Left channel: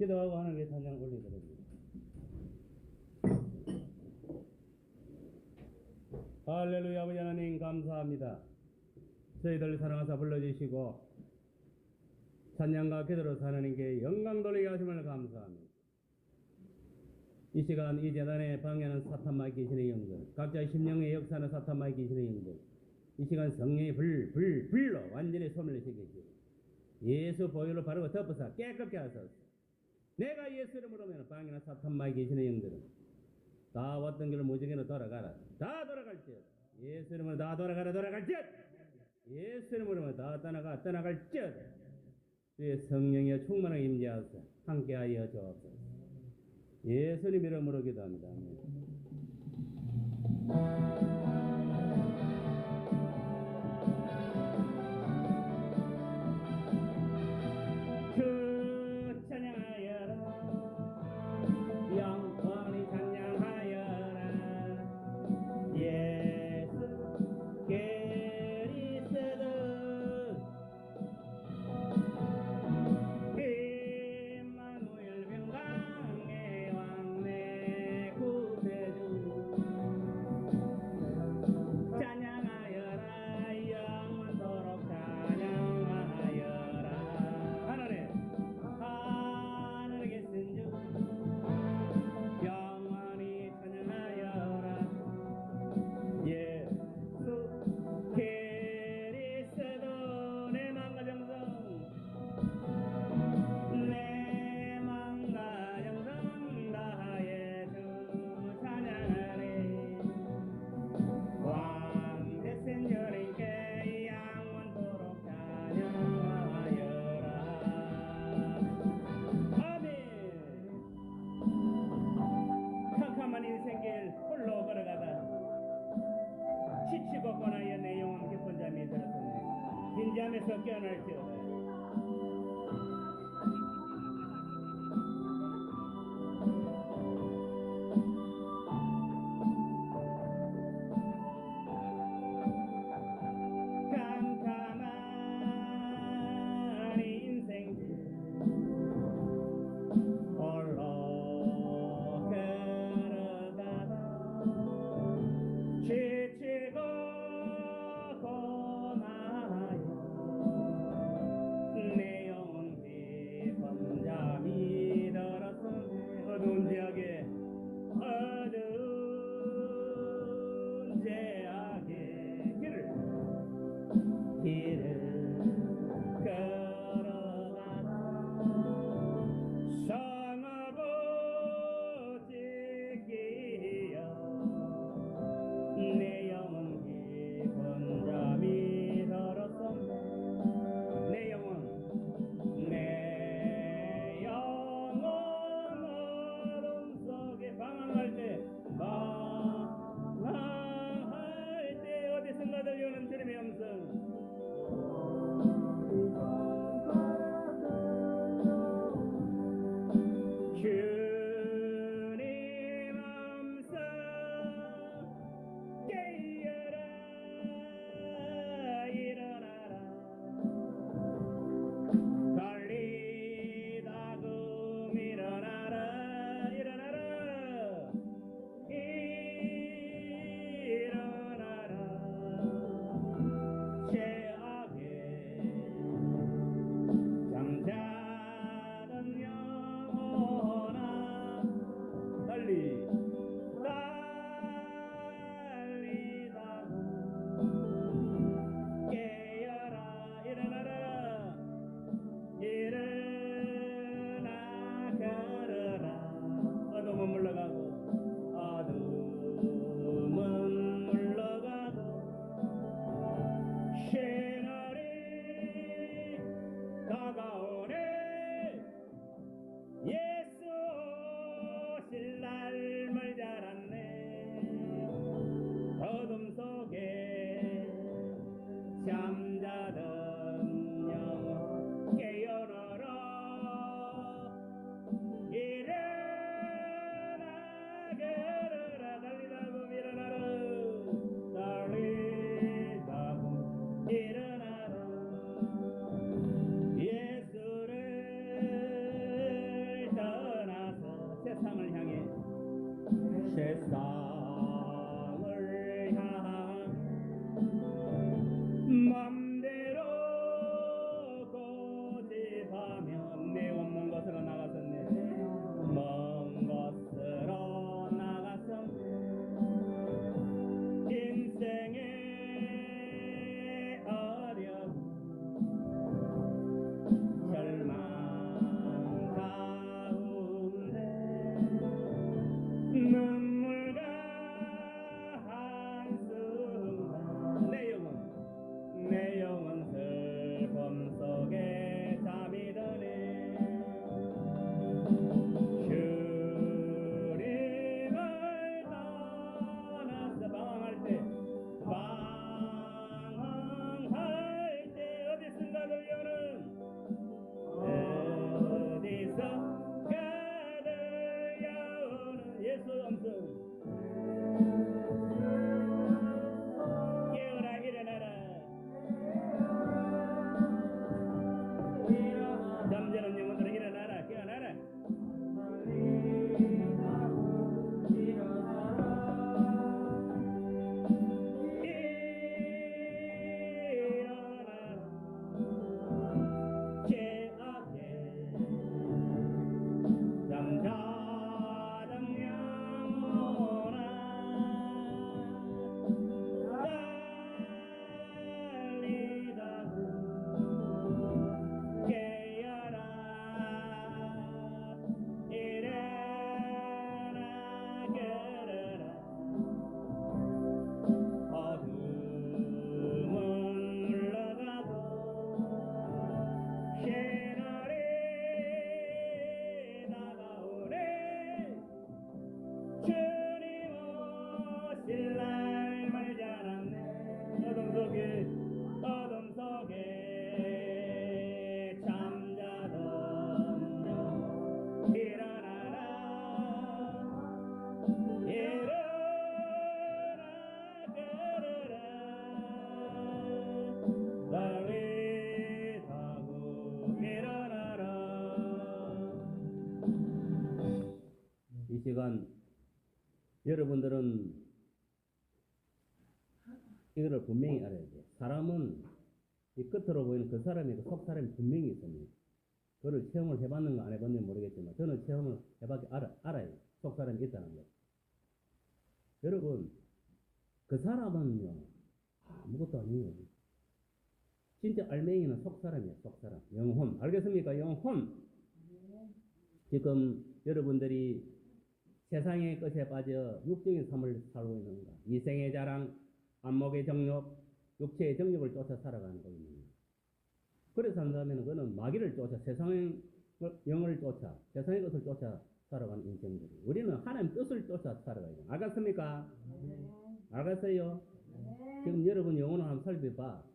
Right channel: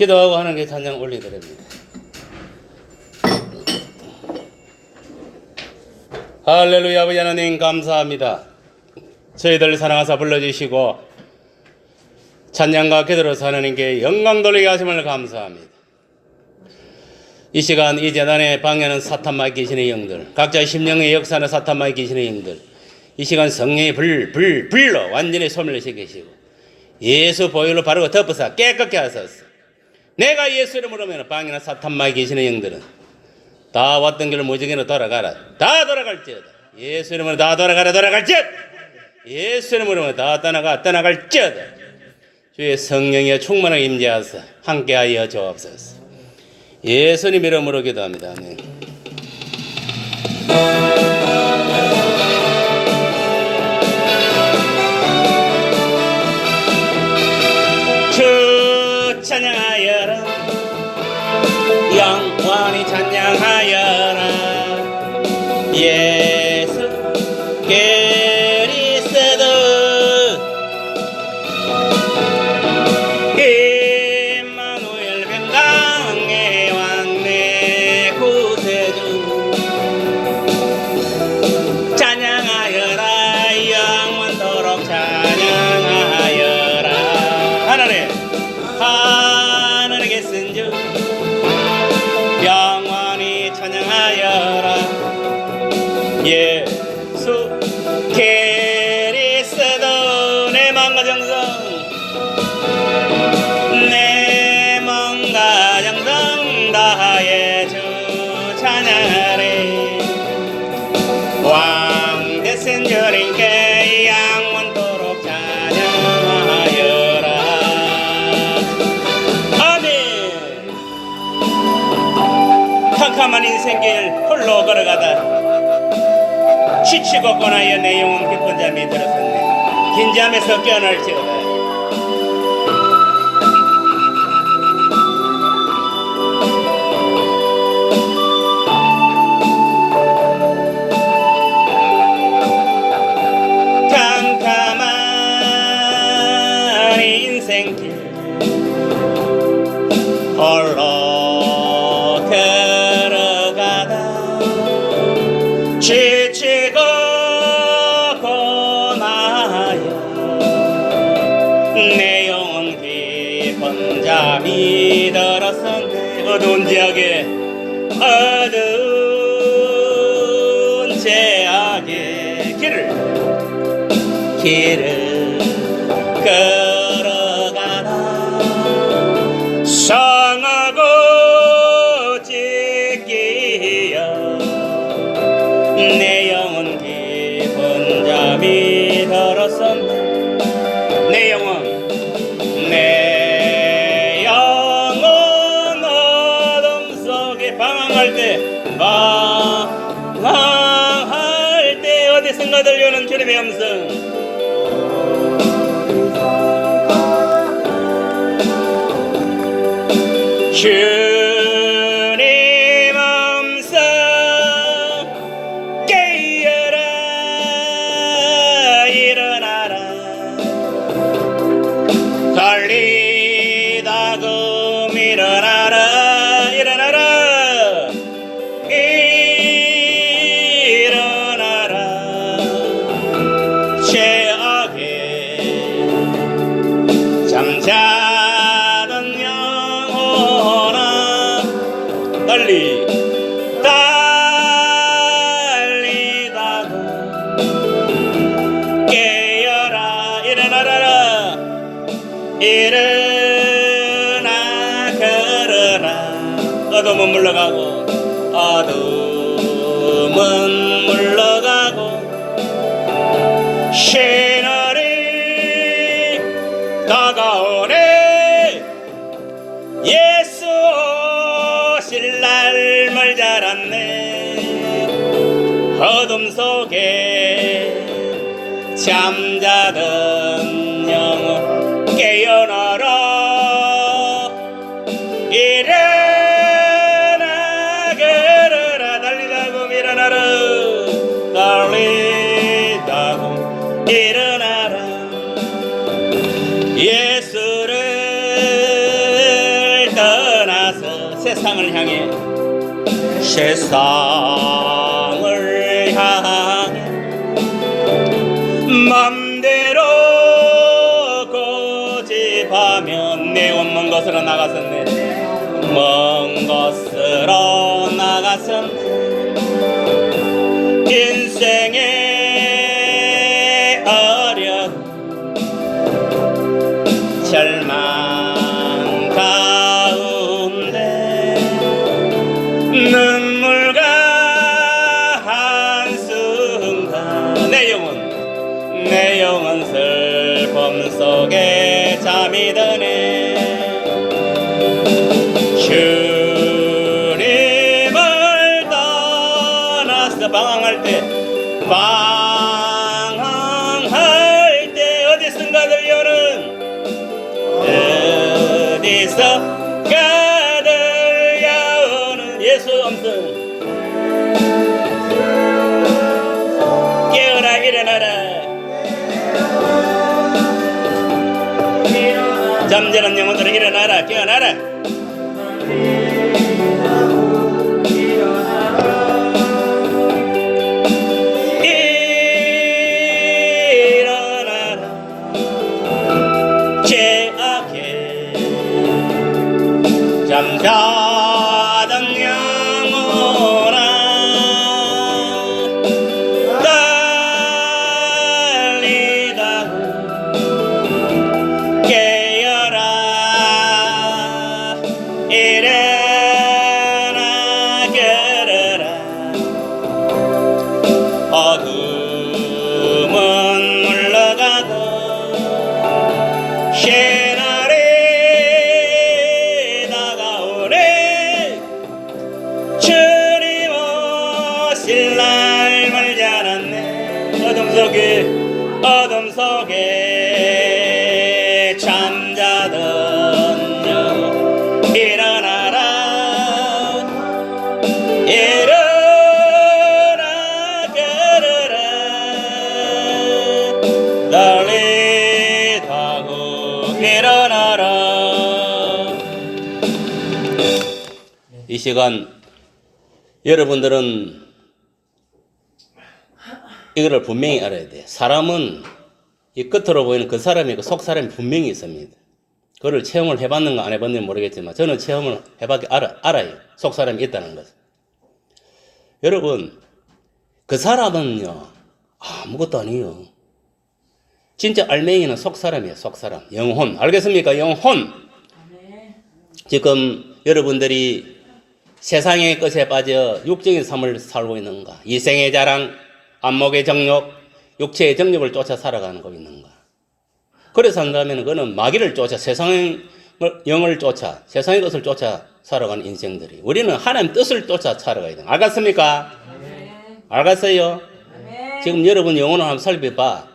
기도하고 하나님께 찬양 올려드립니다. 할렐루야. 아버지 하나님 감사합니다. 저희들 사랑하사 불러주시고 찬양과 기도로서 하나님께 영광 돌리게 하심을 감사합니다. 이 시간 이 재단에 방해하는 사탄마귀 귀신의 영들, 각자의 심령의 역사하는 사탄마귀 귀신의 영들, 이 시간 성령의 불로 완전히 소멸시키시고 예수 보혈로 바르고 덮어서 깨끗게 하소서. 내가 예수 이름으로 하면 방해하는 사탄마귀 귀신의 영들은 다 왔던 길을 무지개로 돌아가라. 다 돌아갈지어다. 예수 이름으로 다 돌아갈지어다. 예수 이름으로 다 떠나갈지어다. 주의 성령의 충만하게 임재하사 함께하여 주옵소서. 예수님 이름으로 기도합니다. 아멘. 주 찬양하여라. 영원히 찬양하여라. 예수 그리스도 임마누엘 변강의 왕내 구세주 찬양하여라. 영원토록 찬양하여라. 하늘에게 쓴 주 영원히 찬양하여라. 예수 그리스도 내 마음과 정성 다하여 주 찬양하리. 왕 되신 주님께 영원토록 찬양하여라. 아멘. 캄캄한 인생길 홀로 걸어가다 지치고 고나여 내 영혼 기쁜 잠이 들었었네. 긴 잠에서 깨어날지어다. 캄캄한 인생길 홀로 걸어가다 지치고 고나여 내 영혼 깊은 잠이 들었었네. 어두운 지역에 길을 걸어가다 상하고 찢기어 내 영혼 깊은 잠이 들었었네. 내 영혼 어둠 속에 방황할 때 어디선가 들려오는 주님의 음성. 주님 음성 깨어라. 일어나라. 걸리다금 일어나라. 일어나라. 죄악에 잠자던 영혼아 달리다가 깨어라. 일어나라. 일어나 걸어라. 어둠은 물러가고 시너리 다가오네. 예수 오실 날 멀지 않았네. 어둠 속에 잠자던 영혼 깨어나라. 일어나 걸어라. 달리다고 일어나라. 달리다고 일어나라. 예수를 세상을 향해 세상을 향해 맘대로 고집하면 내온 먼 곳으로 나갔었네. 먼 곳으로 나갔음 인생의 어려움 절망 가운데 눈물과 한순간 내 영혼 슬픔 속에 잠이 드네. 주님을 떠나서 방황할 때 어디선가 들려오는 어디선가 들려오는 예수 음성. 깨어라 일어나라. 잠자는 영혼들을 일어나라. 깨어나라. 일어나라. 죄악해 잠자던 영혼아 떨리다 깨어라. 일어나 깨어라. 어둠은 물러가고 새날이 다가오네. 주님 오실 날 멀지 않았네. 어둠 속에 잠자던 영혼 일어나라. 일어나 깨어라. 떨리다고 일어나라. 이 시간 여러분들은 이거를 분명히 알아야 돼. 사람은 이 끝으로 보이는 그 사람이 그 속 사람이 분명히 있습니다. 그걸 체험을 해봤는가 안 해봤는지 모르겠지만 저는 체험을 해봤기 알아요. 속 사람이 있다는 것을. 여러분 그 사람은요 아무것도 아니에요. 진짜 알맹이는 속 사람이에요. 속 사람. 영혼. 알겠습니까? 영혼. 지금 여러분들이 세상의 것에 빠져 육적인 삶을 살고 있는가? 이생의 자랑, 안목의 정욕, 육체의 정욕을 쫓아 살아가는 거 있는가? 그래서 한다면 그는 마귀를 쫓아 세상의 영을 쫓아 세상의 것을 쫓아 살아가는 인생들이. 우리는 하나님 뜻을 쫓아 살아가야 돼요. 알겠습니까? 알겠어요? 지금 여러분 영혼을 한번 살펴봐.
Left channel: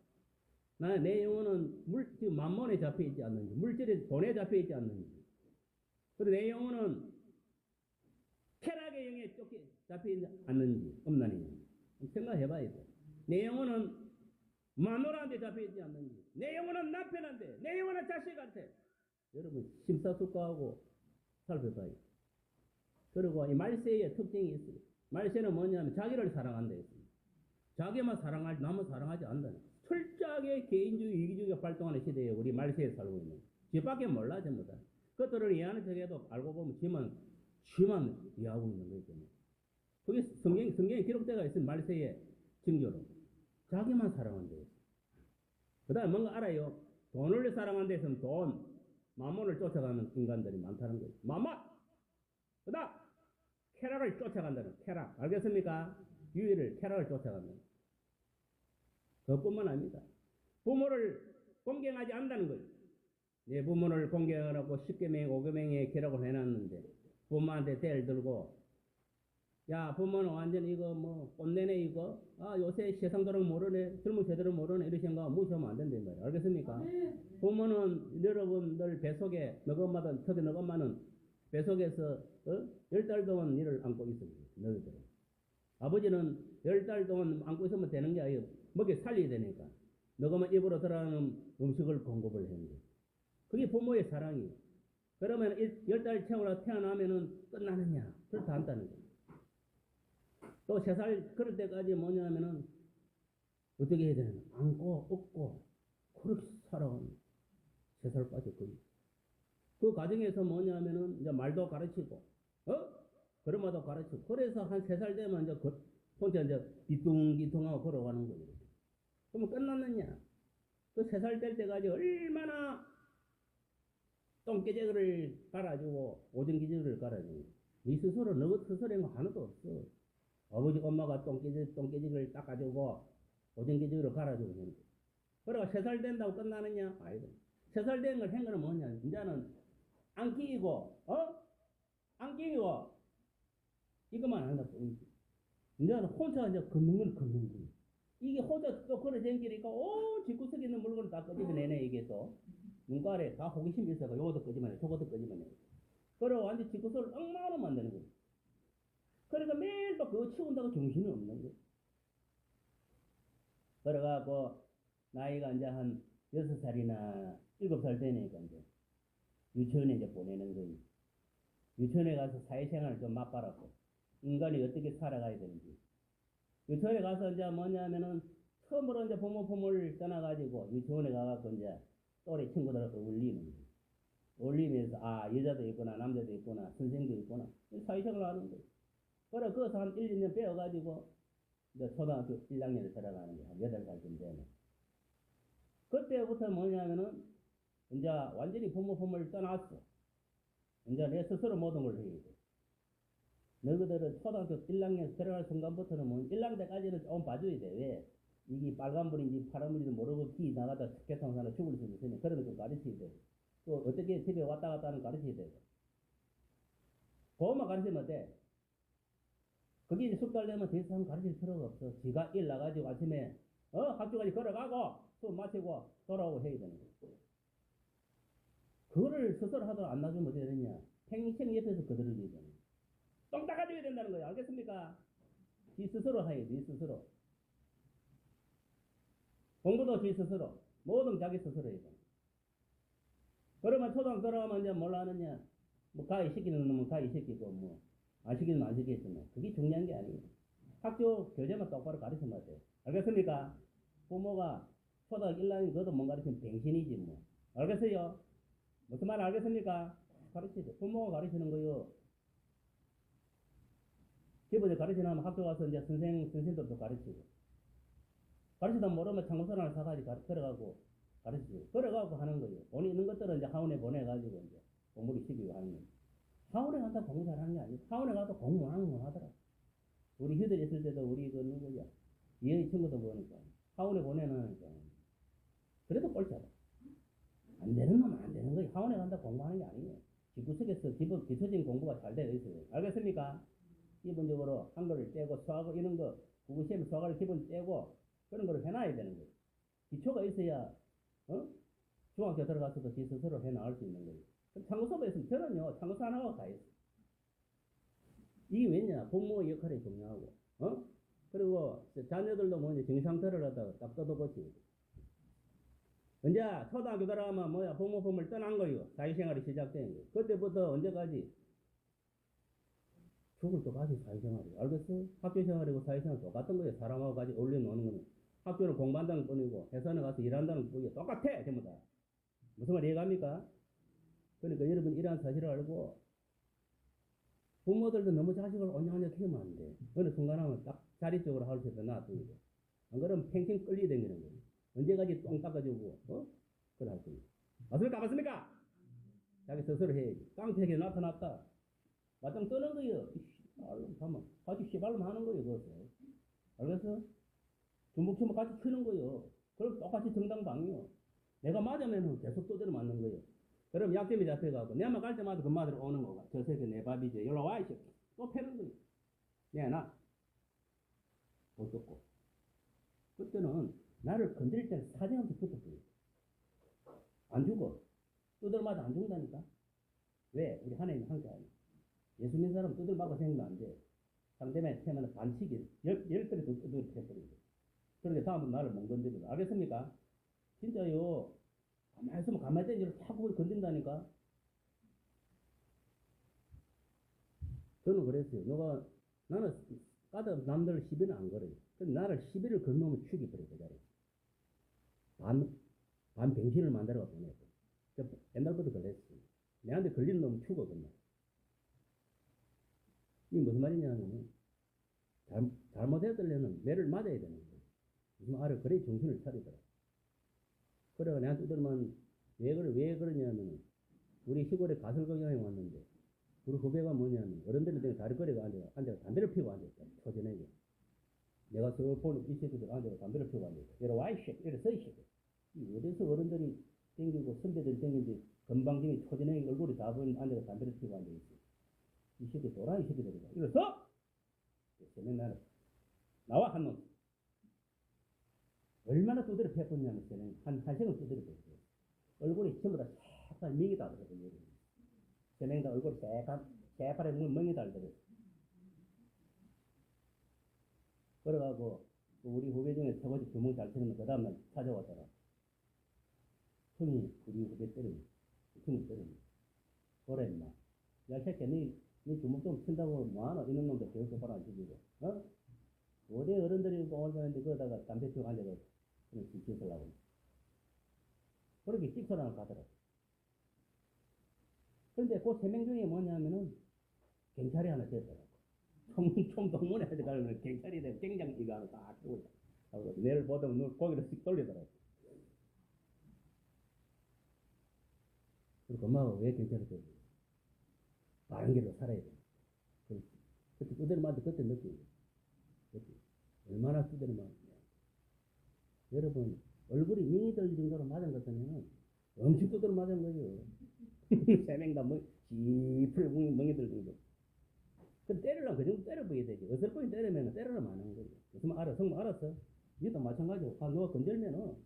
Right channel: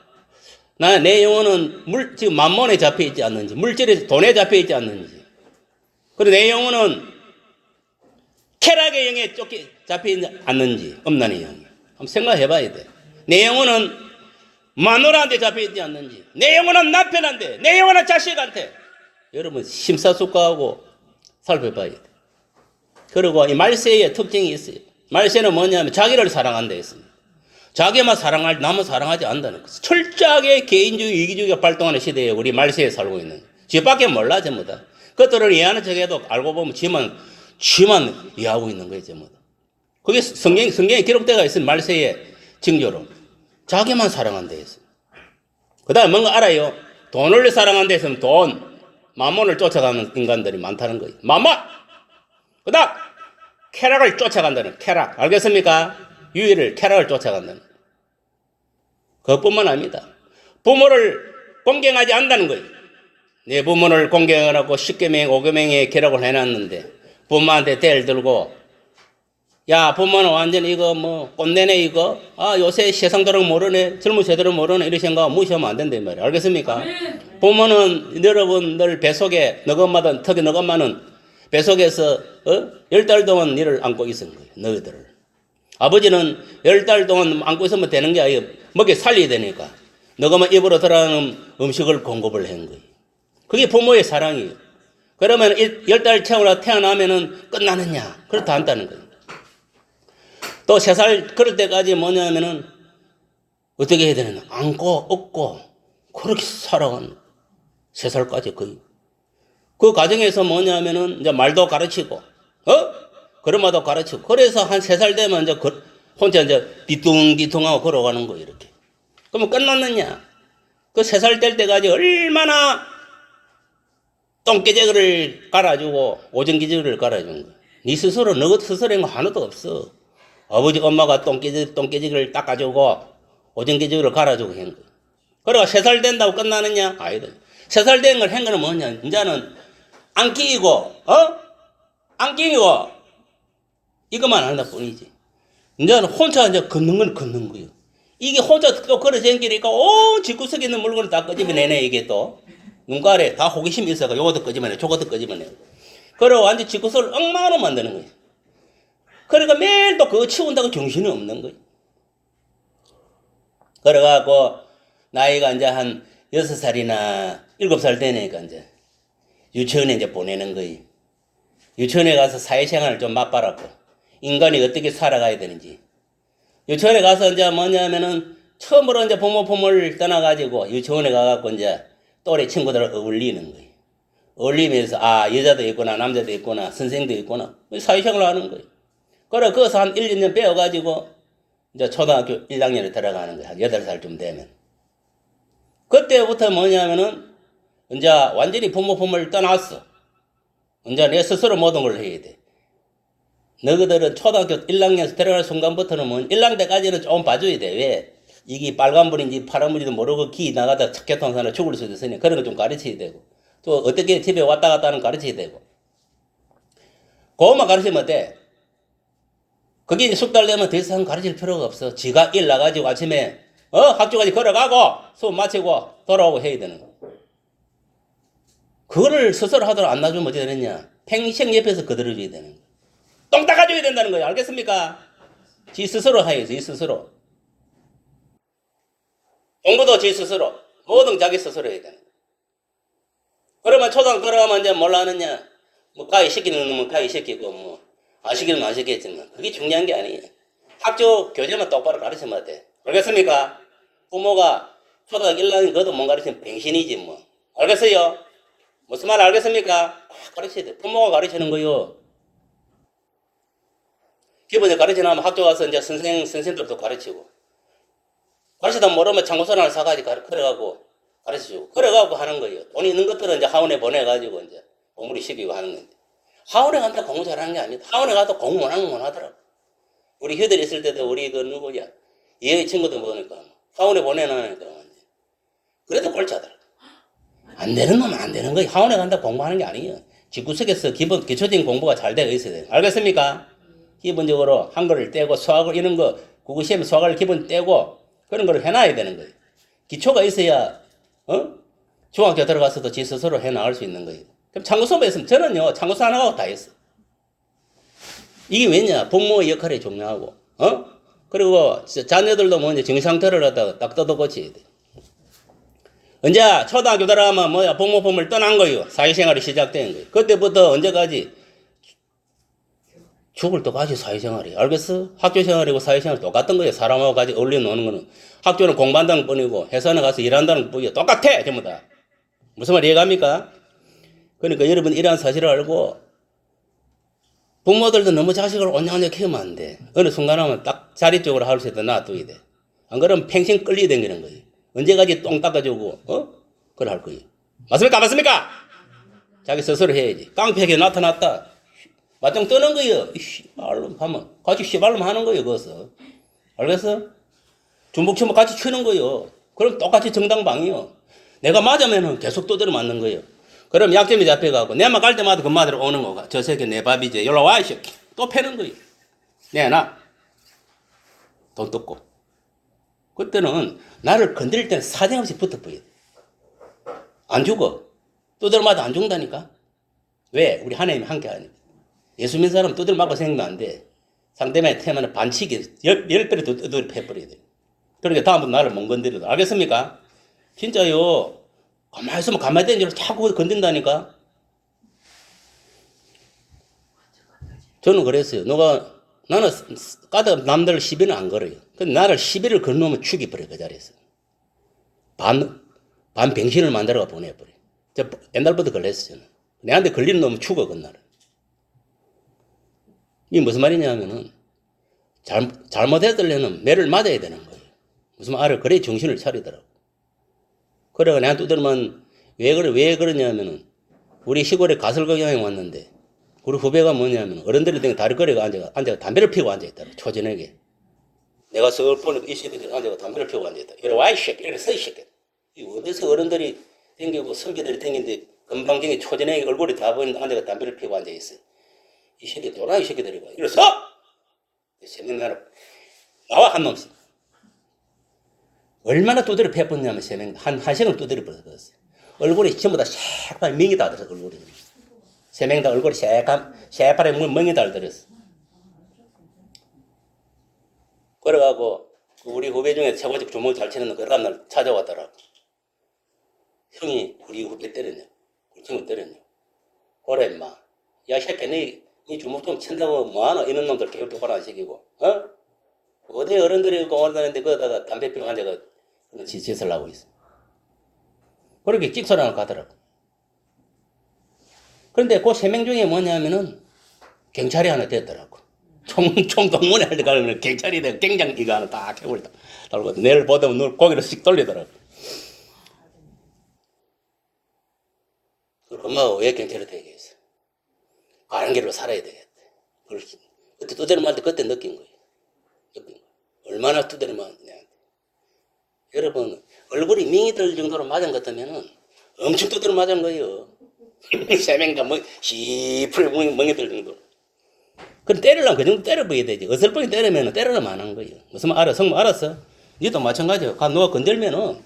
내 영혼은 지금 만몬에 잡혀 있지 않는지, 물질에 돈에 잡혀 있지 않는지. 그리고 내 영혼은 쾌락의 영에 잡혀 있지 않는지, 음란의 영에. 한번 생각해 봐야 돼. 내 영혼은 마누라한테 잡혀 있지 않는지, 내 영혼은 남편한테, 내 영혼은 자식한테. 여러분 심사숙고하고 살펴봐야 돼. 그리고 이 말세의 특징이 있어요. 말세는 뭐냐면 자기를 사랑한다 했습니다. 자기만 사랑할 남은 사랑하지 않는다는 것. 철저하게 개인주의 이기주의가 발동하는 시대에 우리 말세에 살고 있는. 지밖에 몰라 전부 다. 그것들을 이해하는 척해도 알고 보면 지만 이해하고 있는 거예요 전부 다. 그게 성경에 기록되어 있는 말세의 징조로 자기만 사랑한다 했어요. 그 다음에 뭔가 알아요. 돈을 사랑한다 했으면 돈, 마몬을 쫓아가는 인간들이 많다는 거예요. 마몬! 그 다음 쾌락을 쫓아간다는 쾌락. 알겠습니까? 유의를 쾌락을 쫓아간다는. 그것뿐만 아닙니다. 부모를 공경하지 않는다는 거예요. 내 부모를 공경하라고 10계명, 5계명의 기록을 해놨는데 부모한테 대를 들고 야 부모는 완전히 이거 뭐 꼰대네 이거 요새 세상 도록 모르네 젊은 세대로 모르네 이렇게 생각하면 무시하면 안 된단 말이에요. 알겠습니까? 부모는 여러분들 뱃속에 너것마다 특히 너것만은 뱃속에서 10달 동안 너를 안고 있은 거예요. 너희들을. 아버지는 10달 동안 안고 있으면 되는 게 아니에요. 먹여 살려야 되니까 너것만 입으로 들어가는 음식을 공급을 한 거예요. 그게 부모의 사랑이에요. 그러면 10달 채우라 태어나면은 끝나느냐? 그렇다 않다는 거예요. 또 3살 그럴 때까지 뭐냐면은 어떻게 해야 되느냐? 안고 업고 그렇게 살아가는 3살까지 거의. 그 과정에서 뭐냐면은 이제 말도 가르치고 걸음마도 가르치고 그래서 한 3살 되면 이제 혼자 이제 뒤뚱뒤뚱하고 걸어가는 거예요 이렇게. 그러면 끝났느냐? 그 3살 될 때까지 얼마나 똥개재기를 깔아주고 오전기저귀를 깔아준 거야. 네 스스로 너 스스로인 거 하나도 없어. 아버지 엄마가 똥개재기를 닦아주고 오전기저귀를 갈아주고 한 거야. 그래가 3살 된다고 끝나느냐? 아니다. 3살 된 걸 한 거는 뭐냐? 이제는 안 끼고 안 끼고 이것만 한다 뿐이지. 이제는 혼자 이제 걷는 건 걷는 거예요. 이게 혼자 또 걸어 댕기니까 집구석에 있는 물건을 다 끄집어내네 이게 또. 눈가래 다 호기심이 있어가 요것도 끄집어내 저것도 끄집어내. 그래 완전 집구석을 엉망으로 만드는 거예요. 그러니까 매일 또 그거 치운다고 정신이 없는 거예요. 그래갖고 나이가 이제 한 6살이나 7살 되니까 이제 유치원에 이제 보내는 거예요. 유치원에 가서 사회생활을 좀 맛봐라고. 인간이 어떻게 살아가야 되는지. 유치원에 가서 이제 뭐냐면은 처음으로 이제 부모 품을 떠나가지고 유치원에 가갖고 이제 또래 친구들을 어울리는 거예요. 어울리면서 여자도 있구나 남자도 있구나 선생도 있구나 사회생활을 하는 거예요. 그래 거기서 한 1, 2년 배워가지고 이제 초등학교 1학년에 들어가는 거예요. 한 8살쯤 되면. 그때부터 뭐냐면은 이제 완전히 부모 품을 떠났어. 이제 내 스스로 모든 걸 해야 돼. 너희들은 초등학교 1학년에서 들어갈 순간부터는 뭐 1학년 때까지는 조금 봐줘야 돼. 왜? 이게 빨간불인지 파란불인지 모르고 기 나가다 교통사고 죽을 수도 있으니 그런 거 좀 가르쳐야 되고 또 어떻게 집에 왔다 갔다 하는 거 가르쳐야 되고 그것만 가르치면 돼. 그게 이제 숙달 되면 더 이상 가르칠 필요가 없어. 지가 일 나가지고 아침에 학교까지 걸어가고 수업 마치고 돌아오고 해야 되는 거. 그거를 스스로 하도록 안 놔주면 어떻게 되느냐? 평생 옆에서 거들어줘야 되는 거. 똥 닦아줘야 된다는 거예요. 알겠습니까? 지 스스로 해야지, 지 스스로. 공부도 지 스스로. 뭐든 자기 스스로 해야 되는 거예요. 그러면 초등학교 들어가면 이제 뭘로 하느냐? 뭐 가위 시키는 놈은 가위 시키고 뭐 안 시키는 놈은 안 시키겠지만 그게 중요한 게 아니에요. 학교 교재만 똑바로 가르치면 돼. 알겠습니까? 부모가 초등학교 1학년 그것도 못 가르치면 병신이지 뭐. 알겠어요? 무슨 말 알겠습니까? 가르쳐야 돼. 부모가 가르치는 거요. 기본에 가르치려면 학교 가서 이제 선생님들도 가르치고. 가르치다 모르면 참고서를 하나 사가지고 그래가고 가르쳐주고. 그래가고 하는 거예요. 돈 있는 것들은 이제 하원에 보내가지고 이제 공부를 시키고 하는 건데. 하원에 간다 공부 잘하는 게 아니다. 하원에 가도 공부 못하는 건 못하더라고. 우리 휴들 있을 때도 우리 그 누구야? 얘의 친구들 보니까 하원에 보내놔니까. 그래도 꼴찌하더라. 안 되는 놈은 안 되는 거예요. 하원에 간다 공부하는 게 아니에요. 집구석에서 기초적인 공부가 잘 되어 있어야 돼요. 알겠습니까? 기본적으로 한글을 떼고 수학을 이런 거 국어시험에 수학을 기본 떼고 그런 걸 해놔야 되는 거예요. 기초가 있어야 중학교 들어가서도 지 스스로 해나갈 수 있는 거예요. 그럼 참고수업에 있으면 저는요 참고수 하나가 다 했어. 이게 왜냐? 부모의 역할이 중요하고 그리고 자녀들도 뭐 이제 정상태를 갖다가 딱 뜯어고쳐야 돼. 언제 초등학교 들어가면 뭐야 부모 품을 떠난 거예요. 사회생활이 시작된 거예요. 그때부터 언제까지 죽을 때까지 사회생활이. 알겠어? 학교생활이고 사회생활 똑같은 거예요. 사람하고 같이 어울려 노는 거는. 학교는 공부한다는 뿐이고 회사는 가서 일한다는 뿐이에요. 똑같아 전부 다. 무슨 말 이해갑니까? 그러니까 여러분 이러한 사실을 알고 부모들도 너무 자식을 온양하게 키우면 안 돼. 어느 순간 하면 딱 자리 쪽으로 할 수 있다 놔둬야 돼. 안 그러면 평생 끌리 댕기는 거예요. 언제까지 똥 닦아주고 그걸 할 거예요. 맞습니까? 맞습니까? 자기 스스로 해야지. 깡패에게 나타났다. 맞짱 뜨는 거예요. 씨발로 하면 같이 씨발로 하는 거예요. 거기서. 알겠어? 중복치면 같이 치는 거예요. 그럼 똑같이 정당방이요. 내가 맞으면은 계속 두드려 맞는 거예요. 그럼 약점이 잡혀가고 내만 갈 때마다 그 마디로 오는 거가 저 새끼 내 밥이지. 연락 와 이 새끼. 또 패는 거예요. 내놔. 돈 뜯고. 그때는 나를 건드릴 때는 사정없이 붙어버려. 안 죽어. 두드려 맞아 안 죽는다니까. 왜? 우리 하나님이 함께 하니까. 예수 믿는 사람은 두드려 맞고 생각도 안 돼. 상대방의 테마는 반칙이 10배를 두드려 패버려야 돼. 그러니까 다음부터 나를 못 건드려도. 알겠습니까? 진짜요. 가만히 있으면 가만히 있는 줄 자꾸 건든다니까. 저는 그랬어요. 나는 까다 남들 시비는 안 걸어요. 근데 나를 시비를 걸놓으면 죽여버려, 그 자리에서. 반 병신을 만들어가 보내버려. 저 옛날부터 그랬어요. 내한테 걸리는 놈은 죽어, 그날은. 이게 무슨 말이냐면은, 잘못했더래는 매를 맞아야 되는 거예요. 무슨 말을, 그래 정신을 차리더라고. 그래가 내가 두드리면, 왜 그러냐면은, 우리 시골에 가설거 여행 왔는데, 우리 후배가 뭐냐면, 어른들이 등 다리거리가 앉아가 담배를 피우고 앉아있더라, 초저녁에. 내가 서울 보니까 이 새끼들이 앉아가 담배를 피우고 앉아있다. 이래 와, 이 새끼, 이래 서, 이 새끼. 어디서 어른들이 댕기고 선비들이 댕기는데, 금방경에 초저녁에 얼굴이 다 보이는데 앉아가 담배를 피우고 앉아있어요. 이 새끼 돌아, 이 새끼들이 봐. 이래 서! 세명 나와, 한 놈씩. 얼마나 두드려 패었냐면, 세 명, 한 시간을 두드려 버렸어요. 얼굴이 전부 다 새빨 멍이 다 들었어, 얼굴이. 세 명 다 얼굴이 새빨에 멍이 다 들었어. 그래가고, 우리 후배 중에 최고직 주먹 잘 치는 놈, 그 다음날 찾아왔더라고. 형이 우리 후배 때렸냐? 우리 친구 때렸냐? 그래, 임마. 야, 새끼, 니 주먹 좀 친다고 뭐하노? 이런 놈들 교육 똑바로 안 시키고, 어? 어디 어른들이 오는데 거기다가 담배 피우고 앉아가 짓을 하고 있어. 그렇게 찍소리하고 가더라고. 그런데 그 세 명 중에 뭐냐면은 경찰이 하나 됐더라고. 총동문회 할 때 가면 경찰이 되고 경장 이거 하나 딱 해버려. 달고 내일 보다면 눈 고개를 씩 돌리더라고. 그 엄마가 왜 경찰이 되겠어? 바른 길로 살아야 되겠다. 그때 두드려 맞을 때 그때 느낀 거예요. 얼마나 두드려 맞느냐. 여러분, 얼굴이 밍이 들 정도로 맞은 것 같으면은 엄청 두드려 맞은 거예요. 세 명 다 시풀 멍이 들 정도로. 그럼 때리려면 그 정도 때려버려야 되지. 어설프게 때리면 때리려면 안 한 거예요. 무슨 말 알아? 성모 알았어? 니도 마찬가지야. 누가 건들면은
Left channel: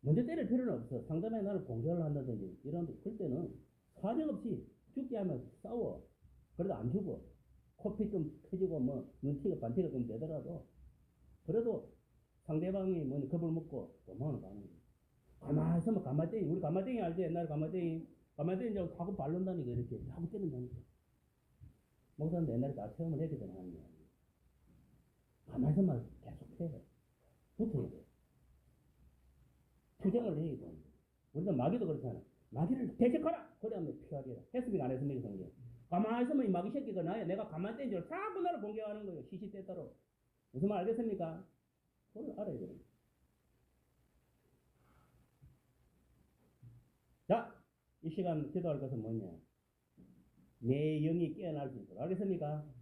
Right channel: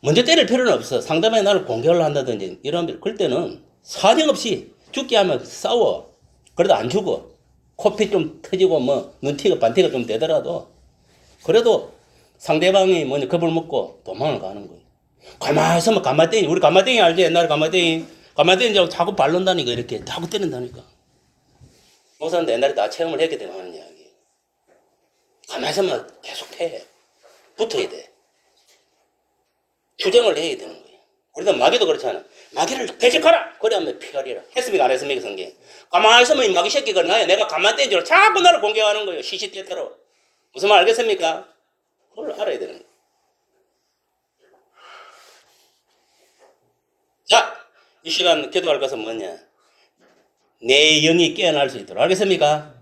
먼저 때릴 필요는 없어. 상대방이 나를 공격을 한다든지 이런, 그럴 때는 사정없이 죽게 하면 싸워. 그래도 안 죽어. 코피 좀 터지고 뭐 눈티가 반티가 좀 되더라도 그래도 상대방이 뭐냐 겁을 먹고 도망을 가는 거예요. 가만히 있으면 가마땡이, 우리 가마땡이 알지? 옛날에 가마땡이 자꾸 바른다니까, 이렇게 자꾸 때린다니까. 목사님도 옛날에 다 체험을 했기 때문에 하는 이야기. 가만히 있으면 계속 패. 붙어야 돼. 투쟁을 해야 되는 거예요. 우리도 마귀도 그렇잖아. 마귀를 대적하라! 그래 하면 피하리라. 했습니까? 안 했습니까? 성경. 가만히 있으면 이 마귀 새끼가 내가 가만히 떼인 줄 자꾸 나를 공격하는 거예요. 시시때때로. 무슨 말 알겠습니까? 그걸 알아야 되는 거예요. 자, 이 시간 기도할 것은 뭐냐? 내 영이 깨어날 수 있도록. 알겠습니까?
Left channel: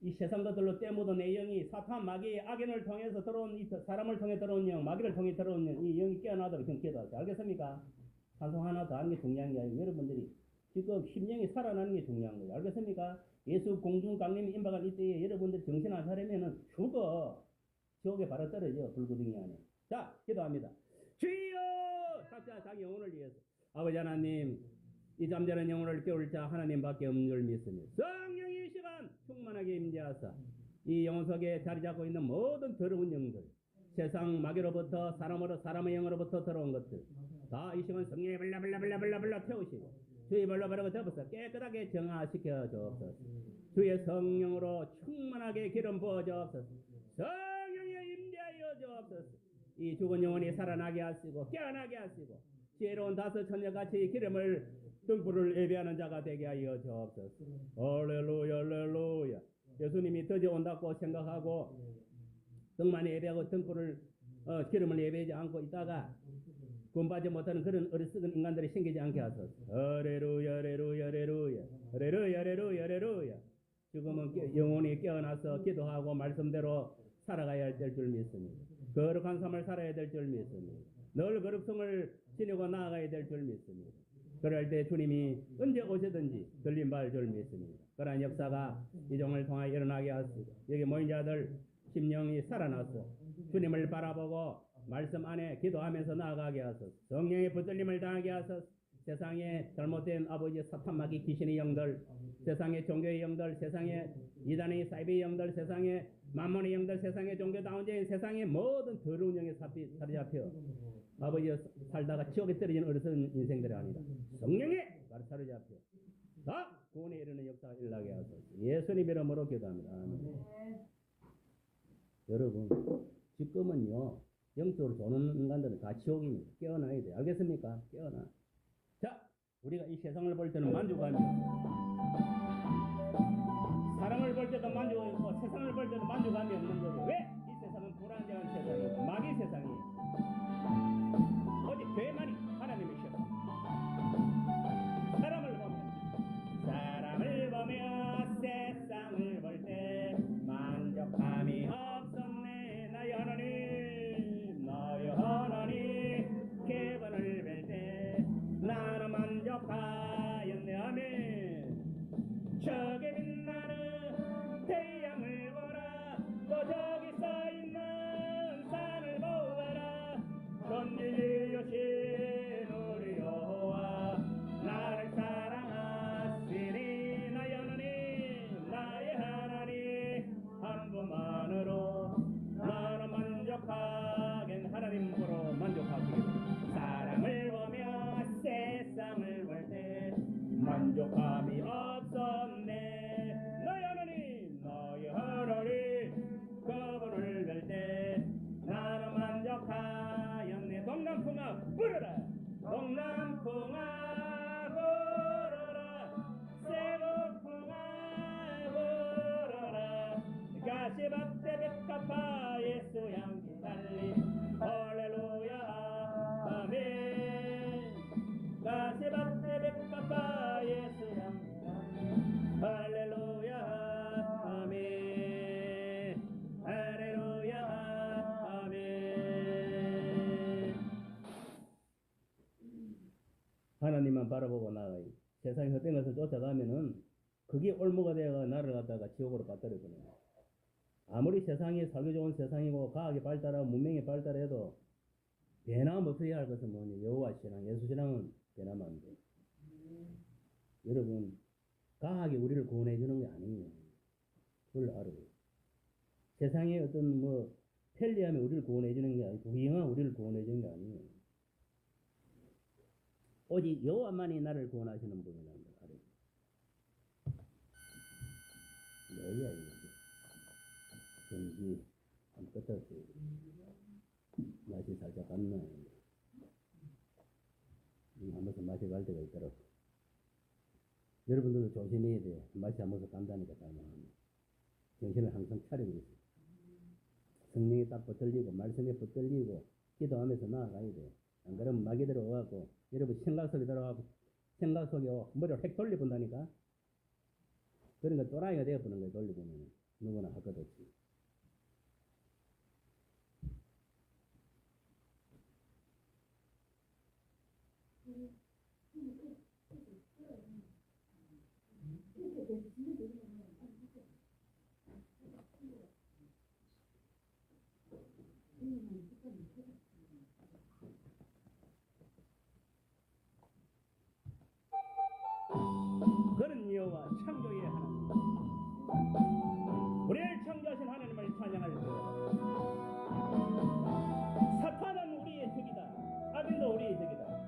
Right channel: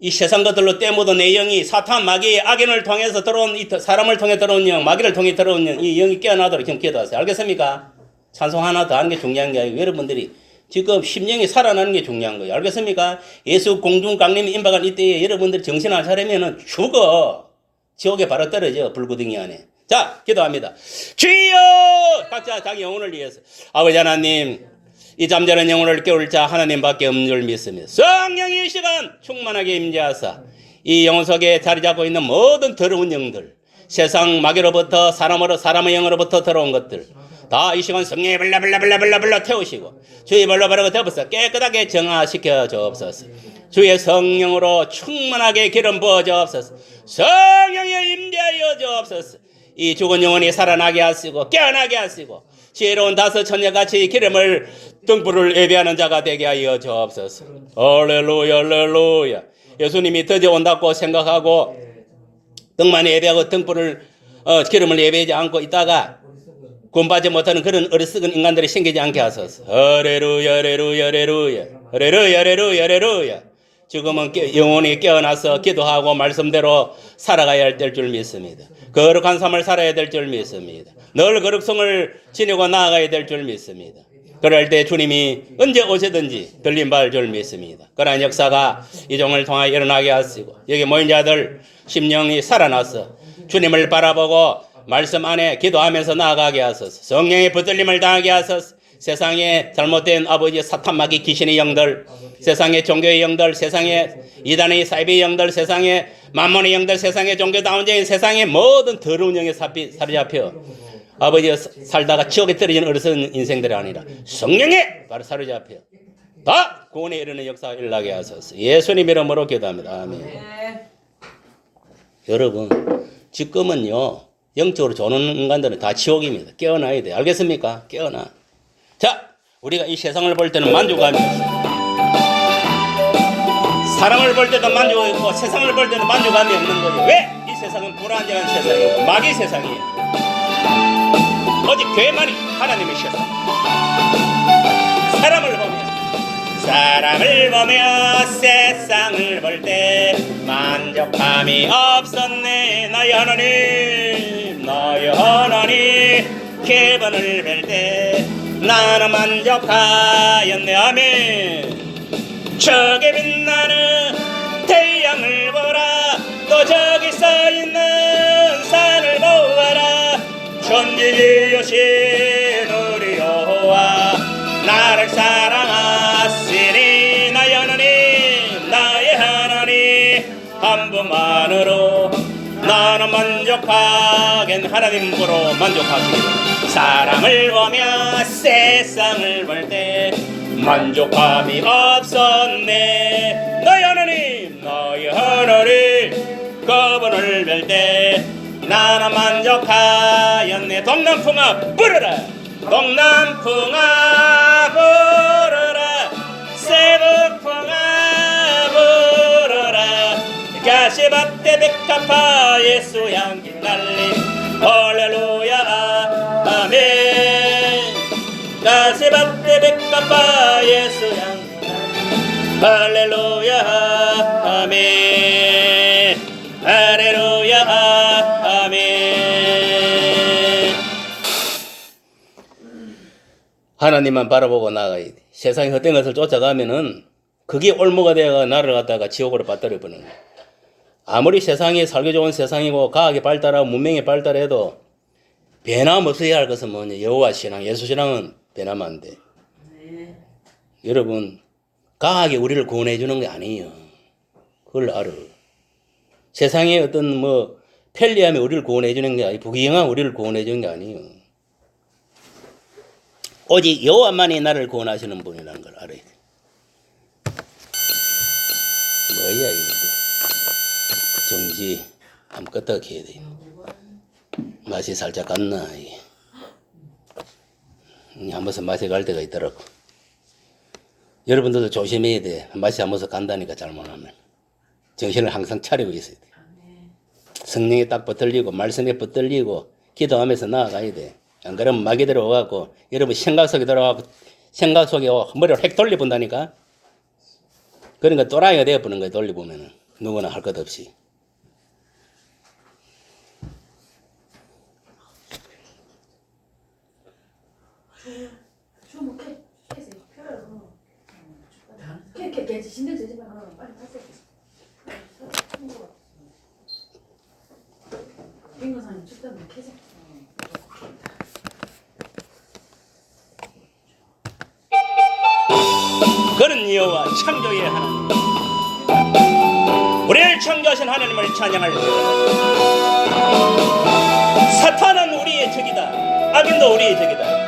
이 세상 것들로 때묻은 내 영이 사탄, 마귀, 악인을 통해서 들어온, 사람을 통해 들어온 영, 마귀를 통해 들어온 영, 이 영이 깨어나도록 지금 기도하세요. 알겠습니까? 찬송 하나 더 하는 게 중요한 게 아니고 여러분들이 지금 심령이 살아나는 게 중요한 거예요. 알겠습니까? 예수 공중 강림이 임박한 이때에 여러분들이 정신 안 차리면 죽어. 지옥에 바로 떨어져. 불구덩이 안에. 자, 기도합니다. 주여! 각자 자기 영혼을 위해서. 아버지 하나님, 이 잠자는 영혼을 깨울 자 하나님밖에 없는 줄 믿습니다. 성령이 이 시간 충만하게 임재하사 이 영혼 속에 자리 잡고 있는 모든 더러운 영들, 세상 마귀로부터 사람의 영으로부터 들어온 것들 다 이 시간 성령에 불러 태우시고 주의 발로 바르고 덮어서 깨끗하게 정화시켜 주옵소서. 주의 성령으로 충만하게 기름 부어 주옵소서. 성령에 임재하여 주옵소서. 이 죽은 영혼이 살아나게 하시고 깨어나게 하시고 지혜로운 다섯 처녀같이 기름을 등불을 예배하는 자가 되게 하여 주옵소서. 할렐루야 할렐루야. 예수님이 드디어 온다고 생각하고 등만 예배하고 등불을 기름을 예배하지 않고 있다가 구원받지 못하는 그런 어리석은 인간들이 생기지 않게 하소서. 할렐루야 할렐루야 할렐루야 할렐루야 할렐루야 할렐루야. 지금은 영혼이 깨어나서 기도하고 말씀대로 살아가야 될 줄 믿습니다. 거룩한 삶을 살아야 될 줄 믿습니다. 늘 거룩성을 지니고 나아가야 될 줄 믿습니다. 그럴 때 주님이 언제 오시든지 들림 받을 줄 믿습니다. 그러한 역사가 이 종을 통하여 일어나게 하시고 여기 모인 자들 심령이 살아나서 주님을 바라보고 말씀 안에 기도하면서 나아가게 하소서. 성령의 붙들림을 당하게 하소서. 세상에 잘못된 아버지 사탄 마귀 귀신의 영들, 세상의 종교의 영들, 세상의 이단의 사이비의 영들, 세상의 만몬의 영들, 세상의 종교다운적인 세상의 모든 더러운 영에 사로잡혀 아버지 살다가 지옥에 떨어지는 어리석은 인생들이 아니라 성령에 바로 사로잡혀 다 구원에 이르는 역사가 일어나게 하소서. 예수님 이름으로 기도합니다. 아멘. 네. 여러분, 지금은요 영적으로 조는 인간들은 다 지옥입니다. 깨어나야 돼. 알겠습니까? 깨어나. 자, 우리가 이 세상을 볼 때는 만족감이 없어. 사람을 볼 때도 만족이 있고 세상을 볼 때도 만족감이 없는 거죠. 왜? 이 세상은 불안정한 세상이고 마귀 세상이에요. 오직 교회만이 하나님의 세상. 사람을 보며 세상을 볼 때 만족함이 없었네. 나의 하나님, 나의 하나님, 기분을 뵐 때 나는 만족하였네. 아멘. 저기 빛나는 태양을 보라. 또 저기 써있는 산을 보아라. 전지지으신 우리 여호와 나를 사랑하시니. 나의 하나님, 나의 하나님, 한 분만으로 나는 만족하겐. 하나님으로 만족하시기를. 사람을 보며 세상을 볼 때 만족함이 없었네. 너희 하나님, 너희 하나님, 그분을 뵐 때 나는 만족하였네. 동남풍아 불어라. 동남풍아 불어라. 세북풍아 불어라. 가시밭에 백합화 예수 향기 날림. 할렐루야 아멘. 가시밭에 백합화 예수 향기 날림. 할렐루야 아멘. 할렐루야 아멘. 하나님만 바라보고 나가야 돼. 세상의 헛된 것을 쫓아가면은 그게 올무가 되어 나를 갖다가 지옥으로 빠뜨려 버리는 거야. 아무리 세상이 살기 좋은 세상이고 과학이 발달하고 문명이 발달해도 변함없어야 할 것은 뭐냐? 여호와 신앙, 예수 신앙은 변하면 안 돼. 네. 여러분, 과학이 우리를 구원해 주는 게 아니에요. 그걸 알아. 세상의 어떤 뭐 편리함이 우리를 구원해 주는 게 아니고 부귀영화 우리를 구원해 주는 게 아니에요. 오직 여호와만이 나를 구원하시는 분이라는 걸 알아야 돼. 뭐야 이거? 정지 한번 껐다가 켜야 돼. 맛이 살짝 갔나? 한 번씩 맛이 갈 때가 있더라고. 여러분들도 조심해야 돼. 맛이 한 번씩 간다니까 잘못하면. 정신을 항상 차리고 있어야 돼. 성령에 딱 붙들리고 말씀에 붙들리고 기도하면서 나아가야 돼. 안 그러면 마귀 들어와갖고 여러분 생각 속에 들어가고 생각 속에 머리를 획 돌려본다니까. 그러니까 또라이가 되어보는 거야. 돌려보면은 누구나 할 것 없이. 신경 쓰지 마. 빨리 타세요. 빙고사님 춥다면 캐세요. 그는 여호와 창조의 하나님, 우리를 창조하신 하나님을 찬양할 때 사탄은 우리의 적이다. 악인도 우리의 적이다.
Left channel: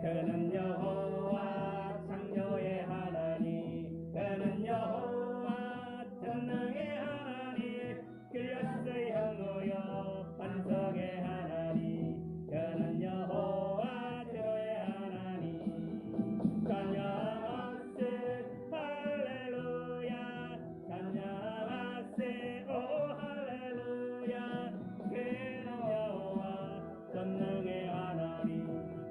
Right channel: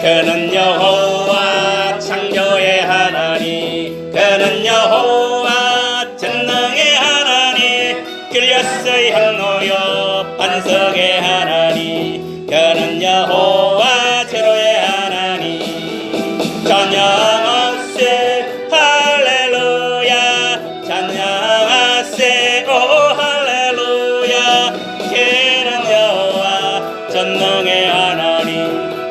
그는 여호와 창조의 하나님, 그는 여호와 전능의 하나님, 길렸의 향로여 반석의 하나님, 그는 여호와 제로의 하나님. 찬양하세 할렐루야, 찬양하세 오 할렐루야. 그는 여호와 전능의 하나님,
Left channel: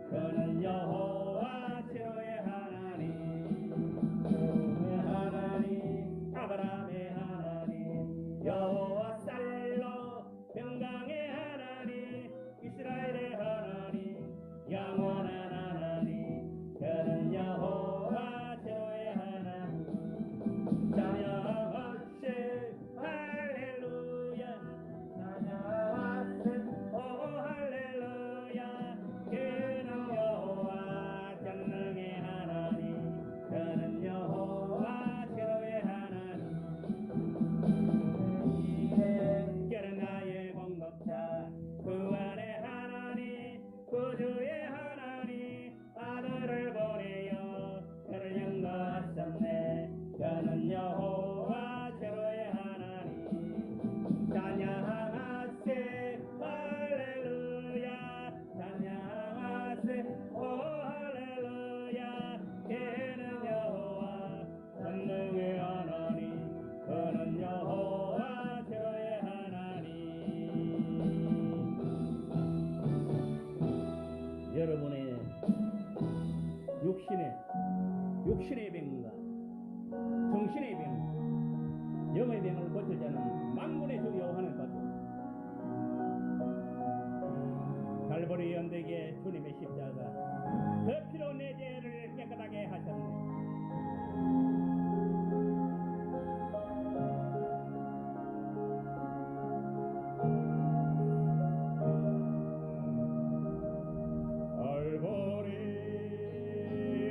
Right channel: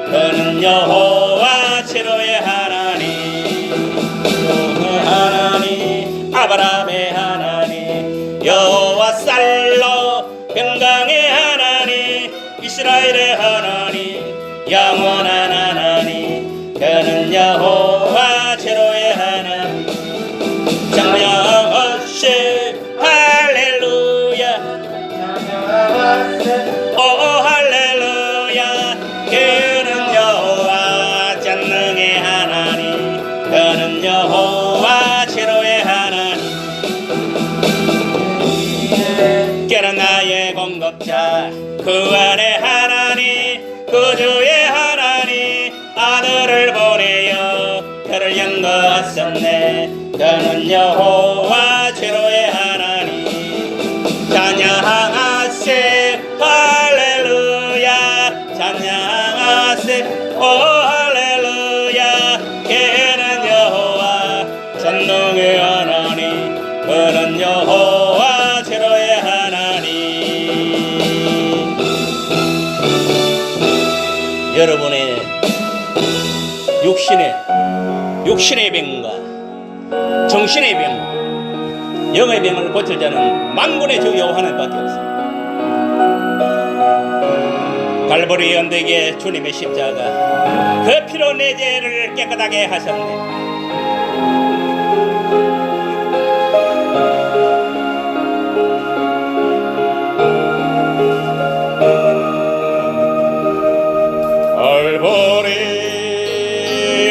그는 여호와 제로의 하나님, 여호와의 하나님, 아브라함의 하나님, 여호와 살로 평강의 하나님, 이스라엘의 하나님, 영원한 하나님, 그는 여호와 제로의 하나님. 찬양하세 할렐루야, 오 할렐루야. 그는 여호와 전능의 하나님, 그는 여호와 제로의 하나님, 그는 나의 공급자, 구원의 하나님, 구주의 하나님, 그는 여호와 최고의 하나님. 찬양하세 할렐루야. 찬양하세 오 할렐루야. 그는 여호와 전능의 하나님. 그는 여호와 최고의 하나님. 여러분의 육신의 병과 정신의 병, 영의 병을 고칠 자는 만군의 주 여호와 하나님밖에 없습니다. 갈보리 언덕에 주님의 십자가 그 피로 내 죄를 깨끗하게 하셨네. 갈보리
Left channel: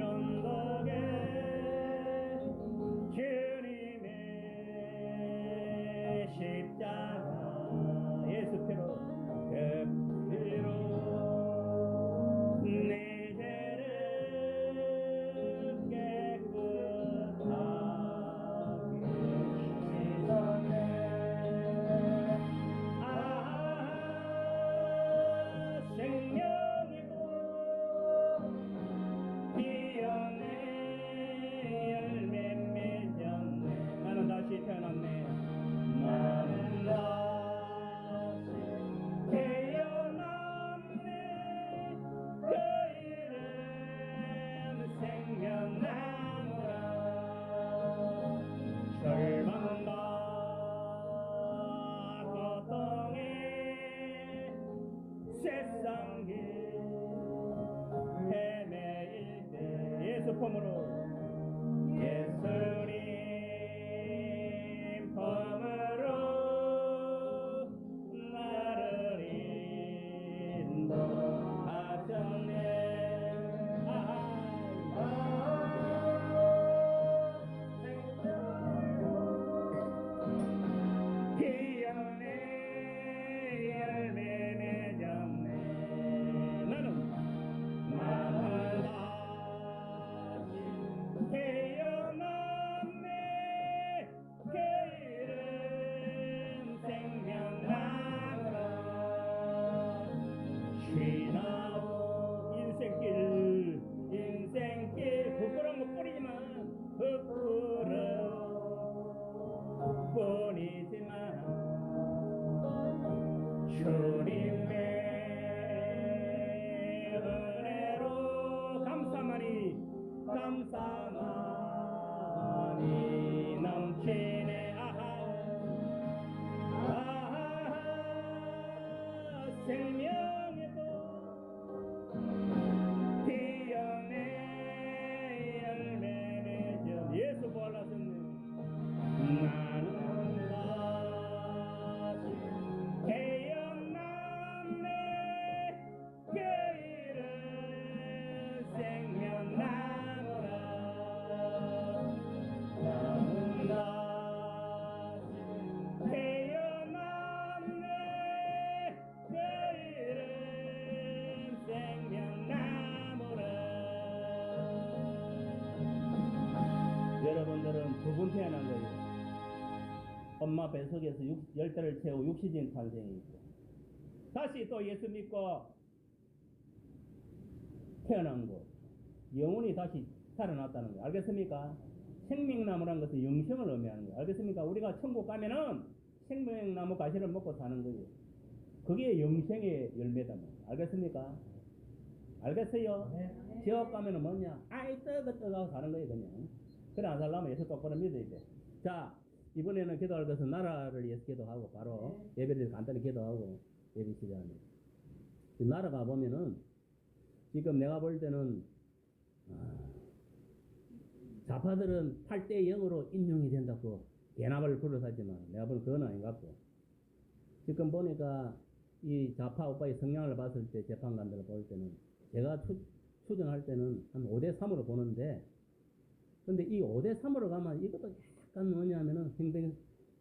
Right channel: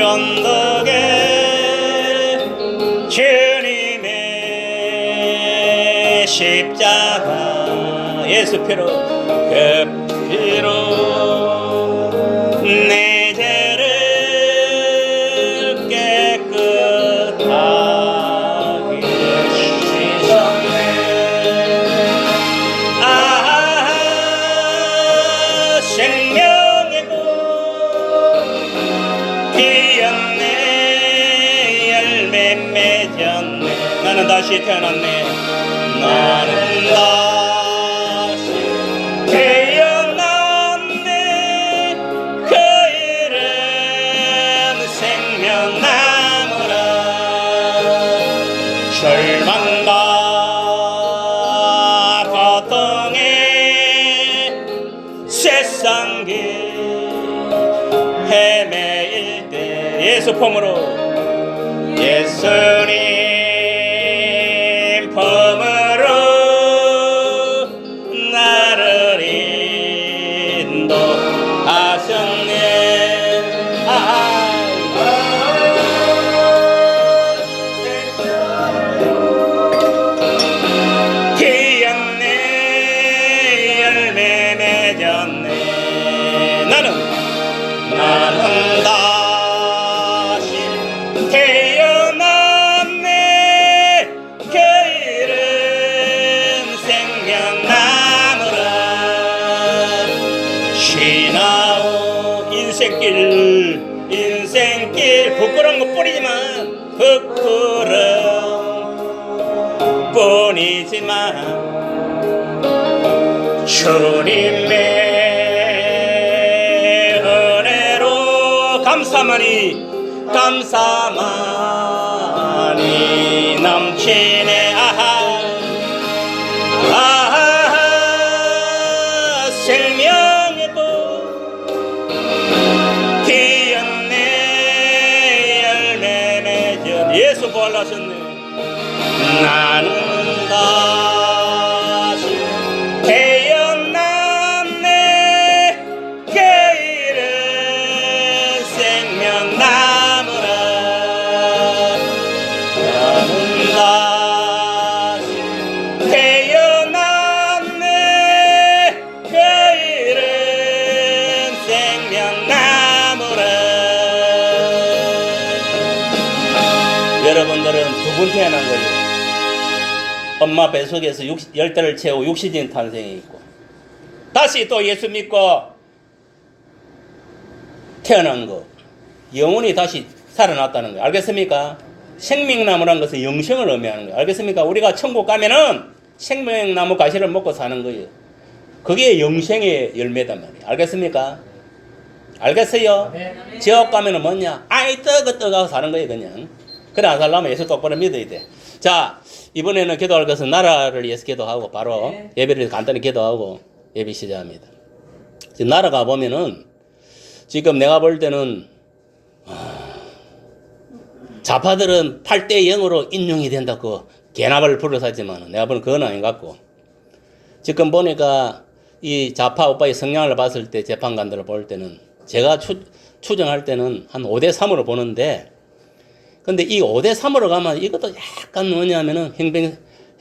언덕에 주님의 십자가 예수 피로 그 피로 내 죄를 깨끗하게 씻었네. 생명의 꽃 피었네. 열매 맺었네. 나는 다시 태어났네. 나는 다시 태어났네. 그 이름 생명나무라. 절망과 고통에 세상 길 헤매일 때 예수 품으로 예수님 품으로 나를 인도하셨네. 피었네. 열매 맺었네. 나는 다시 태어났네. 그 이름 생명나무라. 쉬나오 인생길 부끄러운 것 뿐이지만 주님의 은혜로 감사만이 넘치네. 생명의 꽃 피었네. 열매 맺은 예수 부활하셨네. 나는 다시 태어났네. 그 이름 생명나무라. 나는 다시 태어났네. 그 이름 생명나무라. 여러분들은 두 분 태어난 거예요. 엄마 뱃속에서 10달을 채우고 육신적인 탄생이 있고, 다시 또 예수 믿고 태어난 거, 영혼이 다시 살아났다는 거예요. 알겠습니까? 생명나무라는 것은 영생을 의미하는 거예요. 알겠습니까? 우리가 천국 가면은 생명나무 가시를 먹고 사는 거예요. 그게 영생의 열매단 말이에요. 알겠습니까? 알겠어요? 네. 지옥 가면은 뭐냐? 아이 떠가고 사는 거예요. 그냥. 그래 안 살려면 예수 똑바로 믿어야 돼. 자, 이번에는 기도할 것은 나라를 위해서 기도하고 바로 네. 예배를 간단히 기도하고 예배 시작합니다. 지금 나라가 보면은 지금 내가 볼 때는 좌파들은 8대 0으로 인용이 된다고 개나발을 불어서 하지만 내가 보는 그건 아닌 것 같고, 지금 보니까 이 좌파 오빠의 성향을 봤을 때 재판관들을 볼 때는 제가 추정할 때는 한 5대 3으로 보는데, 근데 이 5대 3으로 가면 이것도 약간 뭐냐면은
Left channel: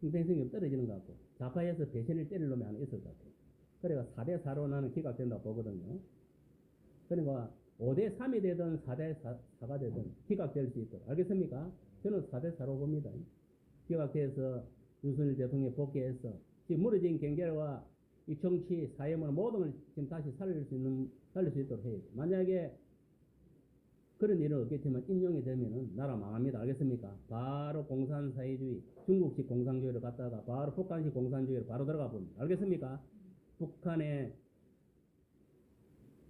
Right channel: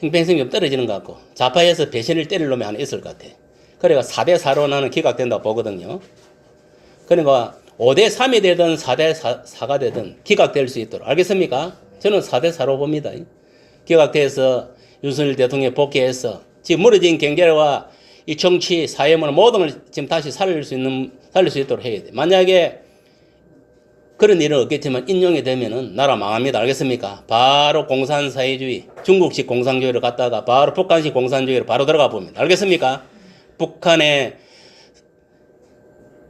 형평성이 좀 떨어지는 것 같고, 좌파에서 배신을 때릴 놈이 하나 있을 것 같아. 그러니까 4대 4로 나는 기각된다고 보거든요. 그러니까 5대 3이 되든 4대 4가 되든 기각될 수 있도록. 알겠습니까? 저는 4대4로 봅니다. 개각돼서 윤석열 대통령이 복귀해서 지금 무너진 경제와 이 정치, 사회문화 모든 걸 지금 다시 살릴 수 있도록 해야 돼. 만약에 그런 일은 없겠지만 인용이 되면은 나라 망합니다. 알겠습니까? 바로 공산사회주의, 중국식 공산주의를 갖다가 바로 북한식 공산주의로 바로 들어가 봅니다. 알겠습니까? 북한의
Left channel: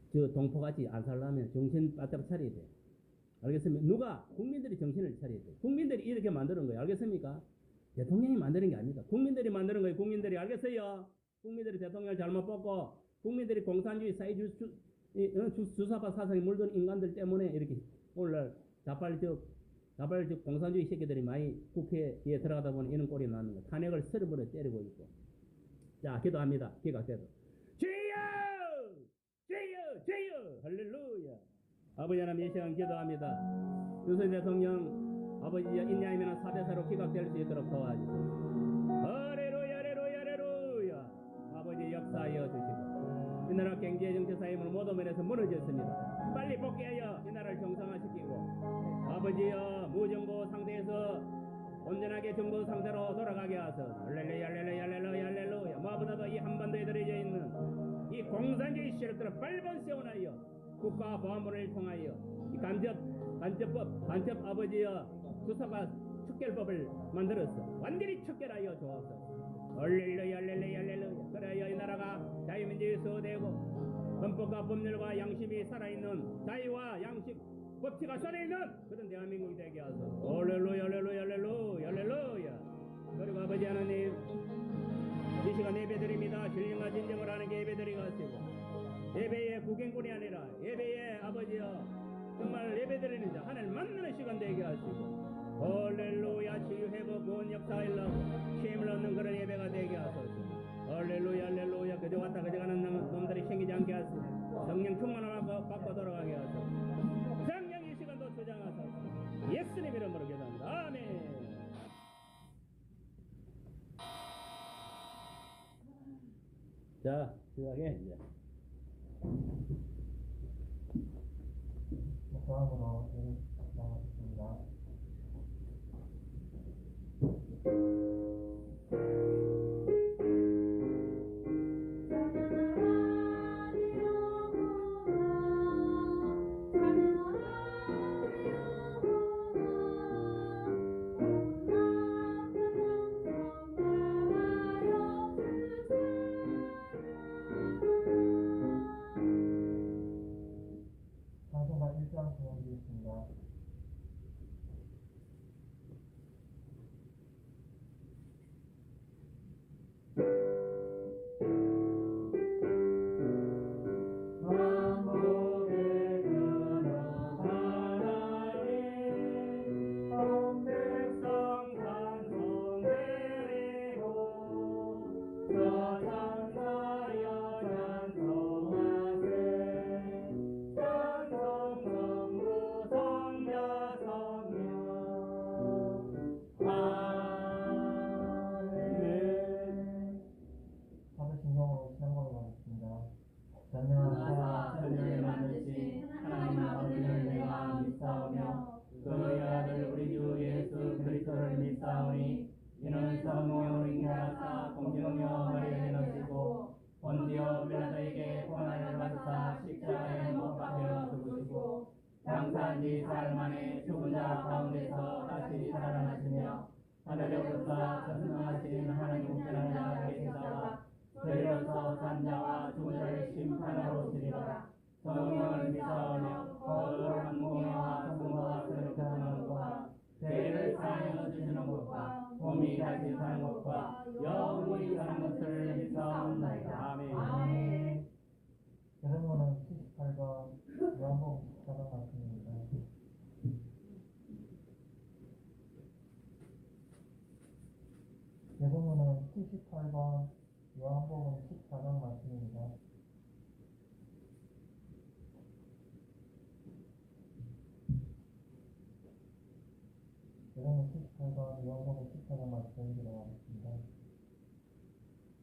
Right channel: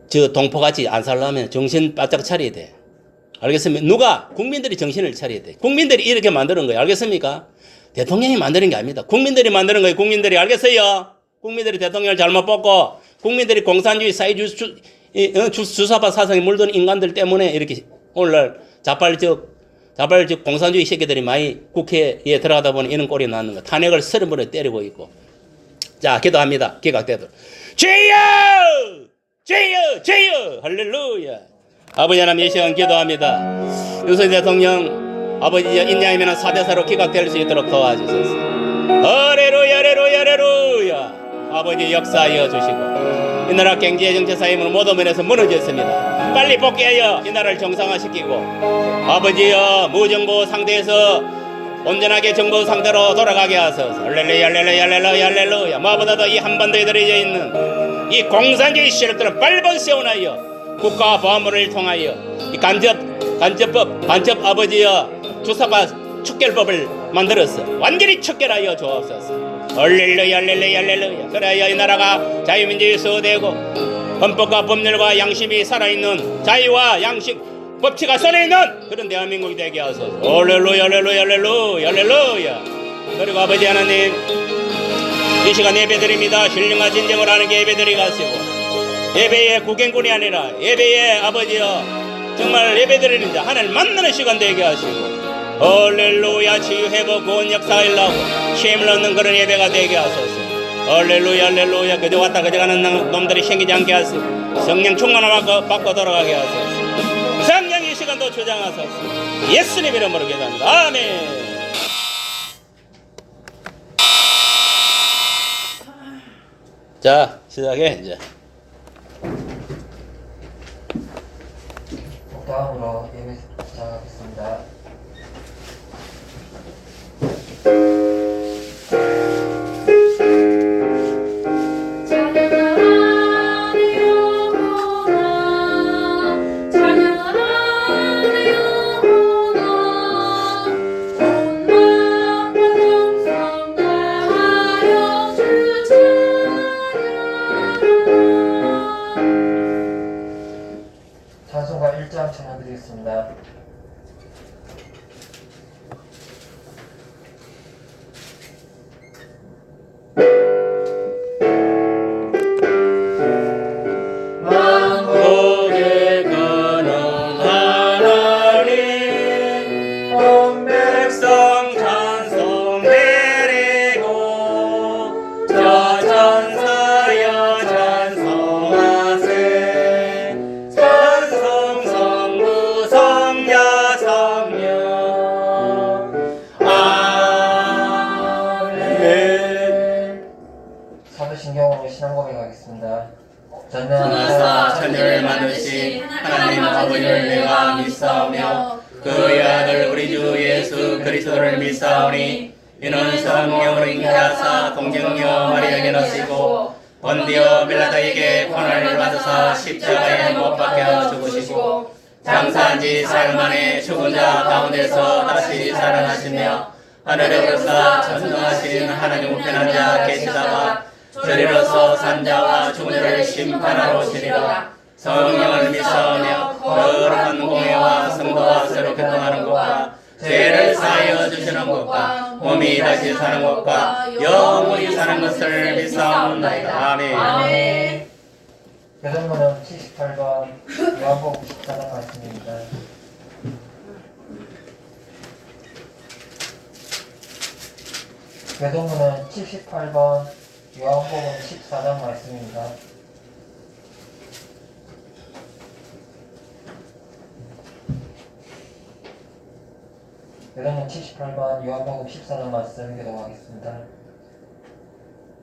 저 동포같이 안 살려면 정신 바짝 차려야 돼. 알겠습니까? 누가? 국민들이 정신을 차려야 돼. 국민들이 이렇게 만드는 거예요. 알겠습니까? 대통령이 만드는 게 아닙니다. 국민들이 만드는 거예요. 국민들이. 알겠어요? 국민들이 대통령을 잘못 뽑고 국민들이 공산주의 사회주의 주사파 사상에 물든 인간들 때문에 이렇게 오늘날 자발적 공산주의 새끼들이 많이 국회에 들어가다 보니 이런 꼴이 나는 거. 탄핵을 30번에 때리고 있고. 자, 기도합니다. 기각되도록. 주여! 주여! 주여! 할렐루야! 아버지 하나님 이 시간 기도합니다. 윤석열 대통령 아버지 인야이면 4대4로 기각될 수 있도록 도와주소서. 할렐루야! 할렐루야! 할렐루야! 아버지 역사하여 주시고 이 나라 경제 정치 사회문화 모든 면에서 무너졌습니다. 빨리 복귀하여 이 나라를 정상화시키고 아버지여 무정부 상태에서 온전하게 정부 상태로 돌아가게 하소서. 할렐루야 할렐루야 할렐루야 할렐루야. 무엇보다도 이 한반도에 들어져 있는 이 공산주의 세력들은 빨리 세워나여 국가 보안부를 통하여 이 간접 아버지여 주사파 척결법을 만들어서 완전히 척결하여 주옵소서. 할렐루야 할렐루야 할렐루야. 그래야 이 나라가 자유민주주의 수호되고 헌법과 법률과 양심이 살아있는 자유와 양식 법치가 살아있는 그런 대한민국이 되게 하소서. 할렐루야 할렐루야 할렐루야 할렐루야. 그리고 아버지 하나님 이 시간 예배드립니다. 신령과 진정을 하는 게 예배드리 가시고 예배의 구경꾼이 아니라 예배의 아버지여 정말 예배드리는 자 하나님 만나는 시간 되게 하시고 할렐루야. 치유 회복 구원 역사가 일어나고 힘을 얻는 그런 예배가 되게 하소서. 할렐루야 할렐루야. 그저 왔다 그저 가는 놈들이 생기지 않게 하시고 성령 충만을 받고 돌아가게 하소서. 성령 이 시간도 주장하소서. 예수님 이름으로 기도합니다. 아멘. 자 시작해 이제. 다음으로 예배 시작하겠습니다. 찬송가 1장 찬양드리겠습니다. 만국의 근원하나님 온 백성 찬송 드리고 저 천사여 찬송하세. 찬송 성부 성자 성령 아멘. 사도신경으로 신앙 고백하겠습니다. 전능하사 천지를 만드신 하나님 아버지를 내가 믿사오며 그의 아들 우리 주 예수 그리스도를 믿사오니 이는 성령으로 잉태하사 동정녀 마리아에게 나시고 본디오 빌라도에게 고난을 받으사 십자가에 못 박혀 죽으시고 장사한 지 사흘 만에 죽은 자 가운데서 다시 살아나시며 하늘에 오르사 전능하신 하나님 우편한 자 계시다가 저리로서 산자와 죽은 자를 심판하러 오시리라. 성령을 믿사오며 거룩한 공예와 성도와 새로 교통하는 것과 죄를 사하여 주시는 것과 몸이 다시 사는 것과 영원히 사는 것을 믿사옵나이다. 아멘. 교동문은 78번 요한복음 14장 말씀입니다. 교동문은 78번 요한복음 14장 말씀입니다. 교동문 78번 요한복음 14장 말씀 교독하겠습니다.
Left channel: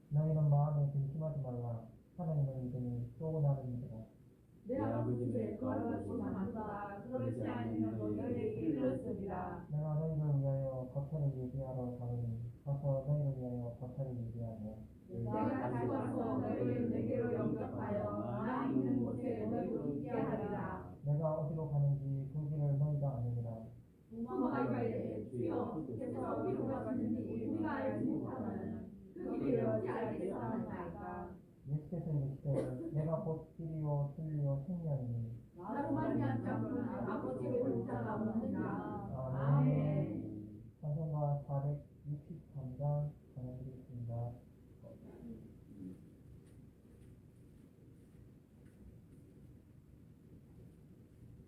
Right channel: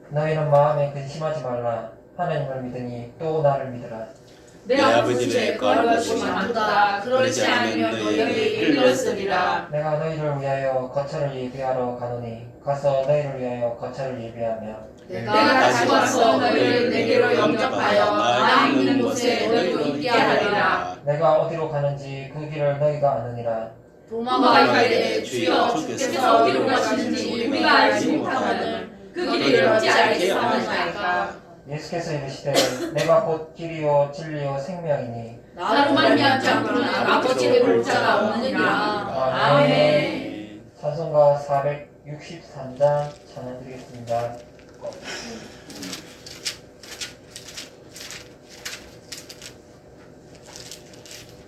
너희는 마음에 근심하지 말라. 하나님을 믿으니 또 나를 믿으라. 내 아버지 집에 거할 것이 많다. 그렇지 않으면 너희에게 이르렀으리라. 내가 너희를 위하여 거처를 예비하러 가노니 가서 너희를 위하여 거처를 예비하며 내가 다시 와서 너희를 내게로 영접하여 나 있는 곳에 너희로 있게 하리라. 내가 어디로 가는지 그 길을 너희가 아느니라. 도마가 이르되 주여 주께서 어디로 가시는지 우리가 알지 못하거늘 그 길을 어찌 알겠사오나이까. 예수께서 이르시되 내가 곧 길이요 진리요 생명이니 나로 말미암지 않고는 아버지를 볼 자가 없느니라. 아멘. 찬송가 463장 찬양 드리겠습니다.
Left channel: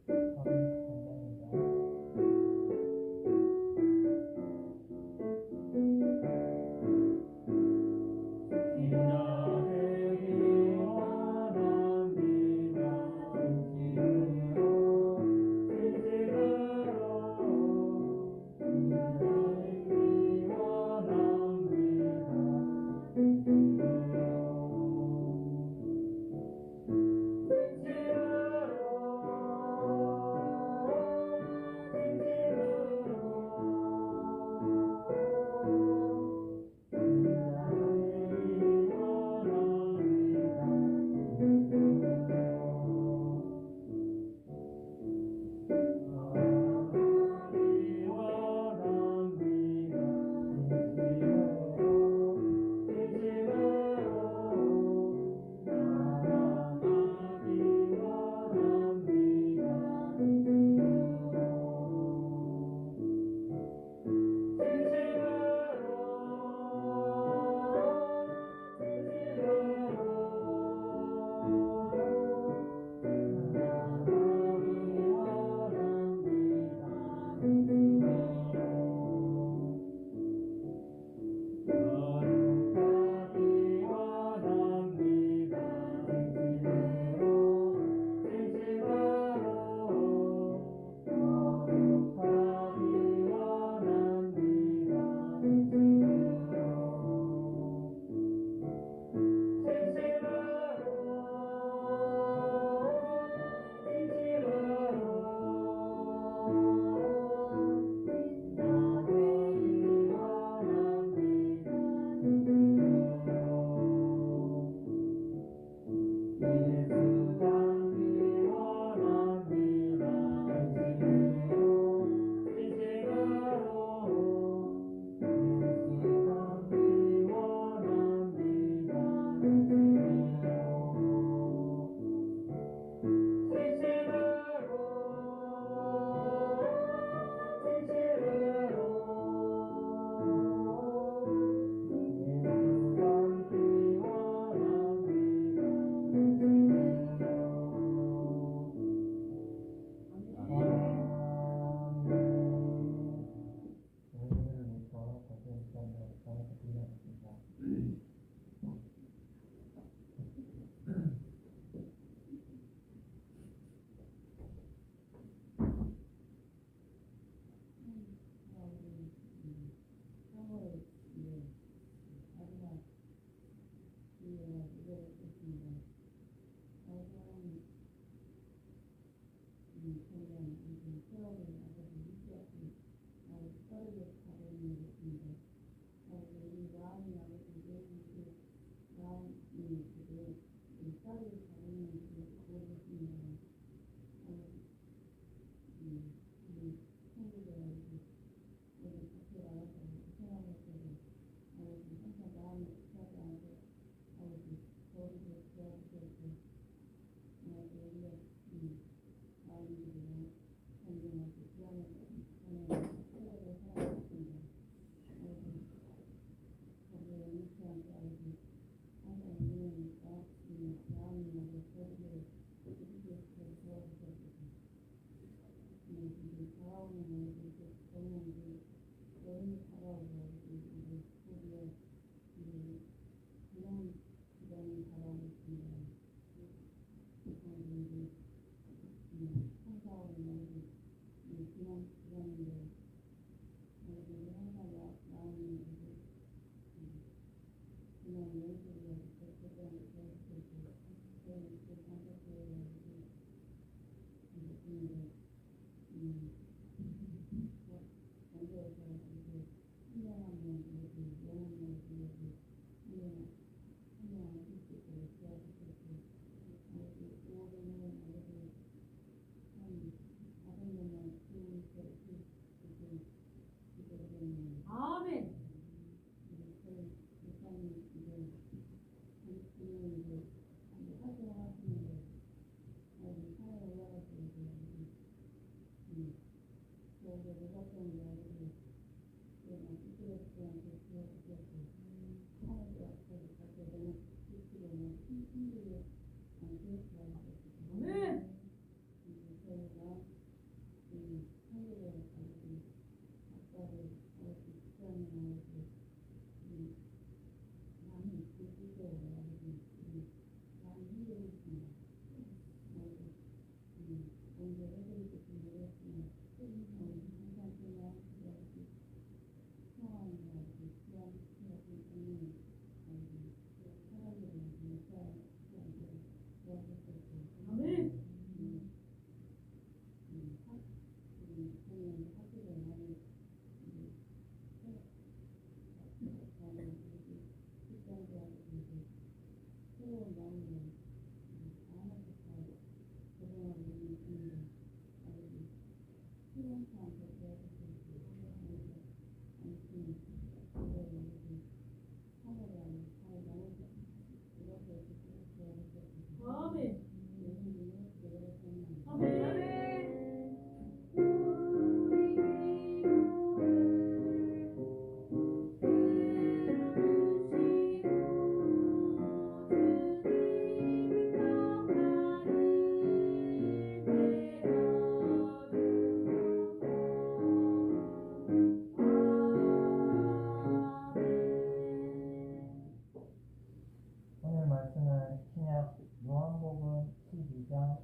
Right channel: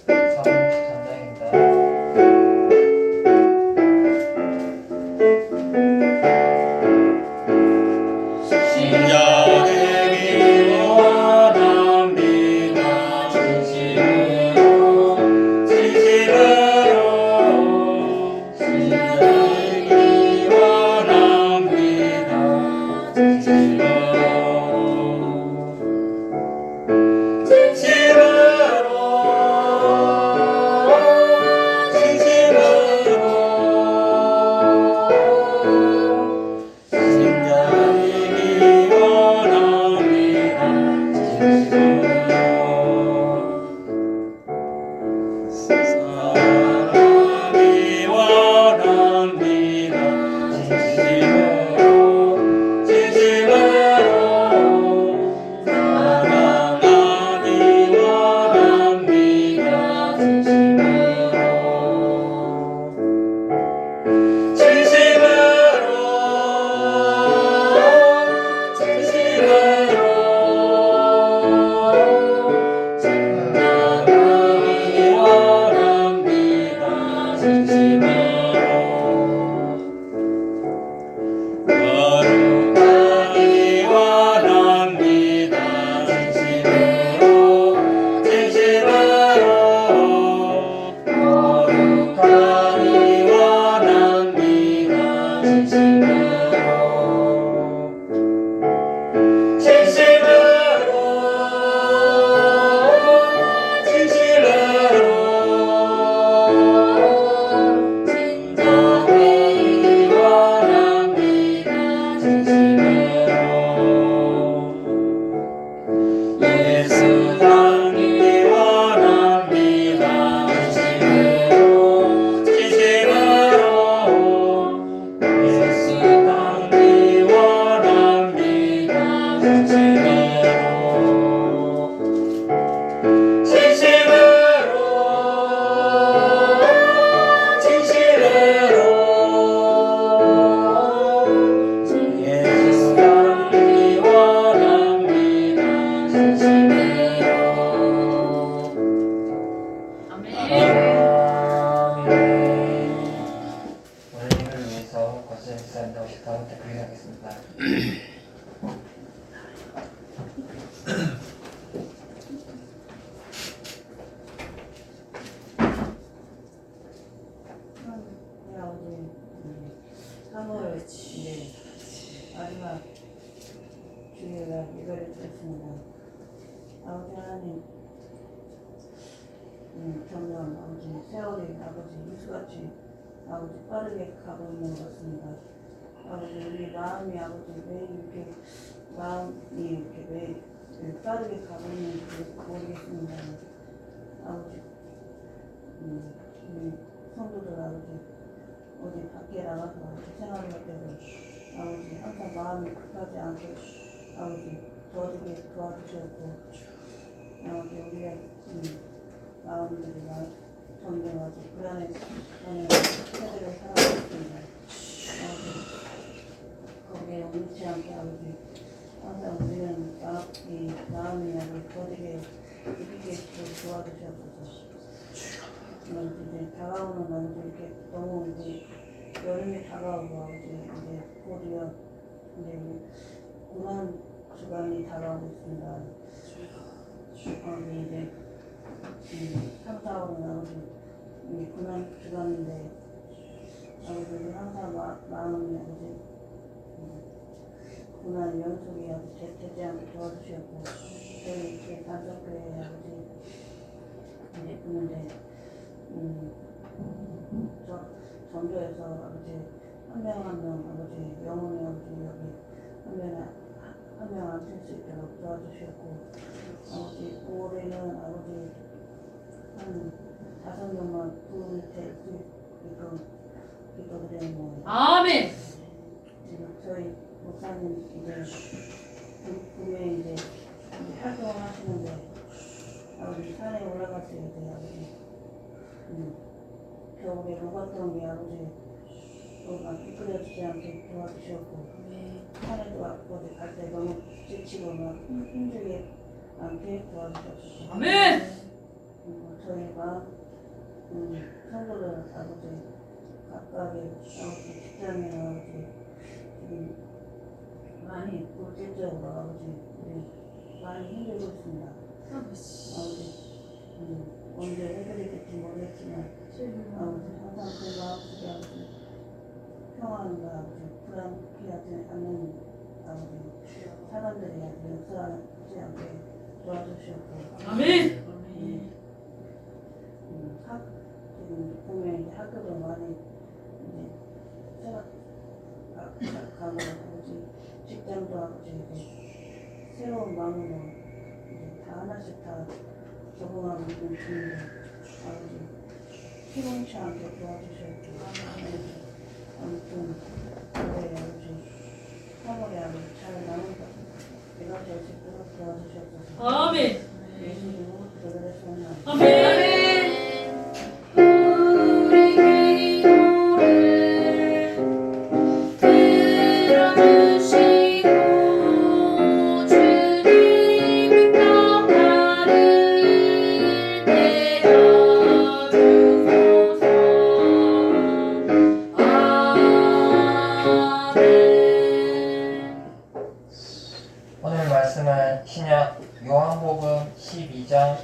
463장입니다. 신자되기 원합니다. 진심으로 신자되기 원합니다. 사랑하기 원합니다. 진심으로 사랑하기 원합니다. 거룩하기 원합니다. 진심으로 거룩하기 원합니다. 예수 닮기 원합니다. 진심으로 예수 닮기 원합니다. 예수 닮기 원합니다. 원리를 위해서 거센 쌀 넣으시 다음부터 그리하겠습니다. 우리 3월 마지막 주일날 예배를 드렸습니다. 아버지 하나님, 점점 아버지 세월이 아버지 이수같이 아버지 빠르게 가고 있는 것 같습니다. 아버지 우리 마음이 아버지 왜 이렇게 마음이 이렇게 왜 빠르게 가고 있는지 모르겠습니다. 아버지 우리 성도들 아버지 어디 밖에 나가서 생활할 때도 아버지 항상 마음이 급하지 않게 아버지 도와주게 도와주셨고 아버지 우리의 마음들이 점점 아버지 불안해 하는 세대를 살아가고 있습니다. 아버지 거기에 옮지 않게 아버지 항상 우리는 마음이 아버지 더디게 깊게 도와주셨소서. 이제 다가오는 아버지 이렇게 너무 이제 여름이 다가오고 아버지 이제 곧이어 이제 고난 주간이 다가오고 있습니다. 이제 3, 4월은 아버지 이 고난 주간인데 아버지 우리 항상 마음이 아버지 고난 연속이 아버지 되지 않게 도와주셨고 저희 이렇게 단속교회 아버지 성도에서 아버지 한 명 한 명 아버지 영혼의 아버지 여기 한 명 앉을 수 있도록 도와주셨고 아버지 올해는 아버지 한 5명만 부을때 기도드리는 아멘. 지금 저희 목사님 이제 분명히 이제 활동을 하시는데 아버지 산에 올라갔을 때 아버지 겨울에 녹았던 게 아버지 막 미끄러지지 않게 도와주셨고 산에도 아버지 갈 때 너무 지치고 막 힘들게 않게 도와주셨고 아멘. 저희가 성도들 아버지 각각의 아버지 직장이나 아버지 지금 많이 물질적으로 아버지 우리 많이 힘들고 있습니다. 아버지 언제 해결될지 모르겠지만 아버지 항상 그 마음속에 아버지 평안과 아버지 불안해하지 않는 아버지 사람들이 아버지 역사하지 않게 도와주셨고 아멘. 지금 보면 이제 학교도 많이 이제 가고 아버지 직장도 아버지 이제 새로운 마음으로 이제 다 하나씩 다 적응하고 있는 중인데 아버지 피곤치 않게 도와주셨고 아무튼 올해 아버지 3월에 아버지 잘 나오니까 내가 될 수 있도록 도와주셨고 아멘. 예수님으로 기도드렸습니다. 아멘. 오늘 말씀은 신약 요한복음 12장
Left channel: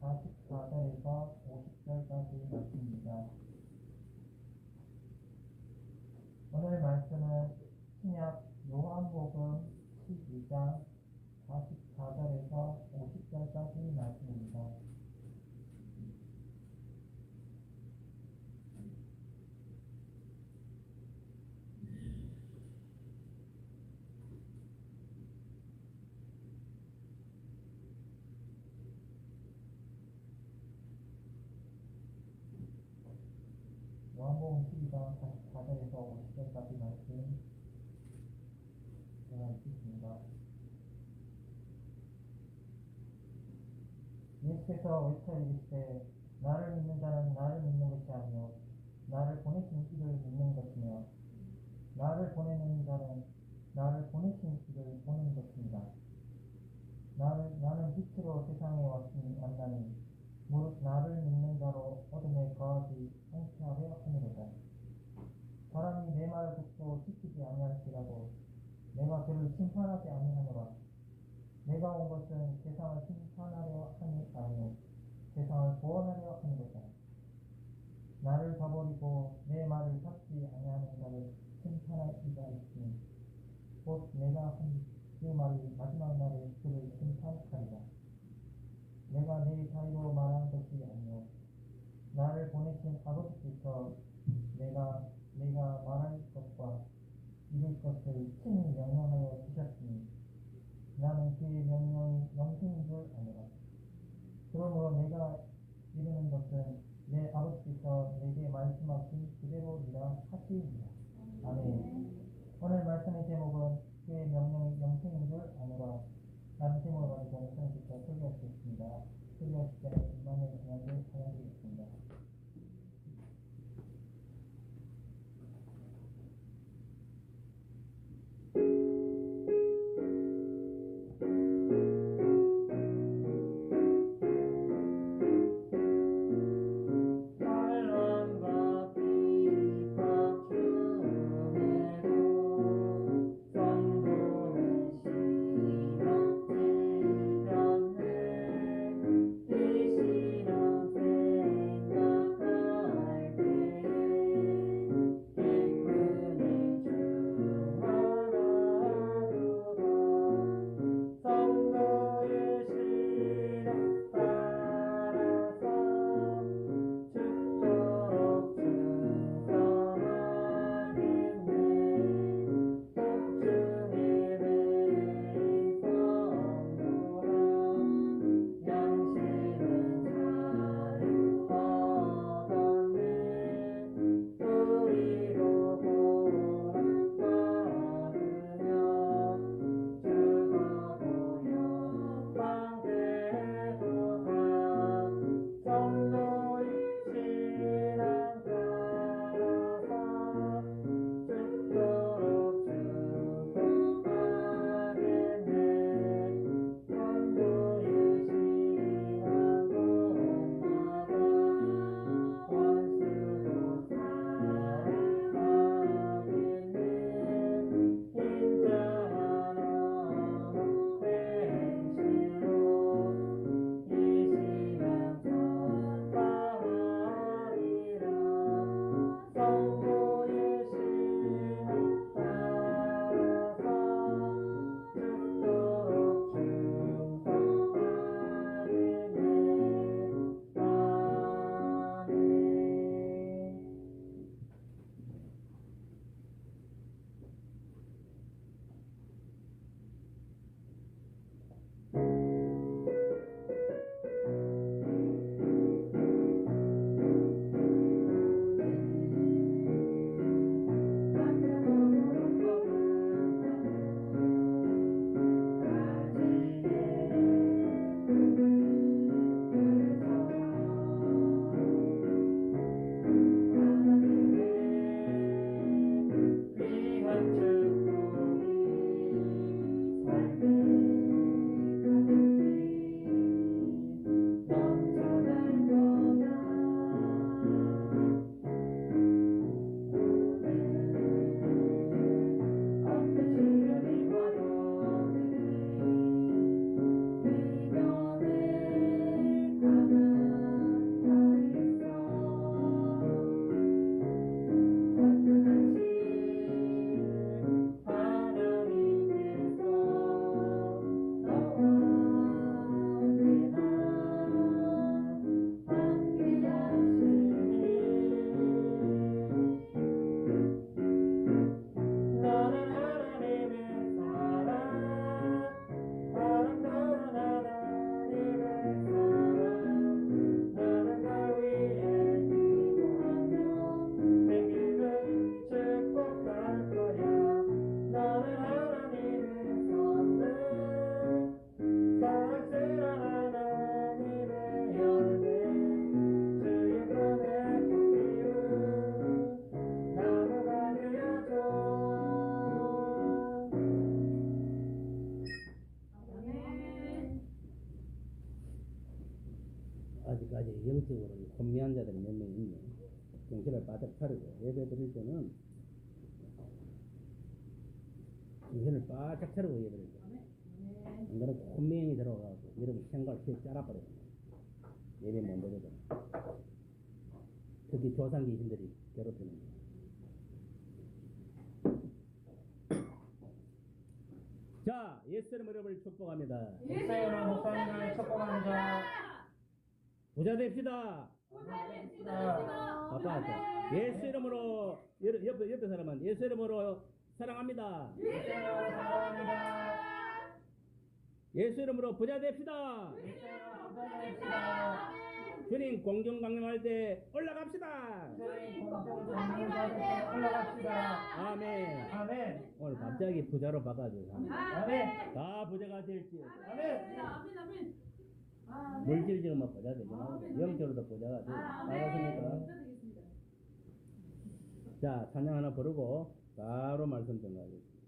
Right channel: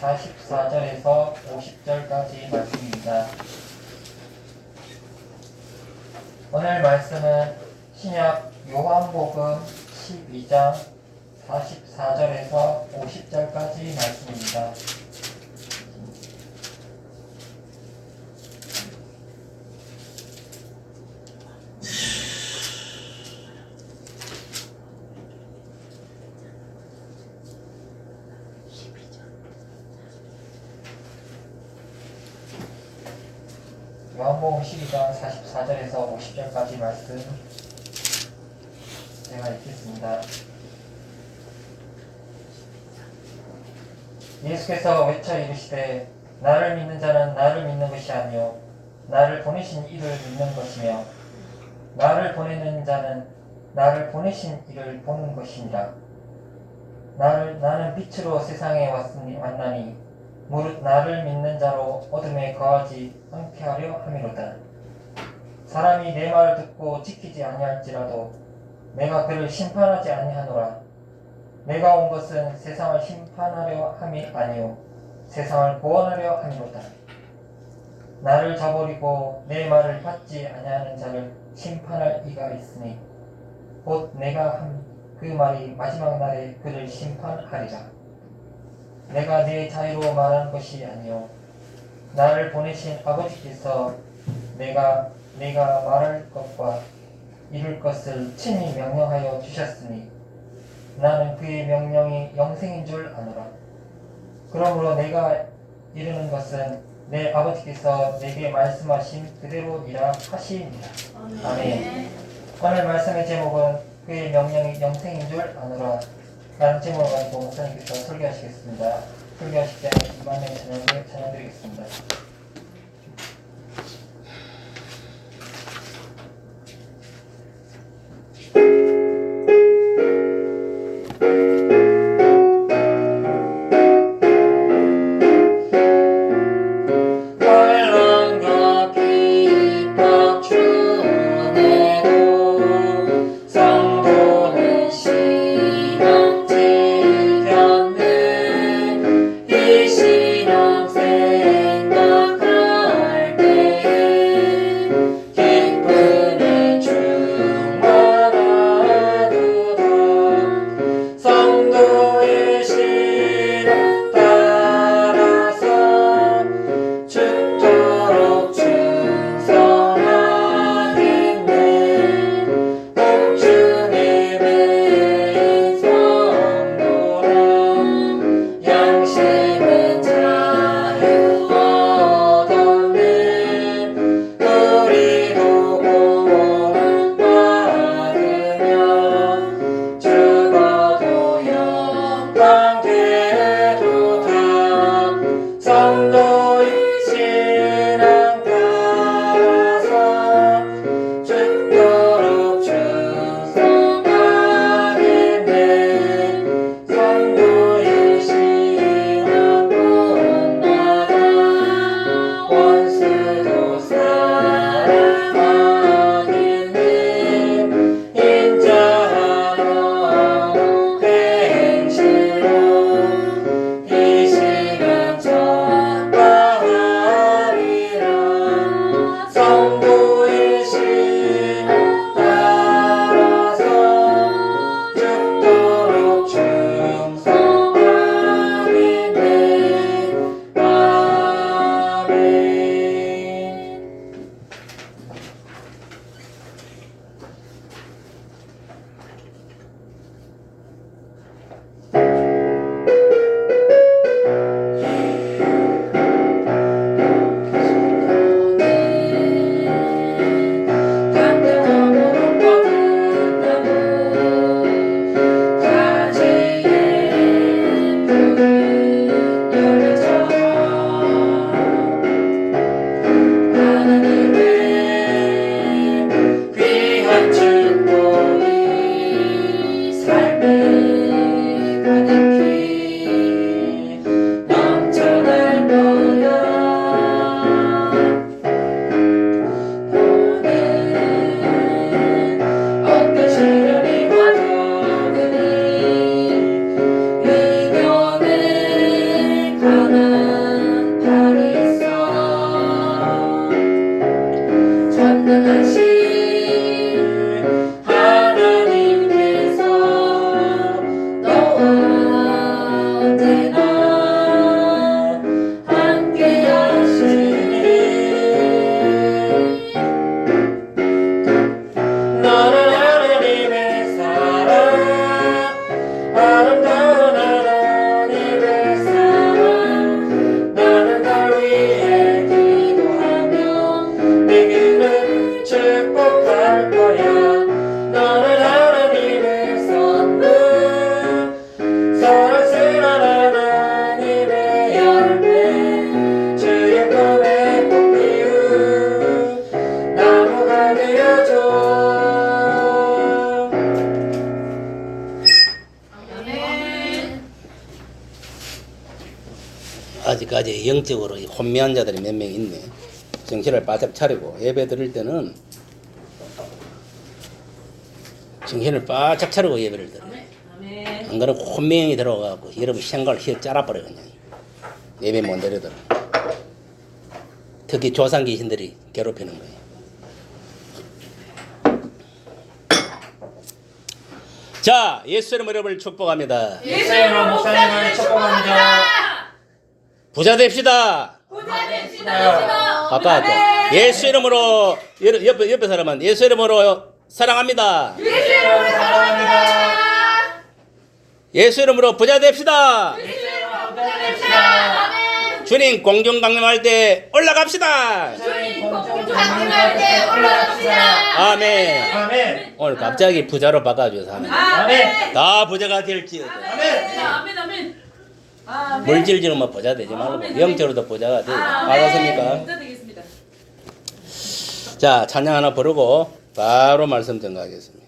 44절에서 50절까지 말씀입니다. 오늘 말씀은 신약 요한복음 12장 44절에서 50절까지 말씀입니다. 요한복음 12장 44절에서 50절까지 말씀 제가 읽겠습니다. 예수께서 외쳐 이르시되 나를 믿는 자는 나를 믿는 것이 아니요 나를 보내신 이를 믿는 것이며 나를 보내는 자는 나를 보내신 이를 보는 것이니라. 나는 빛으로 세상에 왔나니 무릇 나를 믿는 자로 어둠에 거하지 않게 하려 함이로다. 사람이 내 말을 듣고 지키지 아니할지라도 내가 그를 심판하지 아니하노라. 내가 온 것은 세상을 심판하려 함이 아니요 세상을 구원하려 함이로다. 나를 저버리고 내 말을 받지 아니하는 자를 심판할 이가 있으니 곧 내가 한 그 말이 마지막 날에 그를 심판하리라. 내가 내 자유로 말하는 것이 아니요 나를 보내신 아버지께서 내가 말할 것과 이룰 것을 친히 명령하여 주셨으니 나는 그의 명령이 영생인 줄 아노라. 그러므로 내가 이르는 것은 내 아버지께서 내게 말씀하신 그대로니라 하시니라. 아멘. 오늘 말씀의 제목은 그의 명령이 영생인 줄 아노라 라는 제목을 가지고 목사님께서 설교하시겠습니다. 설교하실 때는 이만의 찬양을 찬양드리겠습니다. 이 신앙생활 심은 자유 얻었네. 우리도 구원 받으며 죽어도 영광 되도다. 성도의 신앙 따라서 죽도록 충성하겠네. 성도의 신앙 본받아 원수도 사랑하겠네. 인자하러 행실로 이 시간 전파하리라. 성도의 신앙 따라서 죽도록 충성하겠네. 아멘. 감동으로 뻗은 나무 가지에 푸른 열매처럼 하나님의 귀한 축복이 삶에 가득히 넘쳐날 거야. 너는 어떤 시련이 와도 그리 이겨낼 강한 팔이 있어. 전능하신 하나님께서 너와 언제나 함께 하시니 너는 하나님의 사랑, 아름다운 하나님의 사랑. 나는 널 위해 기도하며 내게는 축복할 거야. 너는 하나님의 선물, 사랑스러운 하나님의 열매, 주의 품에 꽃 피운 나무가 되어줘. 아직까지 영적으로 혼미한 자들이 몇 명 있네. 정신을 바짝 차리고 예배 드릴 때는 정신을 바짝 차리고 예배를 드려. 안 그러면 혼미형이 들어가고 여러분 생각을 휘어 짜라버려 그냥. 예배 못 드리더라. 특히 조상 귀신들이 괴롭히는 거예요. 자, 예수 이름으로 여러분을 축복합니다. 예수님으로 목사님을 축복합니다. 부자 됩시다. 부자 됩시다. 아까 예수 이름으로 옆에 사람은 예수 이름으로 사랑합니다. 예수님을 사랑합니다. 예수 이름으로 부자 됩시다. 예수님으로 부자 됩시다. 아멘. 주님 공중 강림할 때 올라갑시다. 주님 공중 강림할 때 올라갑시다. 아멘. 아멘. 오늘 갑자기 부자로 바꿔줘서 하는 거예요. 아멘. 다 부자가 될지어다. 아멘. 아멘 아멘. 물질적으로만 부자 되지 말고 영적으로도 부자가 돼. 알았습니까? 부자 되겠습니다. 자, 찬양 하나 부르고 바로 말씀 전가하겠습니다.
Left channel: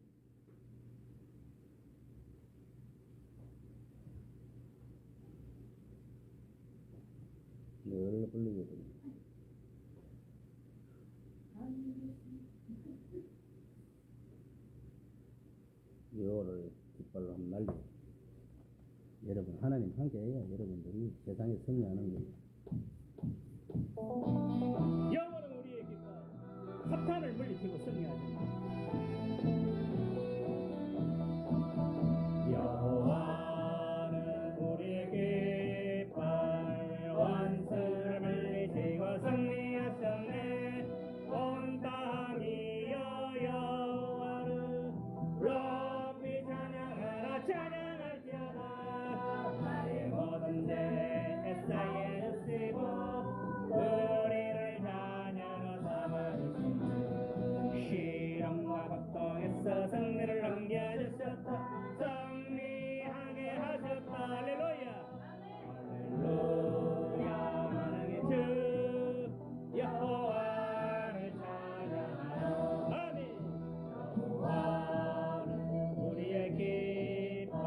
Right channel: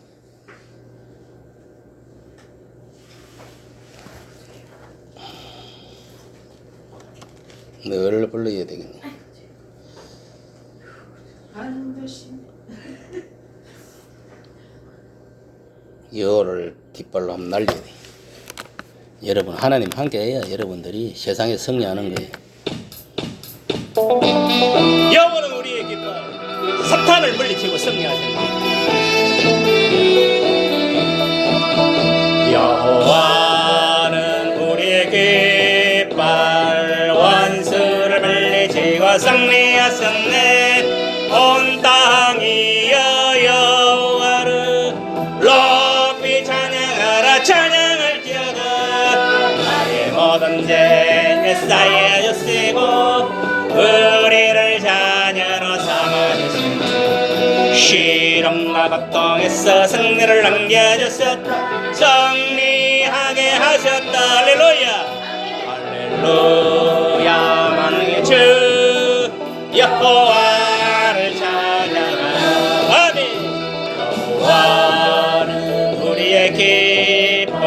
늘 불러야 되겠네. 여호를 뒷발로 한번 날려야 돼. 여러분 하나님 함께해야 여러분들이 세상에 승리하는 거예요. 여호와는 우리의 깃발, 사탄을 물리치고 승리하신다. 여호와는 우리의 깃발, 원수를 물리치고 승리하셨네. 온 땅이여 여호와를 높이 찬양하라. 찬양할지어다. 나의 모든 죄 쌓여 주시고 우리를 자녀로 삼아주시고 시련과 고통에서 승리를 남겨주셨다. 승리하게 하셨다. 할렐루야. 할렐루야. 만왕의 주 여호와를 찬양하라. 아멘. 여호와는 우리의 기쁨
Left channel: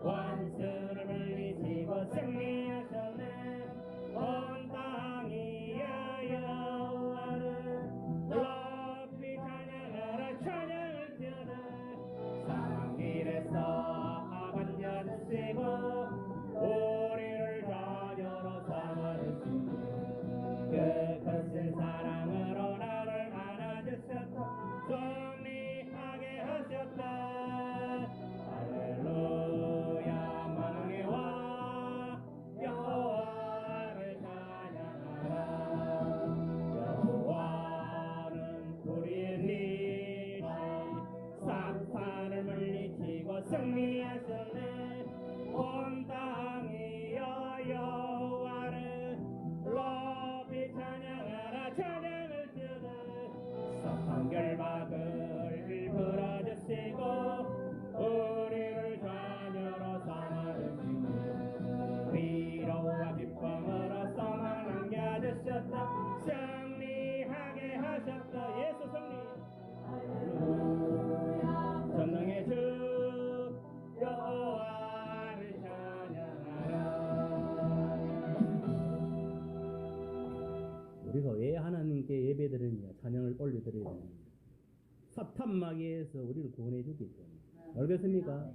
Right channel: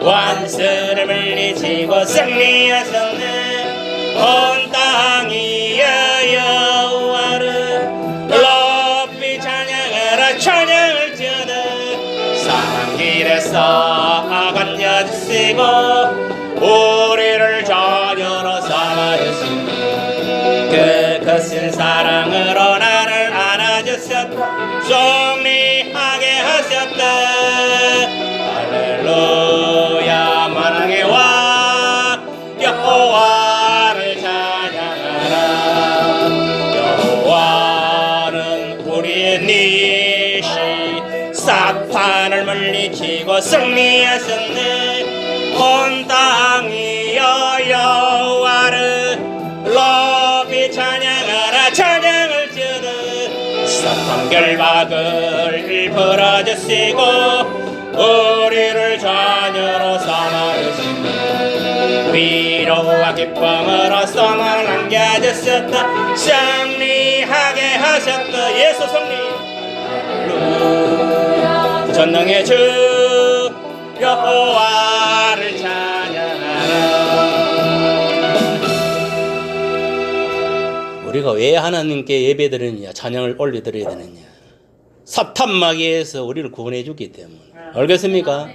원수를 물리치고 승리하셨네. 온 땅이 여호와를 높이 찬양하라. 찬양을 지어다. 사랑 길에서 건져주시고 우리를 자녀로 삼아주시고 그 크신 사랑으로 나를 안아주셨다. 승리하게 하셨다. 할렐루야. 만왕의 왕 여호와를 찬양하라. 여호와는 우리의 니시 사탄을 물리치고 승리하셨네. 온 땅이 여호와를 높이 찬양하라. 찬양을 지어다. 사탄 결박을 풀어주시고 우리를 자녀로 삼아주시고 위로와 기쁨으로 소망을 남겨주셨다. 승리하게 하셨다. 예수 승리. 할렐루야. 전능의 주 여호와를 찬양하라. 우리가 왜 하나님께 예배드리느냐, 찬양을 올려드려야 되느냐? 사탄 마귀에서 우리를 구원해 주기 때문에. 알겠습니까?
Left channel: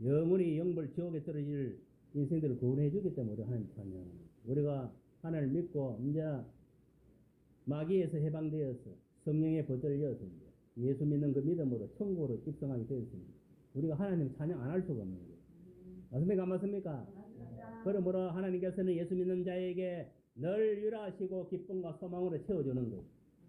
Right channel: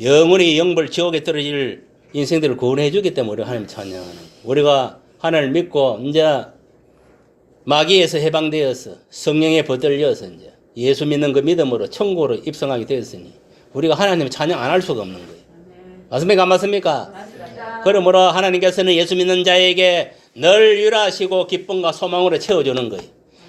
영원히 영벌 지옥에 떨어질 인생들을 구원해 주기 때문에 우리가 하나님 찬양하는 거예요. 우리가 하나님을 믿고 이제 마귀에서 해방되어서 성령에 붙들려서 이제 예수 믿는 그 믿음으로 천국으로 입성하게 되었으니 우리가 하나님을 찬양 안 할 수가 없는 거예요. 맞습니까? 안 맞습니까? 그러므로 하나님께서는 예수 믿는 자에게 늘 유라하시고 기쁨과 소망으로 채워주는 거예요.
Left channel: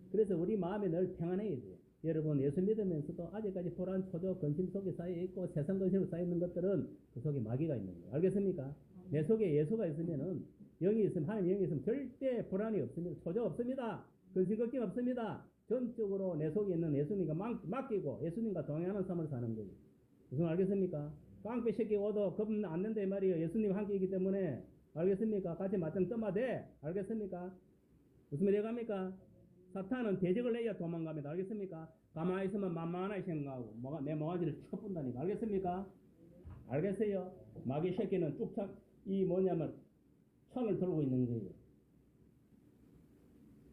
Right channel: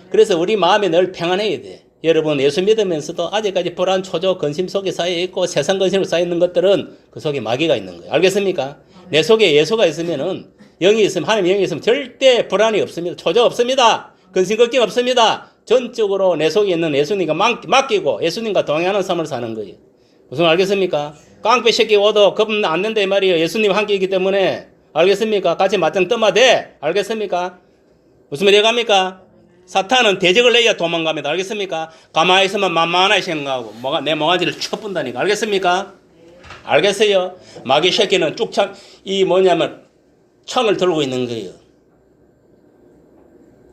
그래서 우리 마음이 늘 평안해야 돼. 여러분 예수 믿으면서도 아직까지 불안, 초조, 근심 속에 쌓여 있고 세상 근심으로 쌓여 있는 것들은 그 속에 마귀가 있는 거예요. 알겠습니까? 내 속에 예수가 있으면은 영이 있으면 하나님의 영이 있으면 절대 불안이 없습니다. 초조 없습니다. 근심 걱정 없습니다. 전적으로 내 속에 있는 예수님과 맡기고 예수님과 동행하는 삶을 사는 거예요. 무슨 알겠습니까? 깡패 새끼 오도 겁 안 nen다 이 말이에요. 예수님 함께 있기 때문에. 알겠습니까? 같이 맞짱 떠마대. 알겠습니까? 무슨 말이 갑니까? 사탄은 대적을 내야 도망갑니다. 알겠습니까? 가만히 있으면 만만하게 생각하고 내 몽아지를 쳐본다니까. 알겠습니까? 알겠어요? 마귀 새끼는 쭉창 창을 들고 있는 거예요.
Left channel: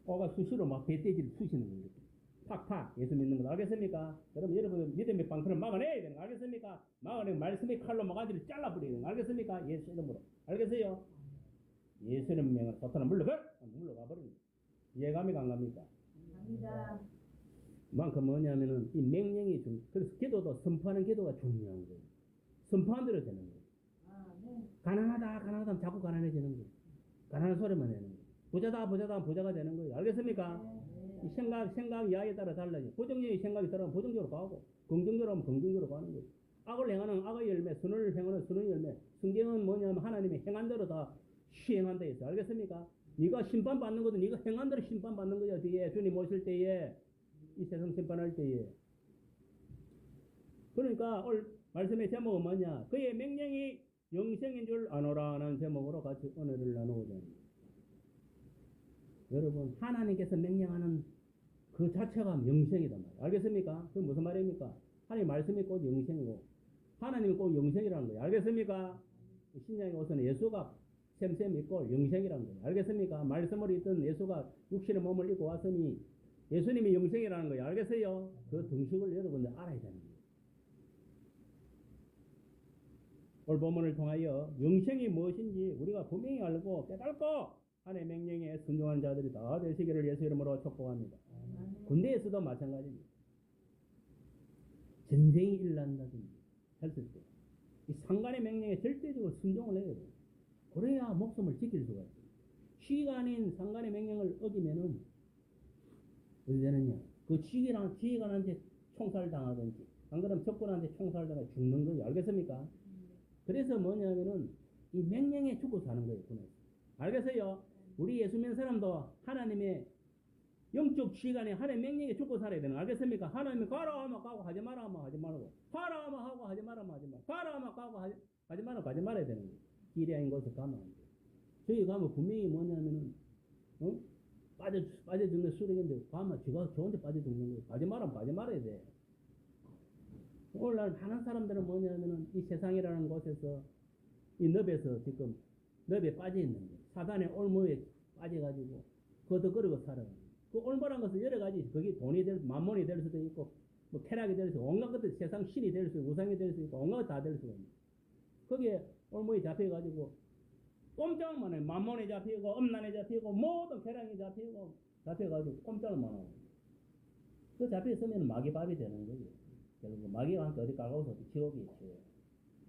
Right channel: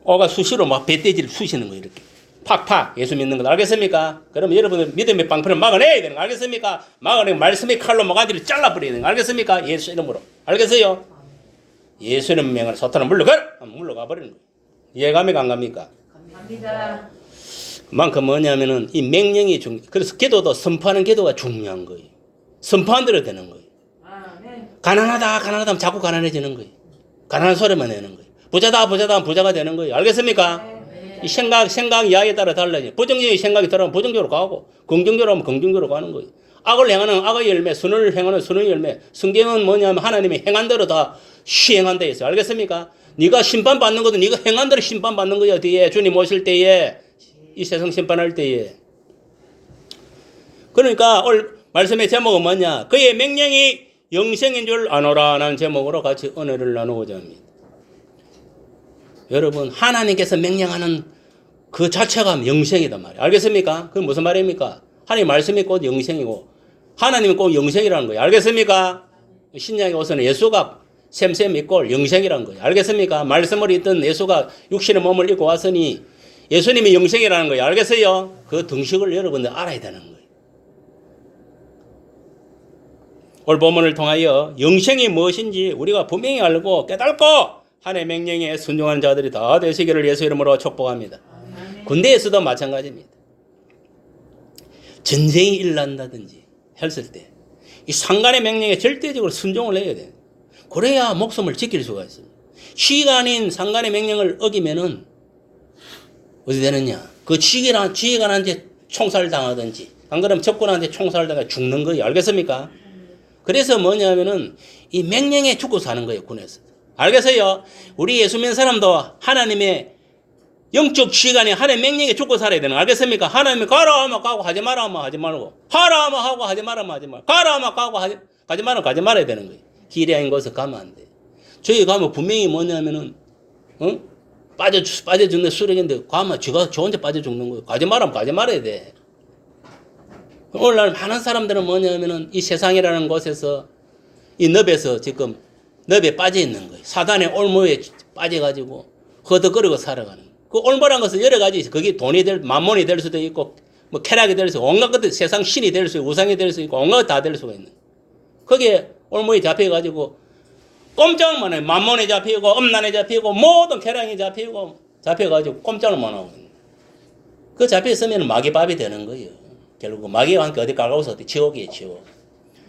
오가 수시로 막 배때지를 쑤시는 거예요. 이렇게 팍팍 예수 믿는 거. 알겠습니까? 그러면 여러분들 믿음의 방패를 막아내야 되는 거. 알겠습니까? 막아내고 말씀의 칼로 몽아지를 잘라버려야 되는 거. 알겠습니까? 예수 이름으로. 알겠어요? 예수 이름 명으로 사탄은 물러가 버리는 거예요. 이해감이 안 갑니까? 갑니다. 그만큼 뭐냐면은 이 명령이 그래서 기도도 선포하는 기도가 중요한 거예요. 선포한 대로 되는 거예요. 가난하다 하면 자꾸 가난해지는 거예요. 가난한 소리만 내는 거예요. 부자다 하면 부자가 되는 거예요. 알겠습니까? 이 생각 이하에 따라 달라져요. 부정적인 생각이 들어오면 부정적으로 가고 긍정적으로 하면 긍정적으로 가는 거예요. 악을 행하는 악의 열매, 선을 행하는 선의 열매. 성경은 뭐냐면 하나님이 행한 대로 다 시행한다 했어요. 알겠습니까? 네가 심판받는 것도 네가 행한 대로 심판받는 거야. 뒤에 주님 오실 때에 이 세상 심판할 때에. 그러니까 오늘 말씀의 제목은 뭐냐? 그의 명령이 영생인 줄 아노라라는 제목으로 같이 은혜를 나누고자 합니다. 여러분 하나님께서 명령하는 그 자체가 영생이단 말이에요. 알겠습니까? 그게 무슨 말입니까? 하나님 말씀이 곧 영생이고 하나님이 꼭 영생이라는 거예요. 알겠습니까? 신약에 와서는 예수가 샘샘 있고 영생이라는 거예요. 알겠습니까? 말씀을 읽던 예수가 육신의 몸을 입고 왔으니 예수님이 영생이라는 거예요. 알겠어요? 그 등식을 여러분들 알아야 되는 거예요. 오늘 본문을 통하여 영생이 무엇인지 우리가 분명히 알고 깨닫고 하나님의 명령에 순종하는 자들이 다 되시기를 예수 이름으로 축복합니다. 군대에서도 마찬가지입니다. 전쟁이 일어난다든지 했을 때 이 상관의 명령에 절대적으로 순종을 해야 돼요. 그래야 목숨을 지킬 수가 있습니다. 지휘가 아닌 상관의 명령을 어기면은 어디 되느냐? 그 지휘관한테 총살을 당하든지 안 그러면 적군한테 총살을 당해 죽는 거예요. 알겠습니까? 그래서 뭐냐면은 이 맹령에 죽고 사는 거예요, 군에서. 알겠어요? 우리 예수 믿는 사람도 하나님의 영적 지휘관이 하나님의 명령에 죽고 살아야 되는 거 알겠습니까? 하나님이 가라 하면 가고 하지 마라 하면 하지 말고 하라 하면 하고 하지 마라 하면 하지 말고 가라 하면 가고 가지 마라 가지 말아야 되는 거예요. 길이 아닌 곳에 가면 안 돼. 저희 가면 분명히 뭐냐면은 빠져 죽는 수령인데 가면 쥐가 저 혼자 빠져 죽는 거예요. 가지 말라면 가지 말아야 돼. 오늘날 많은 사람들은 뭐냐면은 이 세상이라는 곳에서 이 늪에서 지금 늪에 빠져 있는 거예요. 사단의 올무에 빠져가지고 허덕거리고 살아가는 거예요. 그 올무란 것은 여러 가지 있어요. 그게 돈이 만몬이 될 수도 있고 뭐 쾌락이 될 수 있고 온갖 것들 세상 신이 될 수 있고 우상이 될 수 있고 온갖 것 다 될 수가 있는 거예요. 거기에 올무에 잡혀가지고 꼼짝만 해. 만몬에 잡히고 음란에 잡히고 모든 쾌락에 잡혀가지고 꼼짝을 못 하고 있는 거예요. 그 잡혀있으면 마귀밥이 되는 거예요. 결국 마귀와 함께 어디 가까워서 어디 지옥이에요, 지옥.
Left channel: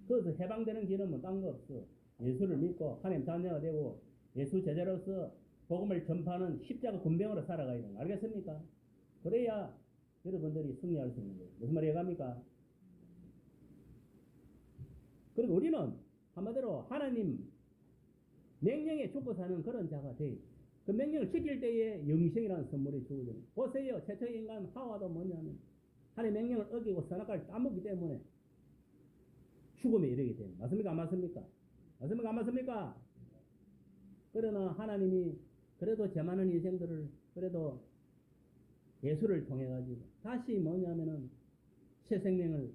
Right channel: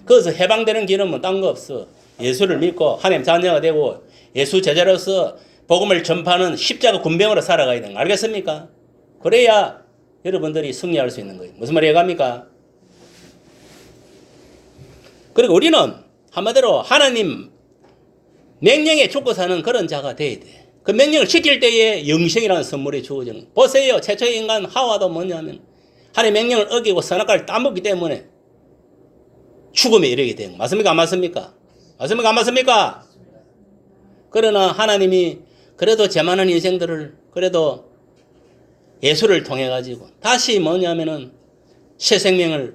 거기서 해방되는 길은 뭐 딴 거 없어. 예수를 믿고 하나님 자녀가 되고 예수 제자로서 복음을 전파하는 십자가 군병으로 살아가야 되는 거 알겠습니까? 그래야 여러분들이 승리할 수 있는 거예요. 무슨 말이 해갑니까? 그리고 우리는 한마디로 하나님 명령에 죽고 사는 그런 자가 돼야 돼. 그 명령을 지킬 때에 영생이라는 선물이 주어지는 거예요. 보세요. 최초의 인간 하와도 뭐냐면 하나님의 명령을 어기고 선악과를 따먹기 때문에 죽음에 이르게 된 거. 맞습니까? 안 맞습니까? 맞습니까? 안 맞습니까? 그러나 하나님이 그래도 제 많은 인생들을 그래도 예수를 통해 가지고 다시 뭐냐면은 새 생명을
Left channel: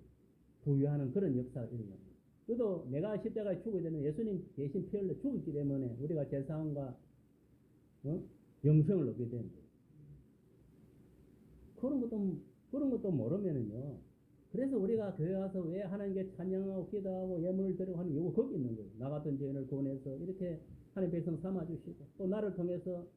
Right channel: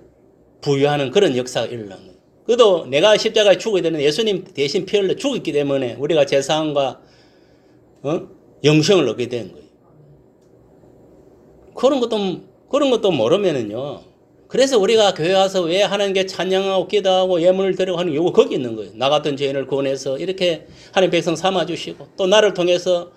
부여하는 그런 역사가 일어난 거예요. 그래도 내가 십자가에 죽어야 되는 예수님 대신 피 흘려 죽었기 때문에 우리가 제사함과 영생을 얻게 된 거예요. 그런 것도 모르면은요. 그래서 우리가 교회 와서 왜 하나님께 찬양하고 기도하고 예물을 드리고 하는 이유가 거기 있는 거예요. 나 같은 죄인을 구원해서 이렇게 하나님 백성 삼아주시고 또 나를 통해서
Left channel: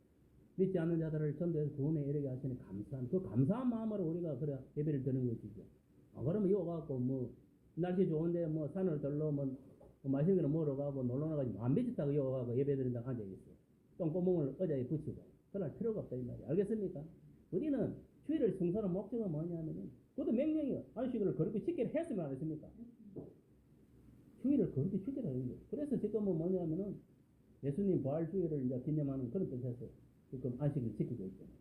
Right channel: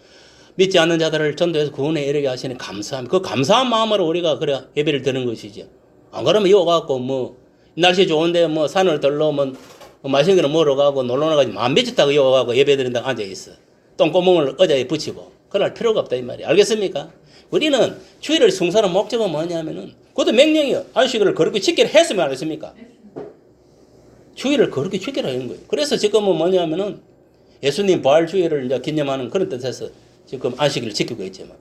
믿지 않는 자들을 전도해서 구원에 이르게 하시는 감사함. 그 감사한 마음으로 우리가 그래 예배를 드리는 것이죠. 안 그러면 이거 갖고 뭐 날씨 좋은데 뭐 산을 들러 뭐 맛있는 거를 먹으러 가고 놀러 나가지고 안 미쳤다고 이거 갖고 예배 드린다고 앉아있어. 똥구멍을 의자에 붙이고 그럴 필요가 없다 이 말이야. 알겠습니까? 우리는 주일을 성사하는 목적은 뭐냐면은 그것도 명령이요. 안식일을 그렇게 지키라 했으면 안 했습니까? 주일을 그렇게 지키라 하는 거예요. 그래서 지금은 뭐냐면은 예수님 부활 주일을 이제 기념하는 그런 뜻에서 지금 안식일을 지키고 있지만.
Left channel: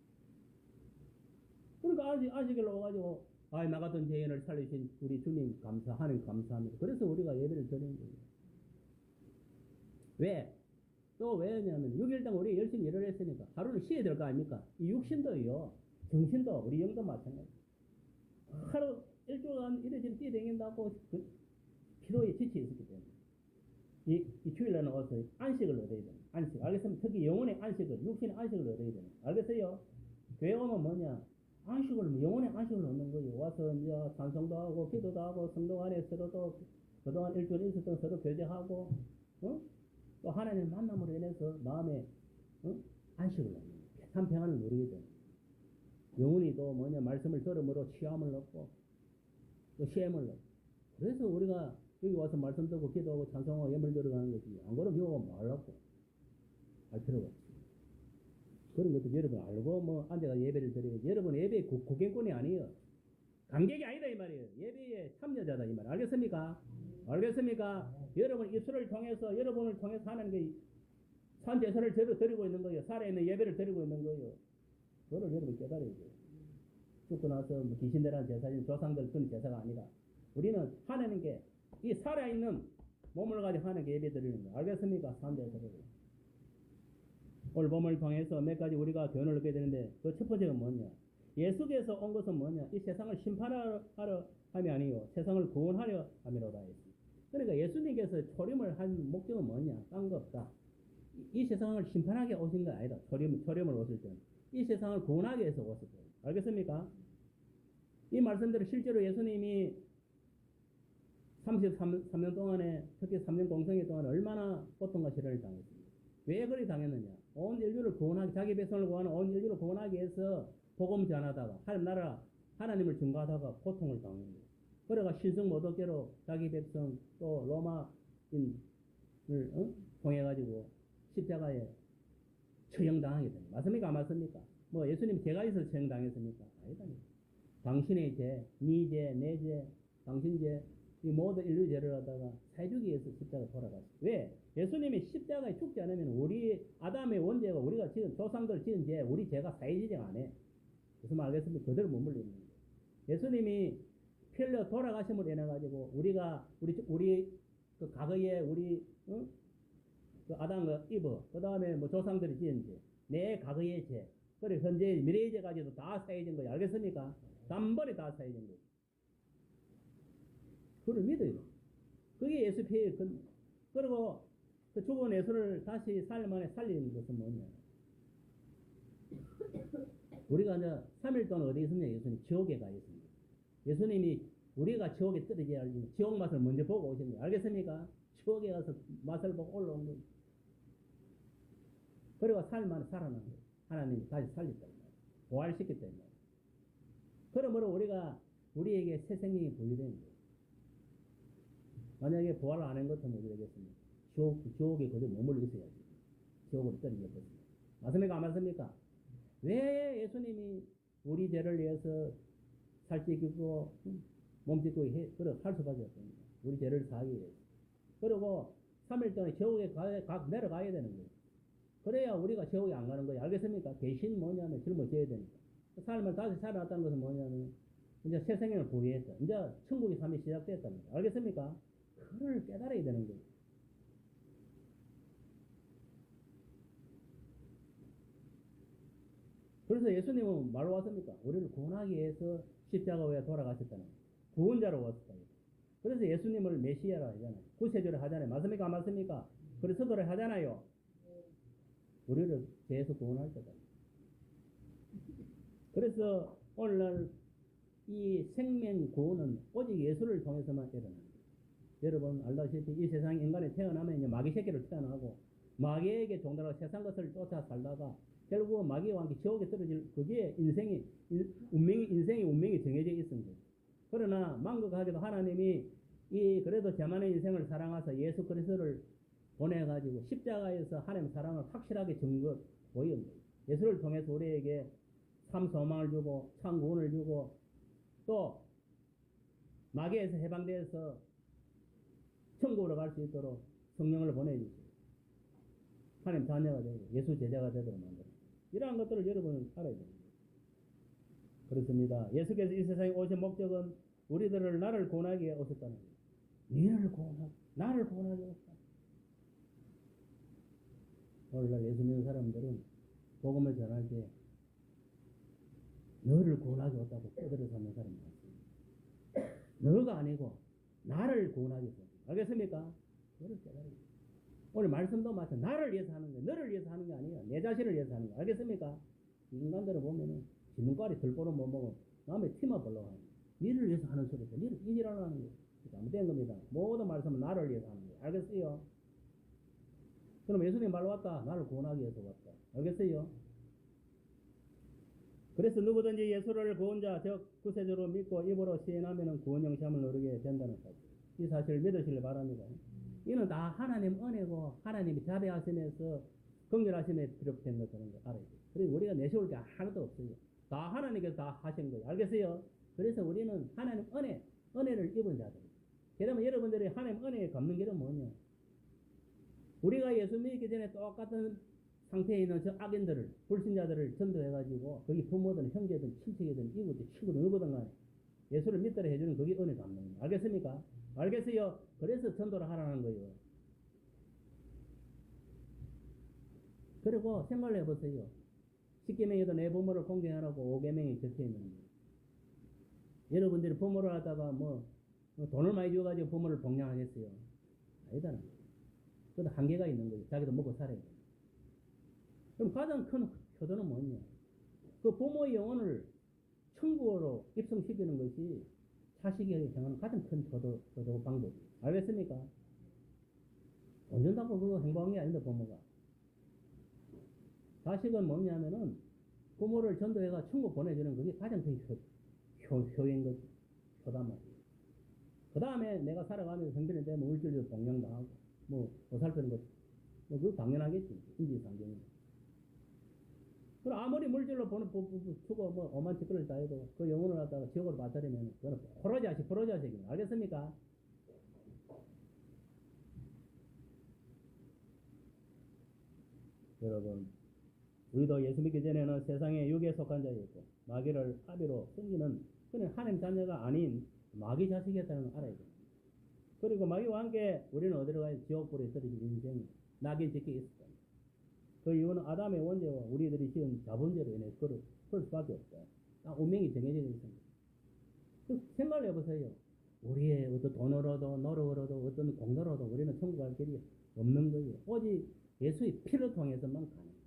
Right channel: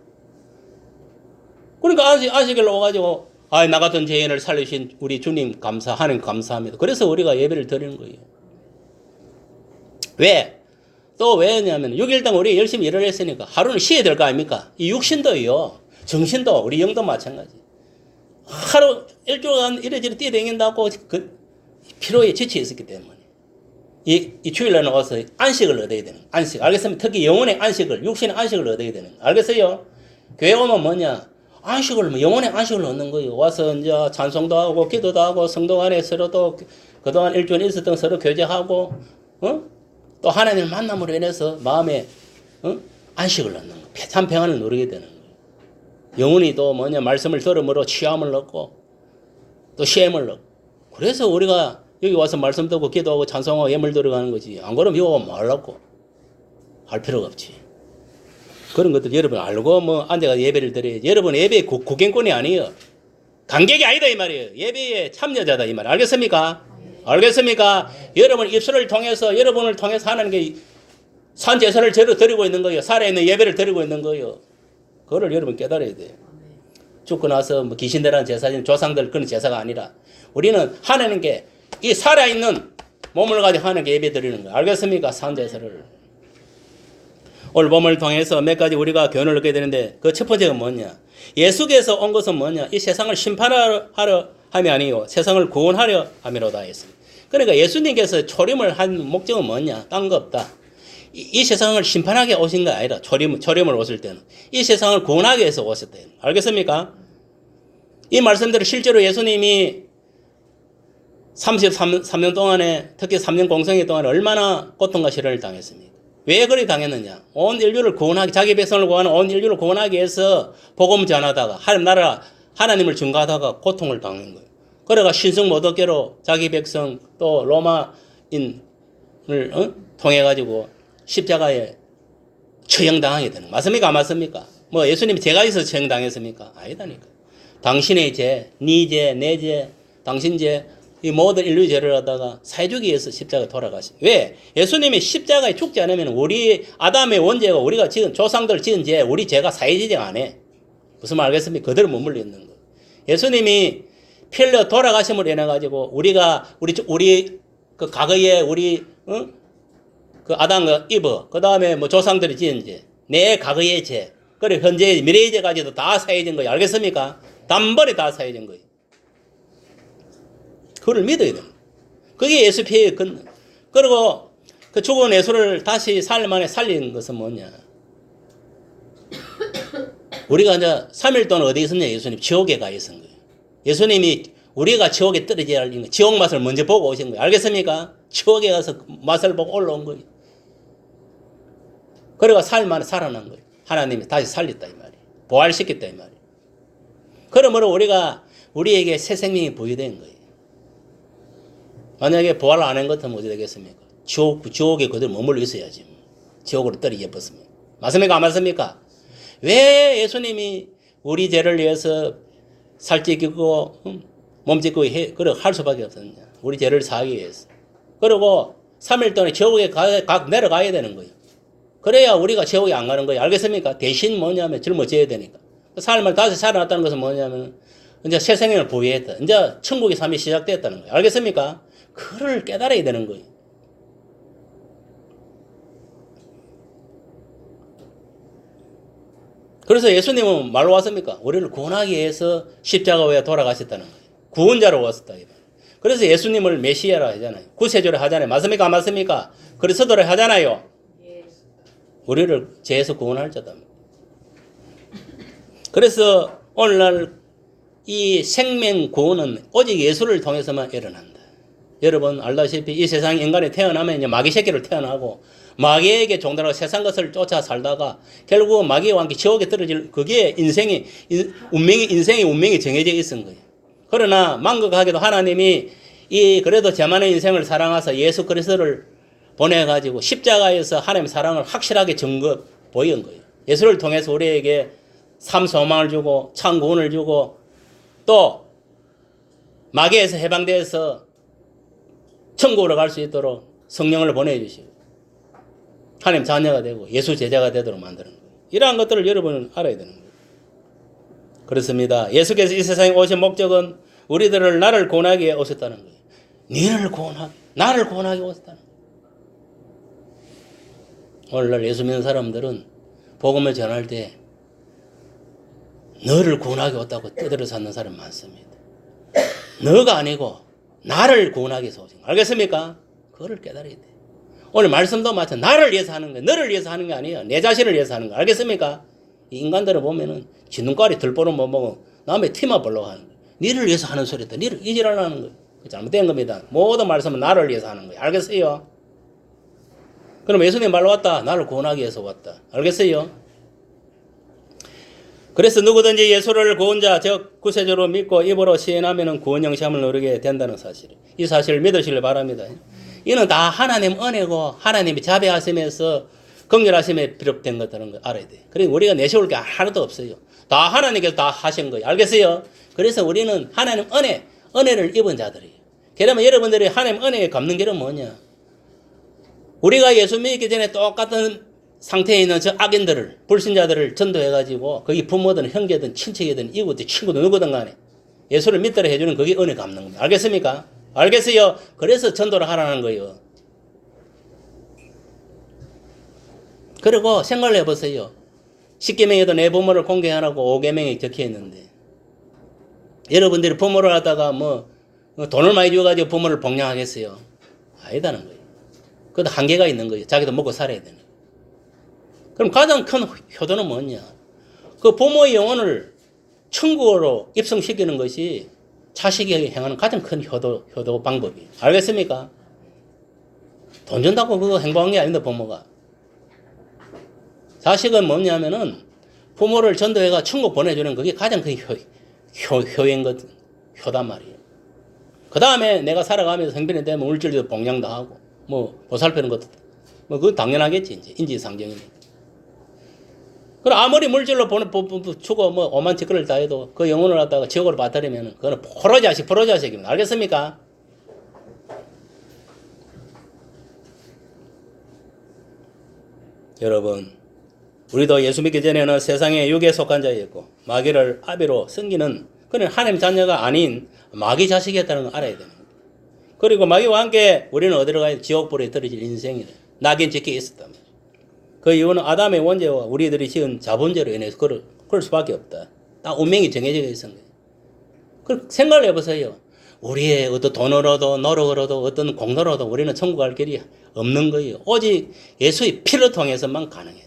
그러니까 안식일로 와가지고 나 같은 죄인을 살리신 우리 주님 하나님 감사합니다. 그래서 우리가 예배를 드리는 거예요. 왜? 또 왜냐면 6일당 우리 열심히 일을 했으니까 하루는 쉬어야 될 거 아닙니까? 이 육신도요. 정신도 우리 영도 마찬가지. 하루 일주일간 이래저래 뛰어다닌다고 그 피로에 지쳐 있었기 때문에 이 주일날 나와서 안식을 얻어야 되는 안식. 알겠습니까? 특히 영혼의 안식을 육신의 안식을 얻어야 되는 알겠어요? 교회 오면 뭐냐? 안식을 영혼의 안식을 얻는 거예요. 와서 이제 찬송도 하고 기도도 하고 성도 안에 서로도 그동안 일주일 있었던 서로 교제하고 또 하나님을 만남으로 인해서 마음에 안식을 얻는 거예요. 참 평안을 누리게 되는 거예요. 영혼이 또 뭐냐 말씀을 들음으로 취함을 얻고 또 시험을 얻고 그래서 우리가 여기 와서 말씀 듣고 기도하고 찬송하고 예물 들어가는 거지. 안 그러면 이거 말라고 할 필요가 없지. 그런 것들 여러분 알고 뭐 앉아가 예배를 드려야지. 여러분 예배 구경꾼이 아니에요. 관객이 아니다 이 말이에요. 예배에 참여자다 이 말. 알겠습니까? 알겠습니까? 여러분 입술을 통해서 여러분을 통해서 하는 게 산제사를 제로 드리고 있는 거예요. 살아있는 예배를 드리고 있는 거예요. 그거를 여러분 깨달아야 돼요. 죽고 나서 뭐 귀신들한 제사진 조상들 그런 제사가 아니라 우리는 하나님께 이 살아있는 몸을 가지고 하나님께 예배 드리는 거예요. 알겠습니까? 산제사를. 오늘 본문을 통해서 몇 가지 우리가 교훈을 얻게 되는데 그 첫 번째가 뭐냐? 예수께서 온 것은 뭐냐? 이 세상을 심판하려 함이 아니요 세상을 구원하려 함이로다 했습니다. 그러니까 예수님께서 초림을 한 목적은 뭐냐? 딴 거 없다. 이 세상을 심판하게 오신 게 아니라 초림을 오실 때는 이 세상을 구원하기 위해서 오셨다. 알겠습니까? 이 말씀대로 실제로 예수님이 33년 동안에 특히 3년 공생애 동안에 얼마나 고통과 시련을 당했습니까? 왜 그리 당했느냐? 온 인류를 구원하기 자기 백성을 구하는 온 인류를 구원하기 위해서 복음 전하다가 하나님을 증거하다가 고통을 당한 거예요. 그래가 신성 모독죄로 자기 백성 또 로마인을 통해 가지고 십자가에 처형당하게 되는 거. 맞습니까? 안 맞습니까? 뭐 예수님이 죄가 있어서 처형당했습니까? 아니다니까. 당신의 죄, 네 죄, 내 죄, 당신 죄 이 모든 인류의 죄를 하다가 사해주기 위해서 십자가에 돌아가신. 왜? 예수님이 십자가에 죽지 않으면 우리 아담의 원죄가 우리가 지은 조상들 지은 죄 우리 죄가 사해지지 않아. 무슨 말 알겠습니까? 그대로 머물러 있는 거예요. 예수님이 피 흘려 돌아가심으로 인해 가지고 우리가 우리 그 과거에 우리 그 아담과 이브 그 다음에 뭐 조상들이 지은 죄 내 과거의 죄 그리고 현재의 미래의 죄까지도 다 사해진 거예요. 알겠습니까? 단번에 다 사해진 거예요. 그걸 믿어야 돼요. 그게 예수 피해의 근원. 그리고 그 죽은 예수를 다시 살림 안에 살린 것은 뭐냐? 우리가 이제 3일 동안 어디 있었냐? 예수님 지옥에 가 있은 거예요. 예수님이 우리가 지옥에 떨어져야 할 이유는 지옥 맛을 먼저 보고 오신 거예요. 알겠습니까? 지옥에 가서 맛을 보고 올라온 거예요. 그래가 살림 안에 살아난 거예요. 하나님이 다시 살렸다 이 말이에요. 부활시켰다 이 말이에요. 그러므로 우리가 우리에게 새 생명이 부여된 거예요. 만약에 부활을 안 한 것 같으면 어떻게 되겠습니까? 지옥에 그대로 머물러 있어야지. 지옥으로 떨어져 버렸습니다. 맞습니까? 안 맞습니까? 왜 예수님이 우리 죄를 위해서 살찌고 몸짓고 그래 할 수밖에 없었냐? 우리 죄를 사하기 위해서. 그리고 3일 동안 지옥에 내려가야 되는 거예요. 그래야 우리가 지옥에 안 가는 거예요. 알겠습니까? 대신 뭐냐면 짊어져야 되니까. 삶을 다시 살아났다는 것은 뭐냐면 이제 새 생명을 부여했다. 이제 천국의 삶이 시작됐다는 거예요. 알겠습니까? 그를 깨달아야 되는 거예요. 그래서 예수님은 말로 왔습니까? 우리를 구원하기 위해서 십자가에 돌아가셨다는 거예요. 구원자로 왔었다. 그래서 예수님을 메시아라 하잖아요. 구세주를 하잖아요. 맞습니까? 안 맞습니까? 그리스도를 하잖아요. 우리를 죄에서 구원할 자다. 그래서 오늘날 이 생명 구원은 오직 예수를 통해서만 일어난다. 여러분 알다시피 이 세상 인간이 태어나면 이제 마귀 새끼를 태어나고 마귀에게 종달하고 세상 것을 쫓아 살다가 결국 마귀와 함께 지옥에 떨어질 그게 인생의 운명이 정해져 있은 거예요. 그러나 망극하게도 하나님이 이 그래도 자만의 인생을 사랑하사 예수 그리스도를 보내가지고 십자가에서 하나님의 사랑을 확실하게 증거 보인 거예요. 예수를 통해서 우리에게 삶 소망을 주고 참 구원을 주고 또 마귀에서 해방돼서 천국으로 갈 수 있도록 성령을 보내주시고 하나님 자녀가 되고 예수 제자가 되도록 만드는 거예요. 이러한 것들을 여러분은 알아야 되는 거예요. 그렇습니다. 예수께서 이 세상에 오신 목적은 우리들을 나를 구원하기 위해 오셨다는 거예요. 너를 구원하기, 나를 구원하기 위해 오셨다는 거예요. 오늘날 예수 믿는 사람들은 복음을 전할 때 너를 구원하기 왔다고 떠들어 찾는 사람 많습니다. 너가 아니고 나를 구원하기 위해서 오신 거예요. 알겠습니까? 그거를 깨달아야 돼. 오늘 말씀도 마찬가지 나를 위해서 하는 거예요. 너를 위해서 하는 게 아니에요. 내 자신을 위해서 하는 거예요. 알겠습니까? 이 인간들을 보면은 쥐눈깔이 들보는 못 보고 남의 티만 보려고 하는 거예요. 니를 위해서 하는 소리다. 니를 이지랄하는 거예요. 잘못된 겁니다. 모든 말씀은 나를 위해서 하는 거예요. 알겠어요? 그럼 예수님 말로 왔다. 나를 구원하기 위해서 왔다. 알겠어요? 그래서 누구든지 예수를 구원자 즉 구세주로 믿고 입으로 시인하면 구원 영생을 누리게 된다는 사실. 이 사실을 믿으시길 바랍니다. 이는 다 하나님 은혜고 하나님이 자비하심에서 긍휼하심에 비롯된 것들은 걸 알아야 돼요. 그리고 우리가 내세울 게 하나도 없어요. 다 하나님께서 다 하신 거예요. 알겠어요? 그래서 우리는 하나님 은혜를 입은 자들이에요. 그러면 여러분들이 하나님 은혜에 갚는 길은 뭐냐? 우리가 예수 믿기 전에 똑같은 상태에 있는 저 악인들을, 불신자들을 전도해가지고 거기 부모든 형제든 친척이든 이웃든 친구든 누구든 간에 예수를 믿도록 해주는 그게 은혜 갚는 겁니다. 알겠습니까? 알겠어요? 그래서 전도를 하라는 거예요. 그리고 생각을 해보세요. 10계명에도 내 부모를 공경하라고 5계명이 적혀 있는데 여러분들이 부모를 하다가 뭐 돈을 많이 줘가지고 부모를 복양하겠어요? 아니다는 거예요. 그것도 한계가 있는 거예요. 자기도 먹고 살아야 되는 거예요. 그럼 가장 큰 효도는 뭐냐? 그 부모의 영혼을 천국으로 입성시키는 것이 자식에게 행하는 가장 큰 효도 방법이에요. 알겠습니까? 돈 준다고 그거 행복한 게 아닙니다, 부모가. 자식은 뭐냐면은 부모를 전도해가 천국 보내주는 그게 가장 큰 효단 말이에요. 그 다음에 내가 살아가면서 생편이 되면 물질도 봉양도 하고, 뭐, 보살피는 것도, 뭐, 그건 당연하겠지, 이제. 인지상정이니까. 그럼 아무리 물질로 주고, 뭐, 오만 짓거리를 다 해도 그 영혼을 갖다가 지옥으로 빠뜨리면 그거는 포로자식입니다. 알겠습니까? 여러분, 우리도 예수 믿기 전에는 세상의 육에 속한 자였고 마귀를 아비로 섬기는 그는 하나님 자녀가 아닌 마귀 자식이었다는 걸 알아야 됩니다. 그리고 마귀와 함께 우리는 어디로 가야 지옥불에 떨어질 인생이래. 낙인 찍혀 있었단 말이에요. 그 이유는 아담의 원죄와 우리들이 지은 자본죄로 인해서 그럴 수밖에 없다. 다 운명이 정해져 있는 거예요. 그 생각을 해보세요. 우리의 어떤 돈으로도 노력으로도 어떤 공로로도 우리는 천국 갈 길이 없는 거예요. 오직 예수의 피를 통해서만 가능했다.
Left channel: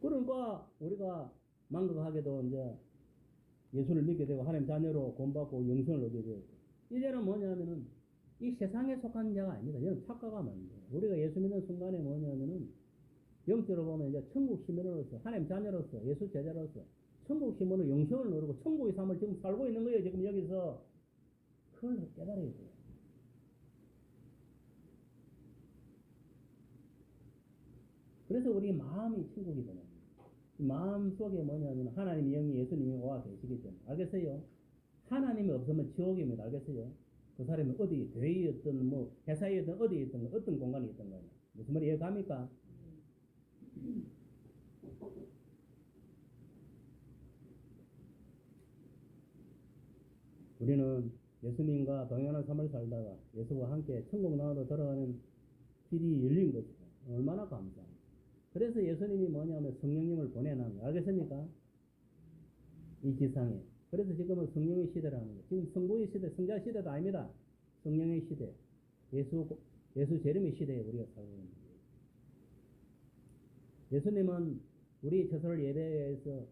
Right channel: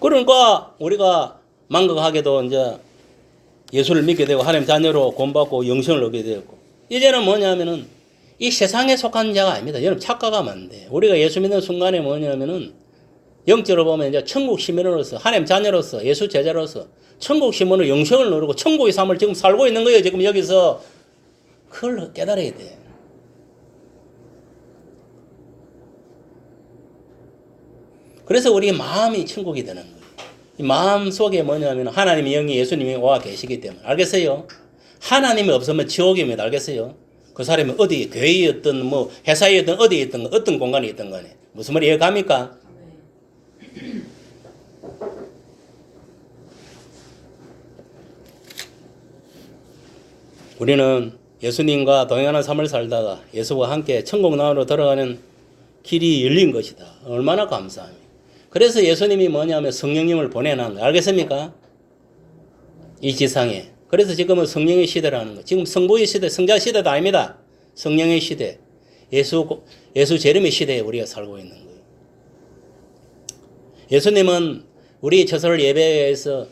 그러니까 우리가 망각하게도 이제 예수를 믿게 되고 하나님 자녀로 구원받고 영생을 얻게 되었고, 이제는 뭐냐면은 이 세상에 속한 자가 아닙니다. 여러분 착각하면 안 돼. 우리가 예수 믿는 순간에 뭐냐면은 영적으로 보면 이제 천국 시민으로서 하나님 자녀로서 예수 제자로서 천국 시민으로 영생을 누리고 천국의 삶을 지금 살고 있는 거예요. 지금 여기서 그걸 깨달아야 돼. 그래서 우리 마음이 천국이 되는 거예요. 이 마음 속에 뭐냐면 하나님의 영이 예수님이 와 계시기 때문에. 알겠어요? 하나님이 없으면 지옥입니다. 알겠어요? 그 사람이 어디 교회였든 뭐 회사였든 어디에 있든 어떤 공간에 있든 간에. 무슨 말이 이해갑니까? 우리는 예수님과 동행하는 삶을 살다가 예수와 함께 천국 나라로 들어가는 길이 열린 것이다. 얼마나 감사합니다. 그래서 예수님이 뭐냐면 성령님을 보내는 거예요. 알겠습니까? 이 지상에. 그래서 지금은 성령의 시대라는 거예요. 지금 성부의 시대, 성자 시대도 아닙니다. 성령의 시대. 예수 재림의 시대에 우리가 살고 있는 거예요. 예수님은 우리 처소를 예배해서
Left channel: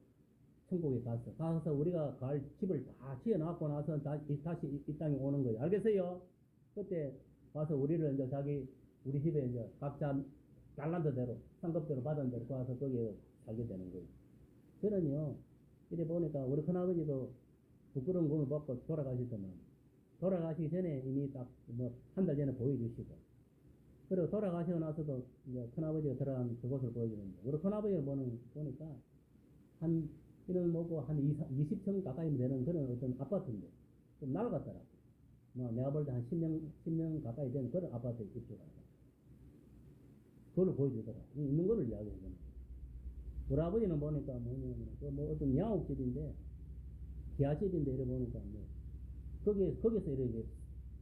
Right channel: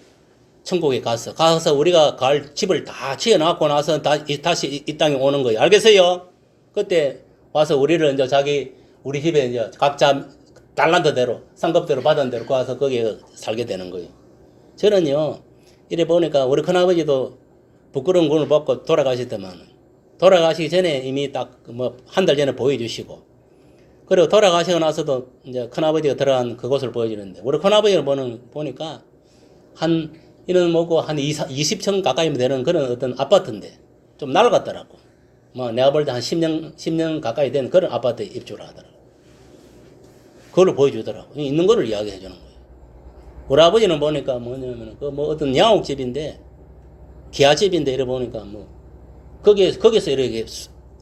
천국에 가서 우리가 갈 집을 다 지어놨고 나서 다시 이 땅에 오는 거예요. 알겠어요? 그때 와서 우리를 이제 우리 집에 이제 각자 달란트대로, 상급대로 받은 대로 가서 거기에 살게 되는 거예요. 저는요, 이래 보니까 우리 큰아버지도 부끄러운 군을 받고 돌아가시더만, 돌아가시기 전에 이미 딱 한 달 전에 보여주시고, 그리고 돌아가시고 나서도 이제 큰아버지가 들어간 그곳을 보여주는데, 우리 큰아버지를 보니까 이런 뭐고 한 20층 가까이 되는 그런 어떤 아파트인데, 좀 낡았더라고. 내가 볼 때 한 10년 가까이 된 그런 아파트에 입주를 하더라고. 그걸 보여주더라고. 있는 거를 이야기해 주는 거예요. 우리 아버지는 보니까 뭐냐면, 어떤 양옥집인데, 기아집인데, 이래 보니까 거기서 이렇게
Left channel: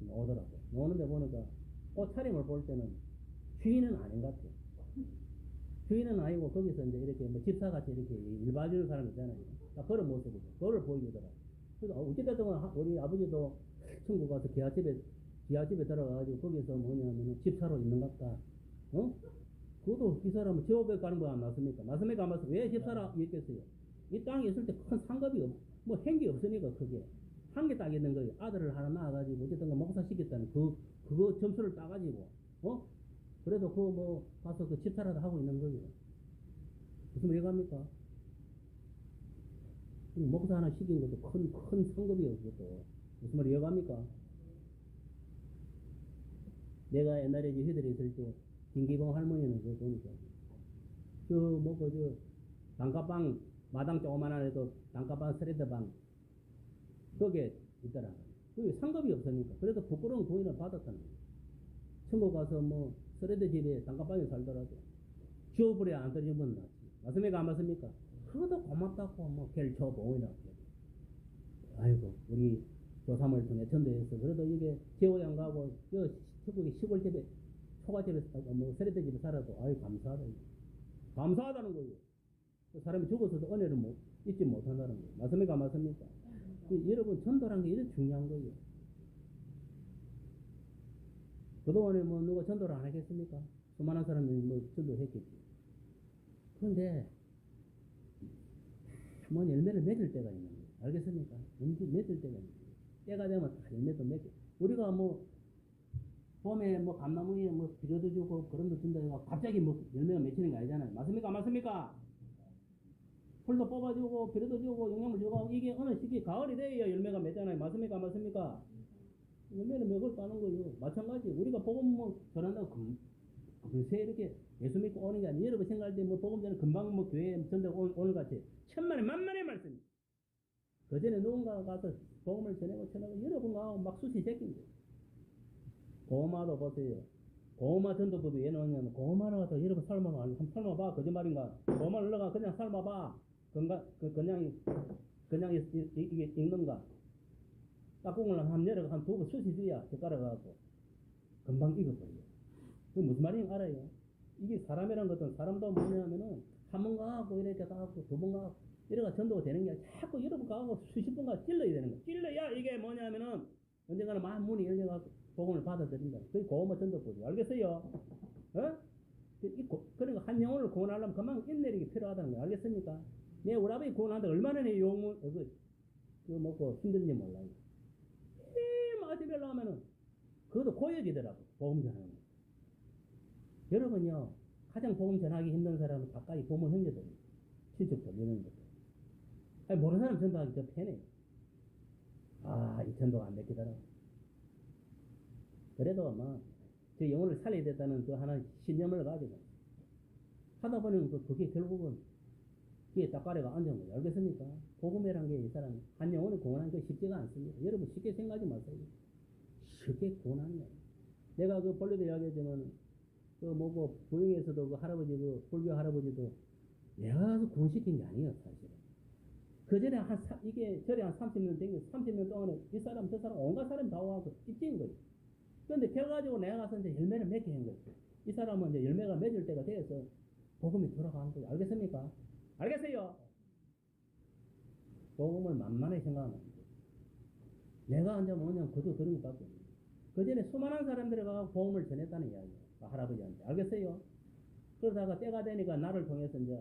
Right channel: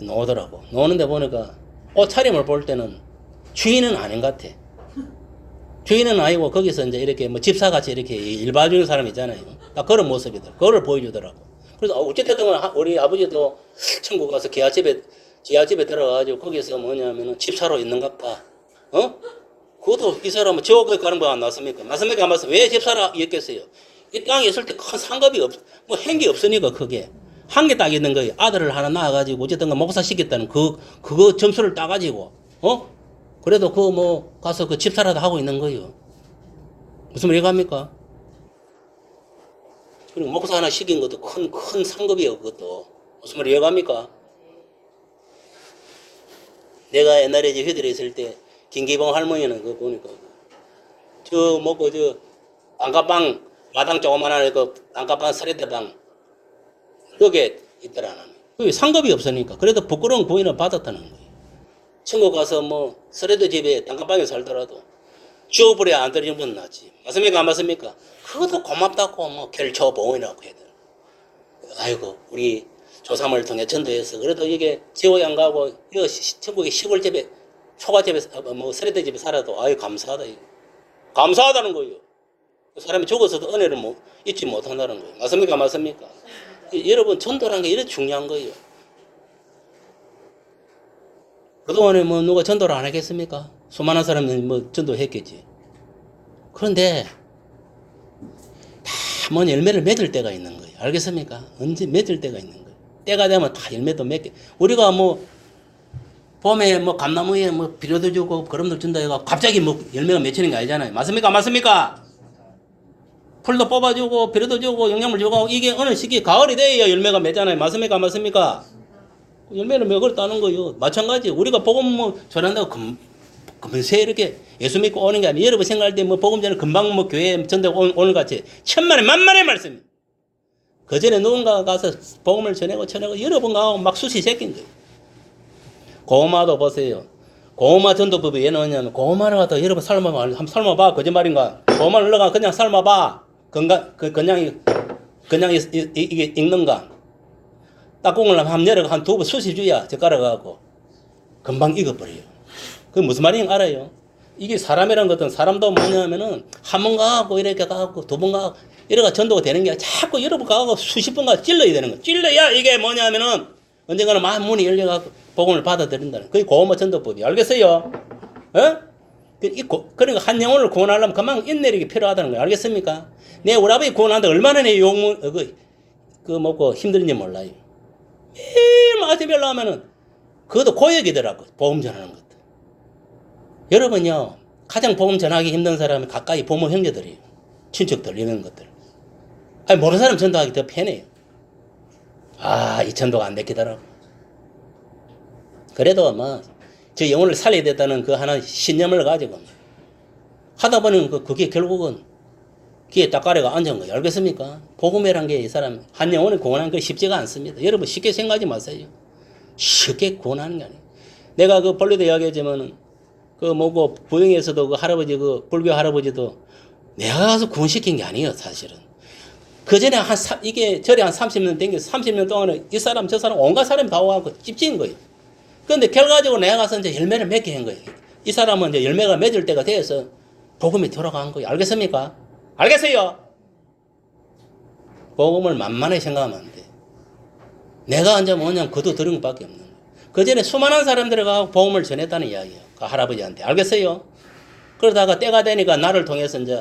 노더라고. 노는데 보니까, 옷차림을 볼 때는 주인은 아닌 것 같아. 주인은 아니고, 거기서 이제 이렇게 집사같이 이렇게 일 봐주는 사람 있잖아요. 딱 그런 모습이더라고. 그걸 보여주더라고. 그래서, 어쨌든 우리 아버지도 천국 가서 지하집에 들어가가지고, 거기서 뭐냐면은 집사로 있는 것 같다. 그것도 이 사람은 지옥에 가는 거 안 났습니까? 맞습니까? 안 맞습니까? 왜 집사라 했겠어요? 이 땅에 있을 때 큰 상급이 행기 없으니까 그게. 한 개 딱 있는 거예요. 아들을 하나 낳아가지고 어쨌든 목사 시켰다는 그거 점수를 따가지고, 그래도 가서 그 집사라도 하고 있는 거예요. 무슨 말 이해갑니까? 그리고 목사 하나 시킨 것도 큰 상급이에요, 그것도. 무슨 말 이해갑니까? 내가 옛날에 이제 회들에 있을 때, 김기봉 할머니는 그거 보니까, 단가방, 마당 조그만한 단가방 서리대방, 거기에 있더라. 여기 상급이 없으니까. 그래도 부끄러운 구인을 받았다는 거예요. 천국 가서 서리대 집에 단가방에 살더라도, 지옥불에 안 떨어지는 건 낫지. 맞습니까? 안 맞습니까? 그것도 고맙다고, 결초보이라고 해야 되나. 아이고, 우리 조상을 통해 전도해서, 그래도 이게 지옥에 안 가고, 천국의 시골집에, 초가집에, 서리대 집에 살아도, 아유, 감사하다. 감사하다는 거예요. 사람이 죽어서도 은혜를 잊지 못한다는 거예요. 맞습니까? 맞습니까? 여러분, 전도라는 게 이렇게 중요한 거예요. 그동안에 누가 전도를 안 하겠습니까? 수많은 사람들이 전도했겠지. 그런데, 다 열매를 맺을 때가 있는 거예요. 알겠습니까? 언제 맺을 때가 있는 거예요. 때가 되면 다 열매도 맺게. 우리가 봄에 감나무에 비료도 주고 거름도 준다 해가 갑자기 열매가 맺히는 게 아니잖아요. 맞습니까? 맞습니까? 풀도 뽑아주고 비료도 주고 영양물 주고 이게 어느 시기 가을이 돼야 열매가 맺잖아요. 맞습니까? 맞습니까? 열매를 먹었다는 거예요. 마찬가지 우리가 복음 전한다고 금세 이렇게 예수 믿고 오는 게 아니라 여러분 생각할 때 복음 전에 금방 교회 전대 오늘 같이 천만에 만만의 말씀. 그 전에 누군가 가서 복음을 전하고 여러 번 가고 막 숱이 새낀 거예요. 고마도 보세요. 고구마 전도법이 왜 나오냐면 고구마를 갖다 여러분 삶아봐. 한번 삶아봐. 거짓말인가? 고구마를 넣어가 그냥 삶아봐. 그냥 이게 익는가? 딱국을 한번 열어가 한 두 번 쑤시 줘야 젓가락하고 금방 익어버려요. 그게 무슨 말인지 알아요? 이게 사람이란 것은 사람도 뭐냐면은 한 번 가고 이렇게 가고 두 번 가고 이래가 전도가 되는 게 아니라 자꾸 여러 번 가고 수십 번 가고 찔러야 되는 거예요. 찔러야 이게 뭐냐면은 언젠가는 마음 문이 열려가고 복음을 받아들인다는 그게 고구마 전도법이 알겠어요? 그러니까 한 영혼을 구원하려면 그만 인내력이 필요하다는 거예요. 알겠습니까? 내 우리 아버지 구원하는데 얼마나 내 욕문 먹고 힘든지 몰라요. 매일 마시별로 하면은 그것도 고역이더라고. 복음 전하는 것도. 여러분요 가장 복음 전하기 힘든 사람은 가까이 부모 형제들이에요. 친척들 이런 것들. 아니 모르는 사람 전도하기 더 편해요. 이 전도가 안 됐기더라고. 그래도 저 영혼을 살려야 됐다는 그 하나 신념을 가지고 하다 보니 그게 결국은 귀에 딱가래가 앉은 거예요. 알겠습니까? 복음이란 게 이 사람 한 영혼을 구원하는 거 쉽지가 않습니다. 여러분 쉽게 생각하지 마세요. 쉽게 구원하는 게 아니에요. 내가 그 본래도 이야기했지만은 부영에서도 그 할아버지 불교 할아버지도 내가 가서 구원시킨 게 아니에요, 사실은. 그 전에 이게 절에 한 30년 댕겨서 30년 동안은 이 사람 저 사람 온갖 사람이 다 와갖고 찝찝인 거예요. 그런데 결과적으로 내가 가서 이제 열매를 맺게 한 거예요. 이 사람은 이제 열매가 맺을 때가 돼서 복음이 돌아간 거예요. 알겠습니까? 알겠어요? 복음을 만만히 생각하면 안 돼. 내가 이제 뭐냐면 그도 들은 것밖에 없는 거예요. 그 전에 수많은 사람들이 가서 복음을 전했다는 이야기예요. 그 할아버지한테. 알겠어요? 그러다가 때가 되니까 나를 통해서 이제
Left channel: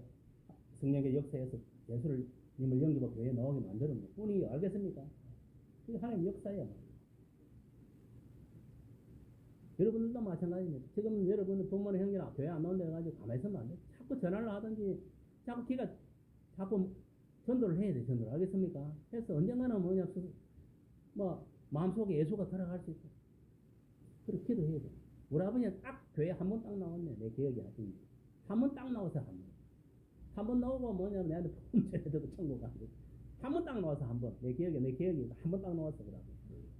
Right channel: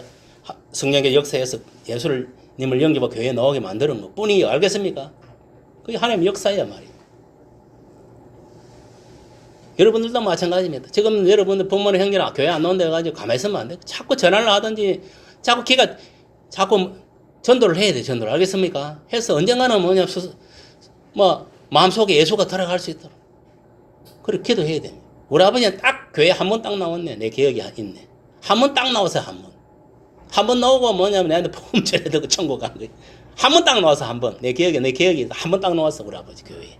성령의 역사에서 예수님을 영접하고 교회에 나오게 만드는 것 뿐이에요. 알겠습니까? 그게 하나님의 역사예요, 말이에요. 여러분들도 마찬가지입니다. 지금 여러분들 부모님 형제는 교회 안 나온다 해가지고 가만히 있으면 안 돼. 자꾸 전화를 하든지 자꾸 전도를 해야 돼. 전도를. 알겠습니까? 해서 언젠가는 마음속에 예수가 들어갈 수 있도록 그렇게 기도해야 됩니다. 우리 아버지는 딱 교회 한 번 딱 나왔네. 내 기억이 있네. 한 번 딱 나와서 한 번. 한 번 나오고 뭐냐면 내한테 복음 전해드리고 천국 간 거예요. 한 번 딱 나와서 한 번. 내 기억이 한 번 딱 나왔어. 우리 아버지 교회에.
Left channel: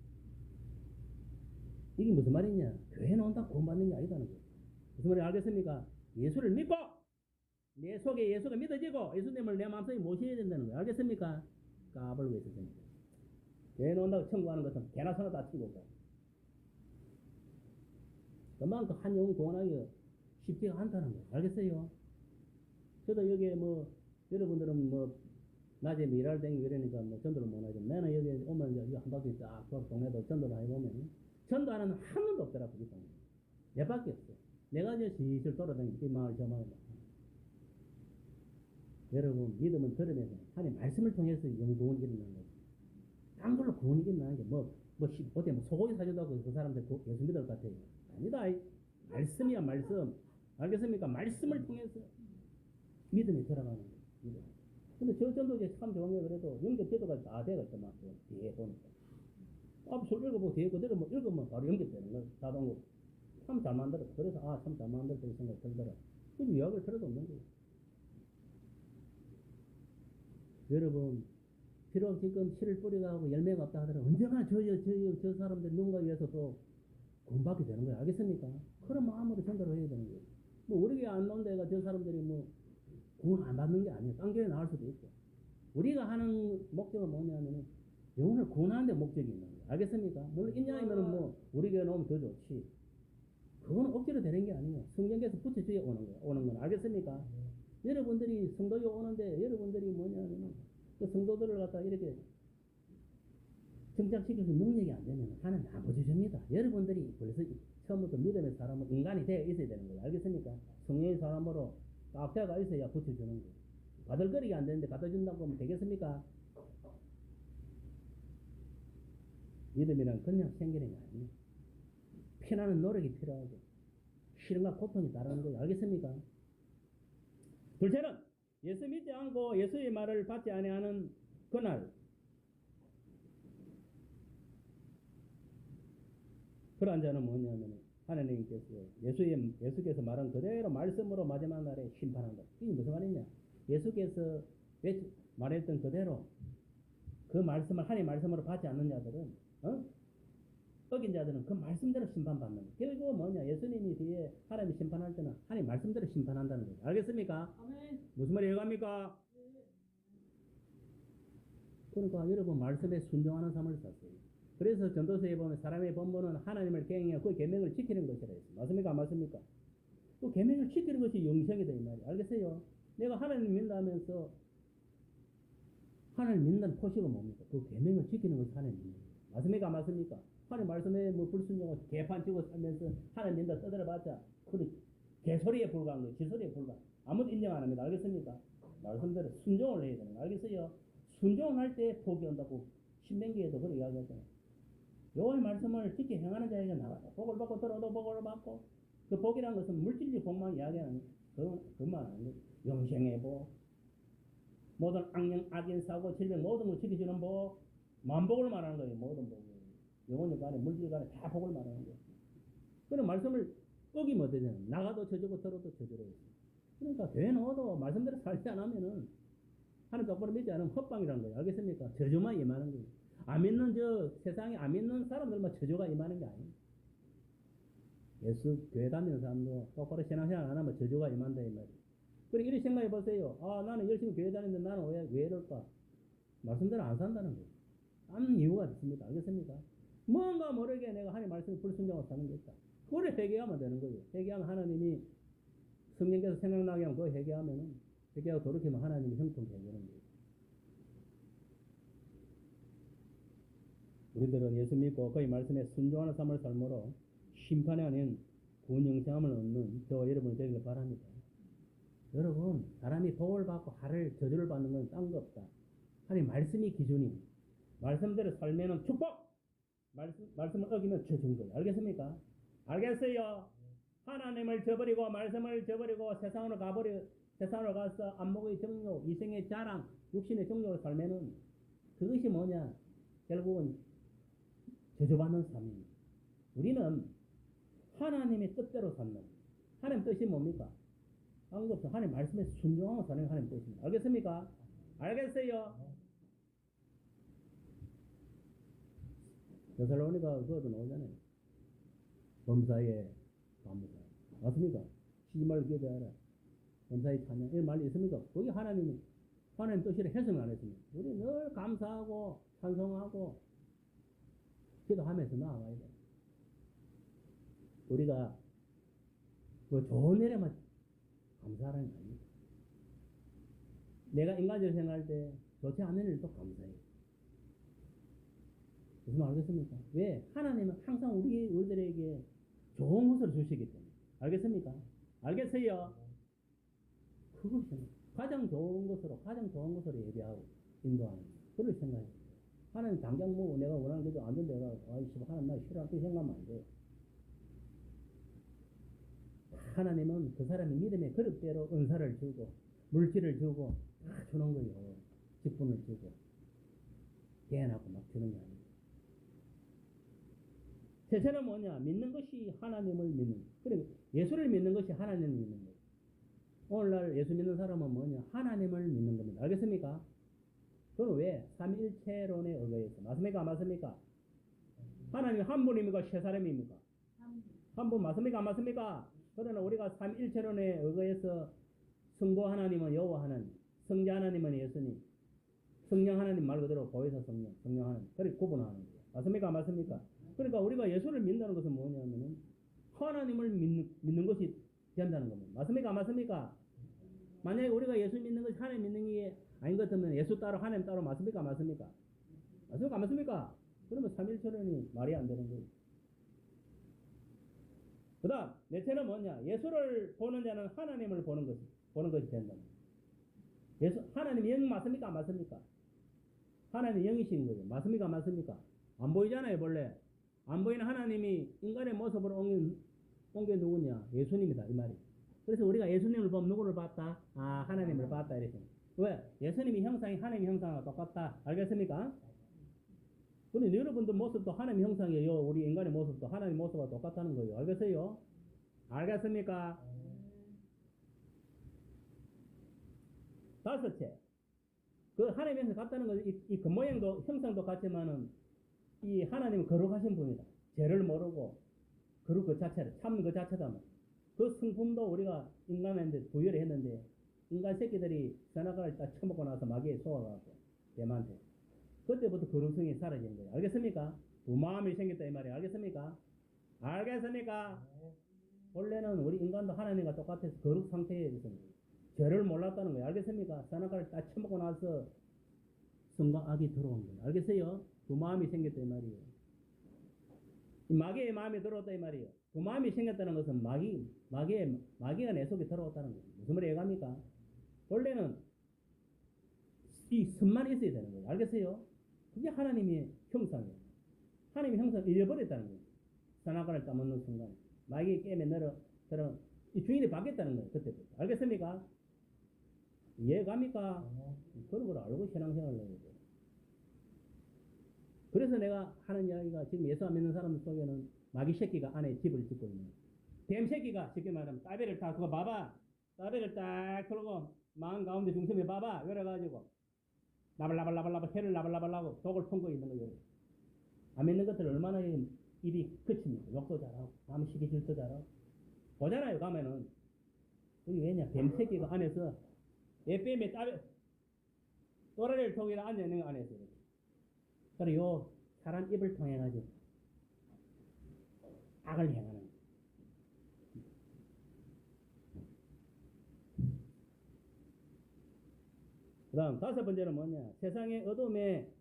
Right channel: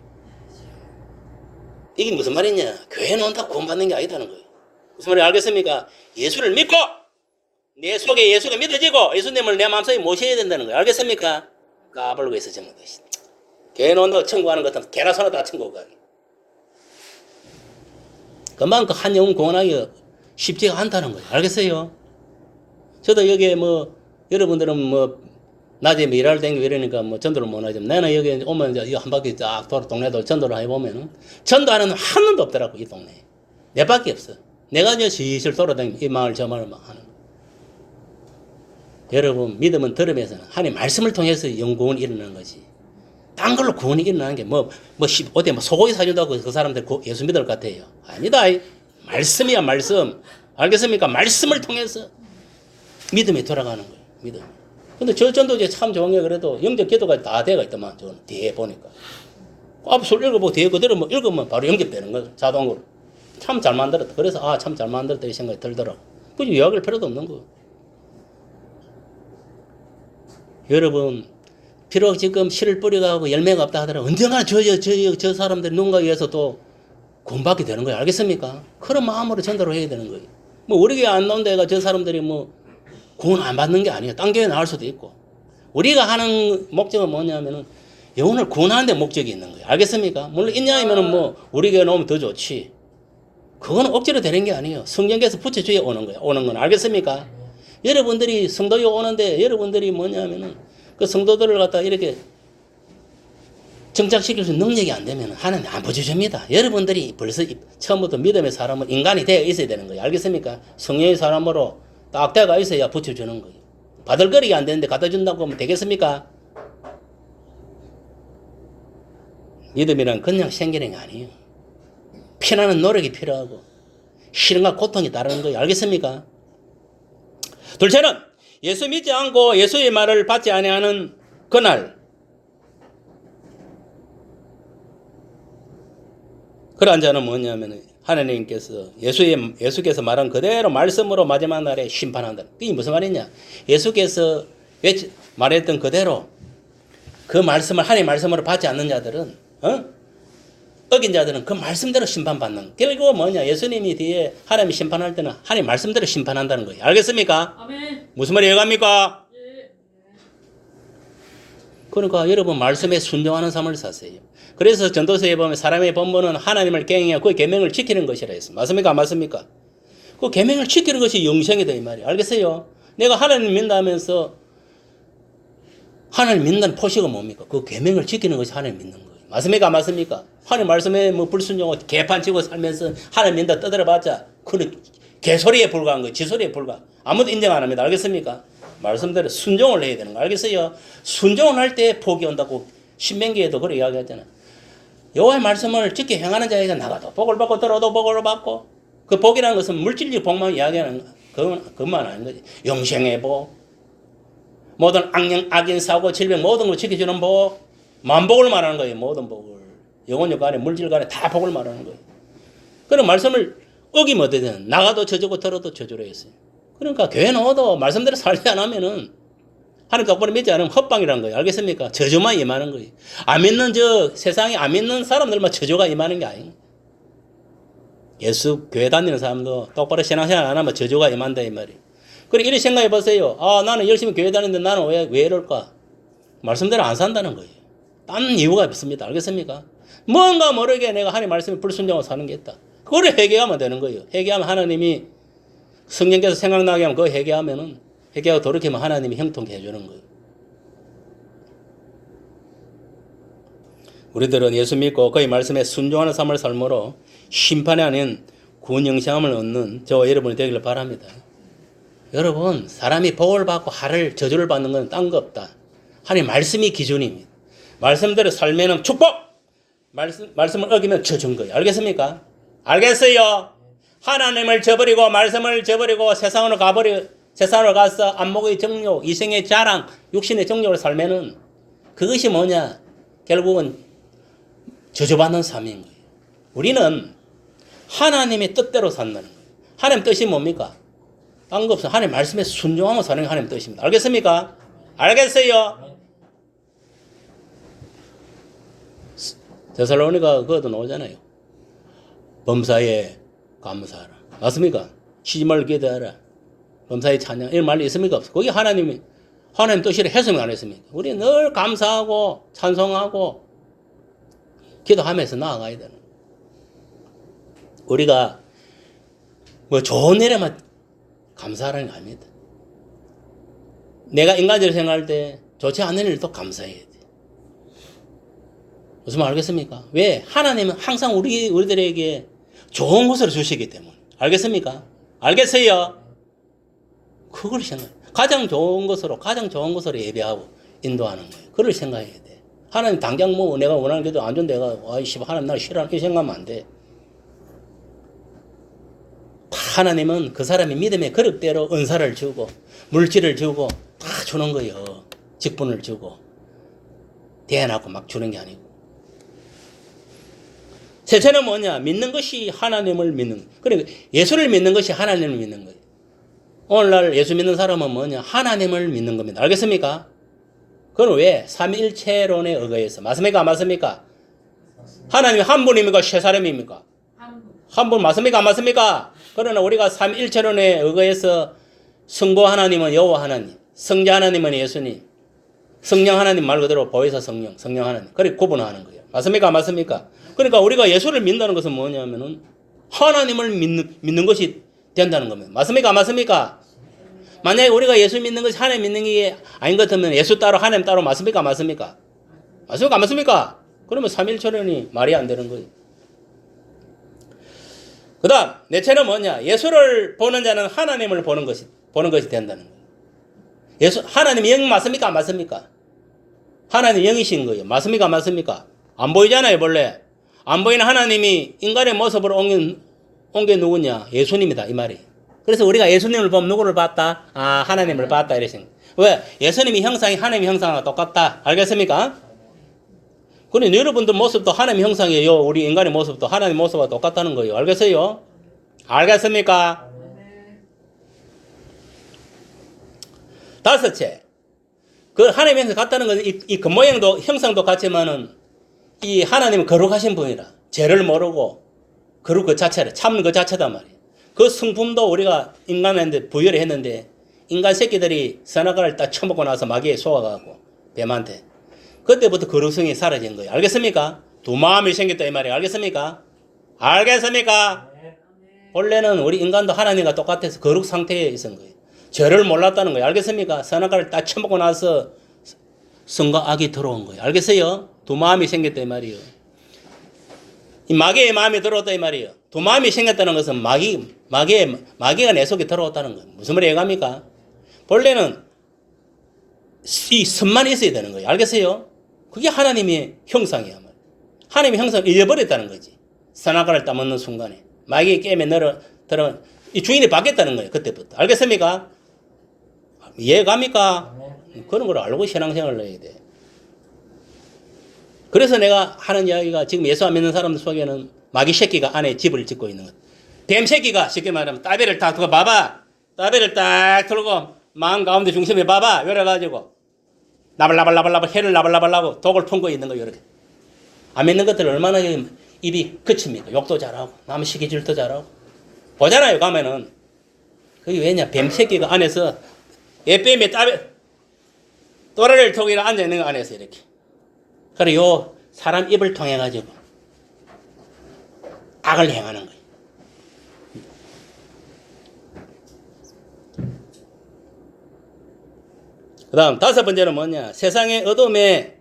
이게 무슨 말이냐? 교회 나온다고 구원받는 게 아니다는 거예요. 무슨 말인지 알겠습니까? 예수를 믿고 내 속에 예수가 믿어지고 예수님을 내 마음속에 모셔야 된다는 거예요. 알겠습니까? 까불고 있어 전부 다. 교회 나온다고 천국하는 것 같으면 개나 소나 다 천국 가기. 금방 그 한 영혼 구원하기가 쉽지가 않다는 거예요. 알겠어요? 저도 여기에 여러분들은 낮에 일할 땡기고 이러니까 전도를 못 하지만 나는 여기 오면 이제 한 바퀴 쫙 돌아 동네도 전도를 해보면은 전도하는 한 놈도 없더라고, 이 동네에. 내 밖에 없어. 내가 이제 슬슬 돌아다니면 이 마을 저 마을 막 하는. 여러분, 믿음은 들으면서는 하나님 말씀을 통해서 영구원이 일어나는 거지. 딴 걸로 구원이 일어나는 게 어디 소고기 사준다고 그 사람들 예수 믿을 것 같아요. 아니다. 말씀이야, 말씀. 알겠습니까? 말씀을 통해서 믿음이 돌아가는 거예요. 믿음. 근데 저 전도제 참 좋은 게 그래도 영접 기도가 다 돼가 있더만, 저 뒤에 보니까. 앞술 읽어보고 뒤에 그대로 읽으면 바로 영접되는 거예요. 자동으로. 참 잘 만들었다. 그래서 참 잘 만들었다 이 생각이 들더라고. 굳이 이야기할 필요도 없는 거예요. 여러분, 비록 지금 씨를 뿌려가고 열매가 없다 하더라도 언젠가 저 사람들이 누군가에 의해서 또 구원받게 되는 거예요. 알겠습니까? 그런 마음으로 전도를 해야 되는 거예요. 우리 교회 안 나온 데가 저 사람들이 구원 안 받는 게 아니에요. 딴 교회 나올 수도 있고. 우리가 하는 목적은 뭐냐면은 영혼을 구원하는 데 목적이 있는 거예요. 알겠습니까? 물론 있냐면은 우리 교회 나오면 더 좋지. 그거는 억지로 되는 게 아니에요. 성경에서 붙여줘야 오는 거예요. 오는 건 알겠습니까? 여러분들이 성도에 오는데 여러분들이 뭐냐면은 그 성도들을 갖다 이렇게 정착시킬 수 있는 능력이 안 되면 하나님 안 보여줍니다. 여러분들이 벌써 처음부터 믿음의 사람은 인간이 되어 있어야 되는 거예요. 알겠습니까? 성령의 사람으로 딱 되어가 있어야 붙여주는 거예요. 바들거리가 안 되는데 갖다 준다고 하면 되겠습니까? 믿음이란 그냥 생기는 게 아니에요. 피나는 노력이 필요하고 시련과 고통이 따르는 거예요. 알겠습니까? 둘째는 예수 믿지 않고 예수의 말을 받지 아니하는 그날, 그러한 자는 뭐냐면 하나님께서 예수께서 말한 그대로 말씀으로 마지막 날에 심판한다. 그게 무슨 말이냐? 예수께서 말했던 그대로 그 말씀을 하나님 말씀으로 받지 않는 자들은 어긴 자들은 그 말씀대로 심판받는. 결국 뭐냐? 예수님이 뒤에 하나님이 심판할 때는 하나님 말씀대로 심판한다는 거예요. 알겠습니까? 아멘. 무슨 말이 이해갑니까? 예. 그러니까 여러분 말씀에 순종하는 삶을 사세요. 그래서 전도서에 보면 사람의 본분은 하나님을 경외하고 그 계명을 지키는 것이라 했습니다. 맞습니까? 안 맞습니까? 그 계명을 지키는 것이 영생이다 이 말이에요. 알겠어요? 내가 하나님 믿는다면서 하나님 믿는다는 표시가 뭡니까? 그 계명을 지키는 것이 하나님 믿는 거예요. 맞습니까? 안 맞습니까? 하나님 말씀에 뭐 불순종하고 개판 치고 살면서 하나님 믿는다 떠들어봤자 그는 개소리에 불과한 거예요. 지소리에 불과. 아무도 인정 안 합니다. 알겠습니까? 말씀대로 순종을 해야 되는 거 알겠어요? 순종을 할 때 복이 온다고 신명기에도 그렇게 이야기하잖아요. 여호와의 말씀을 지켜 행하는 자에게 나가도 복을 받고 들어도 복을 받고 그 복이라는 것은 물질적 복만 이야기하는 그것만 아닌 거지. 영생의 복, 모든 악인 사고 질병 모든 걸 지켜주는 복, 만복을 말하는 거예요. 모든 복을 영혼력 간에 물질 간에 다 복을 말하는 거예요. 그런 말씀을 어기면 어떻게 되는? 나가도 저주고 들어도 저주로 했어요. 그러니까 교회 넣어도 말씀대로 살지 않으면은 하나님 똑바로 믿지 않으면 헛방이라는 거예요. 알겠습니까? 저주만 임하는 거예요. 안 믿는 세상에 안 믿는 사람들만 저주가 임하는 게 아니에요. 예수 교회 다니는 사람도 똑바로 신앙생활 안 하면 저주가 임한다 이 말이에요. 그리고 이렇게 생각해 보세요. 아 나는 열심히 교회 다니는데 나는 왜 이럴까? 말씀대로 안 산다는 거예요. 딴 이유가 없습니다. 알겠습니까? 뭔가 모르게 내가 하나님 말씀에 불순종하고 사는 게 있다. 그걸 회개하면 되는 거예요. 회개하면 하나님이 성령께서 생각나게 하면 그거 회개하고 돌이키면 하나님이 형통케 해주는 거예요. 우리들은 예수 믿고 그의 말씀에 순종하는 삶을 삶으로 심판이 아닌 구원 영생함을 얻는 저와 여러분이 되기를 바랍니다. 여러분 사람이 복을 받고 저주를 받는 건 딴 거 없다. 하나님 말씀이 기준입니다. 말씀대로 살면은 축복! 말씀을 어기면 저주인 거예요. 알겠습니까? 알겠어요? 하나님을 저버리고 말씀을 저버리고 세상으로 가서 안목의 정욕, 이생의 자랑, 육신의 정욕을 살면은 그것이 뭐냐? 결국은 저주받는 삶인 거예요. 우리는 하나님의 뜻대로 산다는 거예요. 하나님 뜻이 뭡니까? 딴 거 없어. 하나님 말씀에 순종하며 사는 게 하나님 뜻입니다. 알겠습니까? 알겠어요? 데살로니가 그것도 나오잖아요. 범사에 감사하라. 맞습니까? 쉬지 말고 기도하라. 범사에 찬양. 이런 말이 있습니까? 없어. 거기 하나님 뜻이라 해석이 안 했습니까? 우리 늘 감사하고 찬송하고 기도하면서 나아가야 되는 거예요. 우리가 뭐 좋은 일에만 감사하라는 거 아닙니다. 내가 인간적으로 생각할 때 좋지 않은 일도 감사해야 돼. 무슨 말 알겠습니까? 왜? 하나님은 항상 우리들에게 좋은 것을 주시기 때문에. 알겠습니까? 알겠어요? 그걸 생각해. 가장 좋은 것으로 예배하고 인도하는 거예요. 그걸 생각해야 돼. 하나님 당장 뭐 내가 원하는 게도 안 좋은데 내가 아이씨 하나님 날 싫어하는 이 생각하면 안 돼. 하나님은 그 사람이 믿음의 그릇대로 은사를 주고 물질을 주고 다 주는 거예요. 직분을 주고 대안하고 막 주는 게 아니고. 셋째는 뭐냐? 믿는 것이 하나님을 믿는. 그러니까 예수를 믿는 것이 하나님을 믿는 거예요. 오늘날 예수 믿는 사람은 뭐냐? 하나님을 믿는 겁니다. 알겠습니까? 그건 왜? 삼위일체론에 의거해서. 맞습니까? 안 맞습니까? 하나님이 한 분입니까? 세 사람입니까? 한 분 맞습니까? 안 맞습니까? 그러나 우리가 삼위일체론에 의거해서 성부 하나님은 여호와 하나님, 성자 하나님은 예수님, 성령 하나님 말 그대로 보혜사 성령 하나님. 그렇게 구분하는 거예요. 맞습니까? 안 맞습니까? 그러니까 우리가 예수를 믿는다는 것은 뭐냐면은 하나님을 믿는 것이 된다는 겁니다. 맞습니까? 안 맞습니까? 만약에 우리가 예수 믿는 것이 하나님 믿는 게 아닌 것 같으면 예수 따로 하나님 따로 맞습니까? 안 맞습니까? 맞습니까? 안 맞습니까? 그러면 삼위일체론이 말이 안 되는 거예요. 그 다음 넷째는 뭐냐? 예수를 보는 자는 하나님을 보는 것이 된다는 거예요. 하나님이 영 맞습니까? 안 맞습니까? 하나님 영이신 거예요. 맞습니까? 안 맞습니까? 안 보이잖아요, 원래. 안 보이는 하나님이 인간의 모습으로 옮긴 누구냐? 예수님이다, 이 말이에요. 그래서 우리가 예수님을 보면 누구를 봤다? 아, 하나님을 봤다, 이래 생각. 왜? 예수님이 형상이 하나님 형상과 똑같다. 알겠습니까? 그러니 여러분들 모습도 하나님 형상이에요. 우리 인간의 모습도 하나님 모습과 똑같다는 거예요. 알겠어요? 알겠습니까? 다섯째. 그 하나님 형상 같다는 것은 이 겉모양도 형상도 같지만은 이 하나님은 거룩하신 분이라. 죄를 모르고 그룹 그 자체를 참는 그 자체단 말이에요. 그 성품도 우리가 인간한테 부여를 했는데 인간 새끼들이 선악과를 딱 처먹고 나서 마귀에 속아가고 뱀한테 그때부터 거룩성이 사라진 거예요. 알겠습니까? 두 마음이 생겼다 이 말이에요. 알겠습니까? 알겠습니까? 원래는 우리 인간도 하나님과 똑같아서 거룩 상태에 있었던 거예요. 죄를 몰랐다는 거예요. 알겠습니까? 선악과를 딱 처먹고 나서 성과 악이 들어온 거예요. 알겠어요? 두 마음이 생겼다 이 말이에요. 이 마귀의 마음이 들어왔다 이 말이에요. 두 마음이 생겼다는 것은 마귀가 내 속에 들어왔다는 거예요. 무슨 말이 이해갑니까? 본래는 이 선만이 있어야 되는 거예요. 알겠어요? 그게 하나님의 형상이야. 하나님의 형상을 잃어버렸다는 거지. 선악과를 따먹는 순간에. 마귀의 게임에 들어 이 주인이 바뀌었다는 거예요. 그때부터. 알겠습니까? 이해갑니까? 그런 걸 알고 신앙생활을 해야 돼. 그래서 내가 하는 이야기가 지금 예수 안 믿는 사람들 속에는 마귀 새끼가 안에 집을 짓고 있는 것. 뱀 새끼가 쉽게 말하면 따비를 딱 두고 봐봐. 따비를 딱 들고 마음 가운데 중심에 봐봐. 이래가지고 나발나발나발나발 해를 나발나발나고 독을 품고 있는 거예요. 이렇게. 안 믿는 것들 얼마나 입이 그칩니까? 욕도 잘하고 남 시기질도 잘하고 보잖아요. 가면은 그게 왜냐? 뱀 새끼가 안에서 애뱀에 따비 또라를 톡이 앉아 있는 거 안에서 이렇게. 그래 요 사람 입을 통해 가지고 악을 행하는 거예요. 그 다음 다섯 번째는 뭐냐? 세상의 어둠에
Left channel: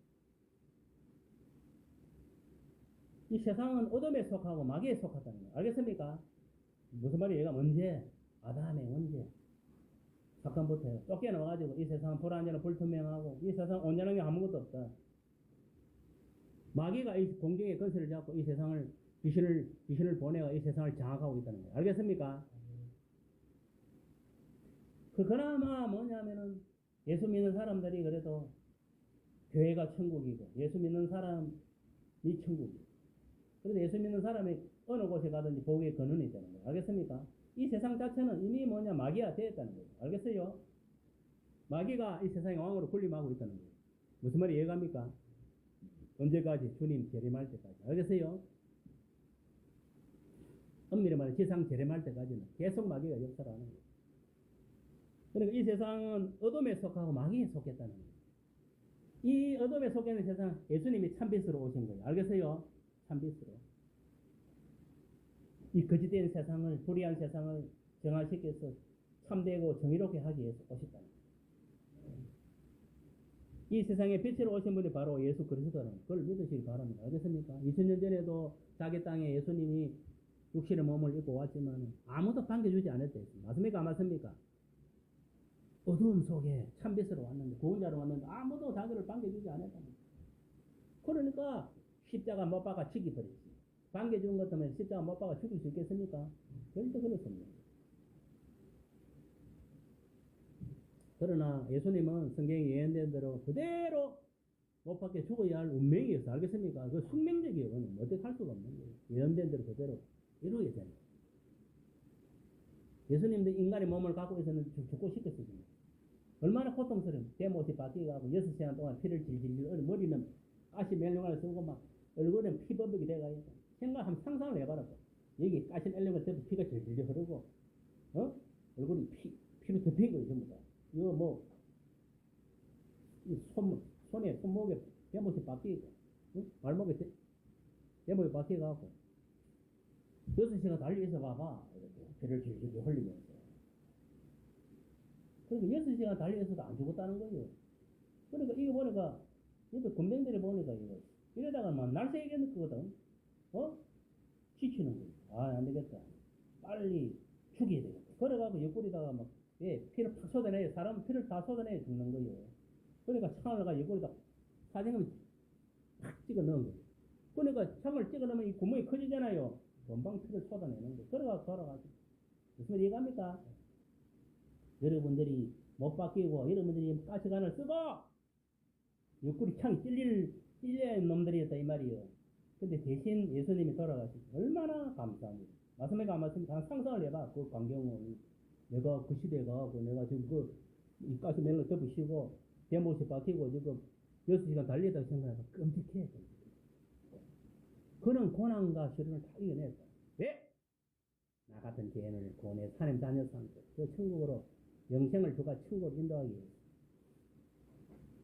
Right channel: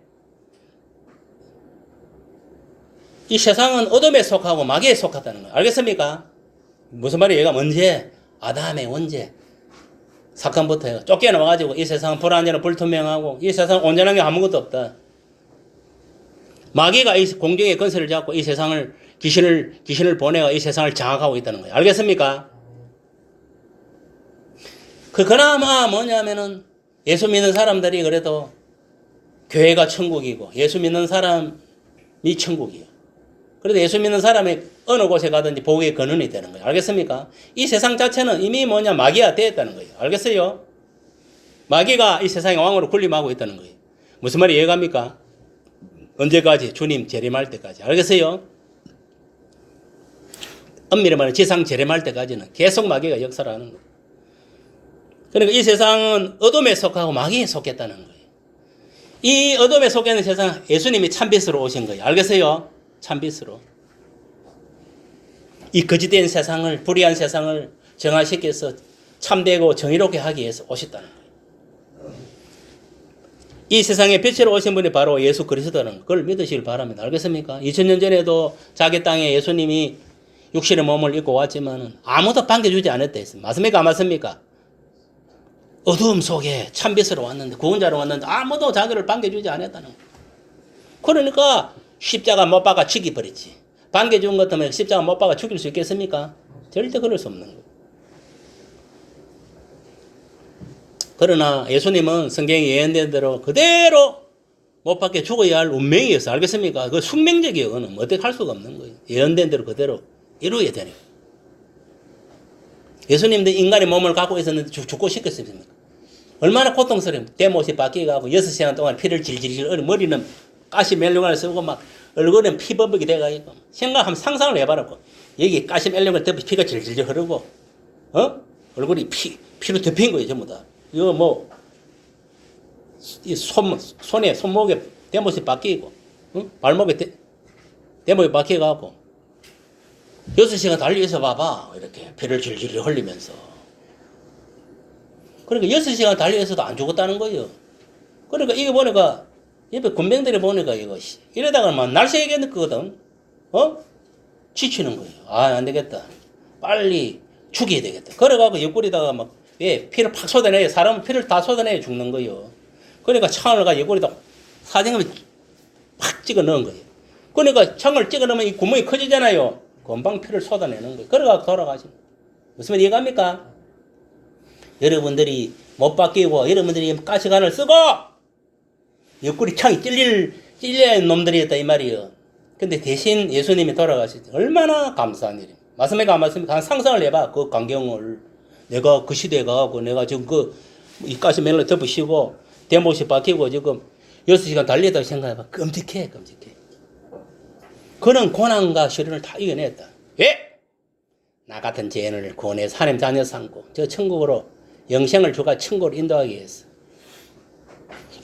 이 세상은 어둠에 속하고 마귀에 속하다는 거예요. 알겠습니까? 무슨 말이에요? 얘가 언제? 아담의 원죄 사건부터 해가 쫓겨나와가지고 이 세상은 불완전하고 불투명하고 이 세상은 온전한 게 아무것도 없다. 마귀가 이 공중의 건설을 잡고 이 세상을 귀신을 보내가 이 세상을 장악하고 있다는 거예요. 알겠습니까? 그나마 뭐냐면은 예수 믿는 사람들이 그래도 교회가 천국이고 예수 믿는 사람이 천국이에요. 그래도 예수 믿는 사람이 어느 곳에 가든지 복의 근원이 되는 거예요. 알겠습니까? 이 세상 자체는 이미 뭐냐 마귀가 되었다는 거예요. 알겠어요? 마귀가 이 세상의 왕으로 군림하고 있다는 거예요. 무슨 말이 이해갑니까? 언제까지? 주님 재림할 때까지. 알겠어요? 엄밀히 말하면 지상 재림할 때까지는 계속 마귀가 역사를 하는 거예요. 그러니까 이 세상은 어둠에 속하고 마귀에 속했다는 거예요. 이 어둠에 속해 있는 세상 예수님이 참빛으로 오신 거예요. 알겠어요? 참빛으로. 이 거짓된 세상을 불의한 세상을 정화시켜서 참되고 정의롭게 하기 위해서 오셨다는 거예요. 이 세상에 빛으로 오신 분이 바로 예수 그리스도라는 그걸 믿으시길 바랍니다. 알겠습니까? 2000년 전에도 자기 땅에 예수님이 육신의 몸을 입고 왔지만 아무도 반겨주지 않았다 했습니다. 맞습니까? 안 맞습니까? 어두움 속에 참빛으로 왔는데 구원자로 왔는데 아무도 자기를 반겨주지 않았다는 거예요. 그러니까 십자가 못 박아 죽여버렸지. 반겨준 것 때문에 십자가 못 박아 죽일 수 있겠습니까? 절대 그럴 수 없는 거예요. 그러나 예수님은 성경에 예언된 대로 그대로 못 박혀 죽어야 할 운명이었어요. 알겠습니까? 그 숙명적이에요. 그거는 어떻게 할 수가 없는 거예요. 예언된 대로 그대로 이루어야 되는 거예요. 예수님도 인간의 몸을 갖고 있었는데 죽고 싶겠습니까? 얼마나 고통스러워요. 대못이 바뀌어가고 6시간 동안 피를 질질질 머리는 가시 멜룡을 쓰고 막 얼굴은 피범벅이 돼가지고 생각하면 상상을 해봐라고. 여기 가시 멜룡을 덮어 피가 질질질 흐르고 얼굴이 피로 덮인 거예요. 전부 다. 이거 뭐 이 손에 손목에 대못이 바뀌고 발목에 대못이 바뀌어가고 6시간 달려서 봐봐. 이렇게 피를 질질 흘리면서. 그러니까 6시간 달려서도 안 죽었다는 거예요. 그러니까 이거 보니까 옆에 군병들이 보니까 이거 이러다가 막 날새겠거든. 지치는 거예요. 아, 안 되겠다. 빨리 죽여야 되겠다. 그래가지고 옆구리다가 막 피를 팍 쏟아내요. 사람은 피를 다 쏟아내야 죽는 거예요. 그러니까 창을 가 옆구리다 사정을 팍 찍어 넣은 거예요. 그러니까 창을 찍어 넣으면 이 구멍이 커지잖아요. 금방 피를 쏟아내는 거예요. 그래가지고 돌아가시는 거예요. 무슨 말 이해갑니까? 여러분들이 못 바뀌고 여러분들이 가시관을 쓰고 옆구리 창이 찔릴 놈들이었다 이 말이에요. 근데 대신 예수님이 돌아가시죠. 얼마나 감사한 일이에요. 맞습니까? 안 맞습니까? 한 상상을 해봐. 그 광경을. 내가 그 시대에 가고 내가 지금 이 가시 멜로 덮으시고 대못이 박히고 지금 6시간 달리다고 생각해봐. 끔찍해. 그런 고난과 시련을 다 이겨냈다. 왜? 나 같은 죄인을 구원해서 하나님 자녀 삼고 저 천국으로 영생을 주가 천국으로 인도하기 위해서.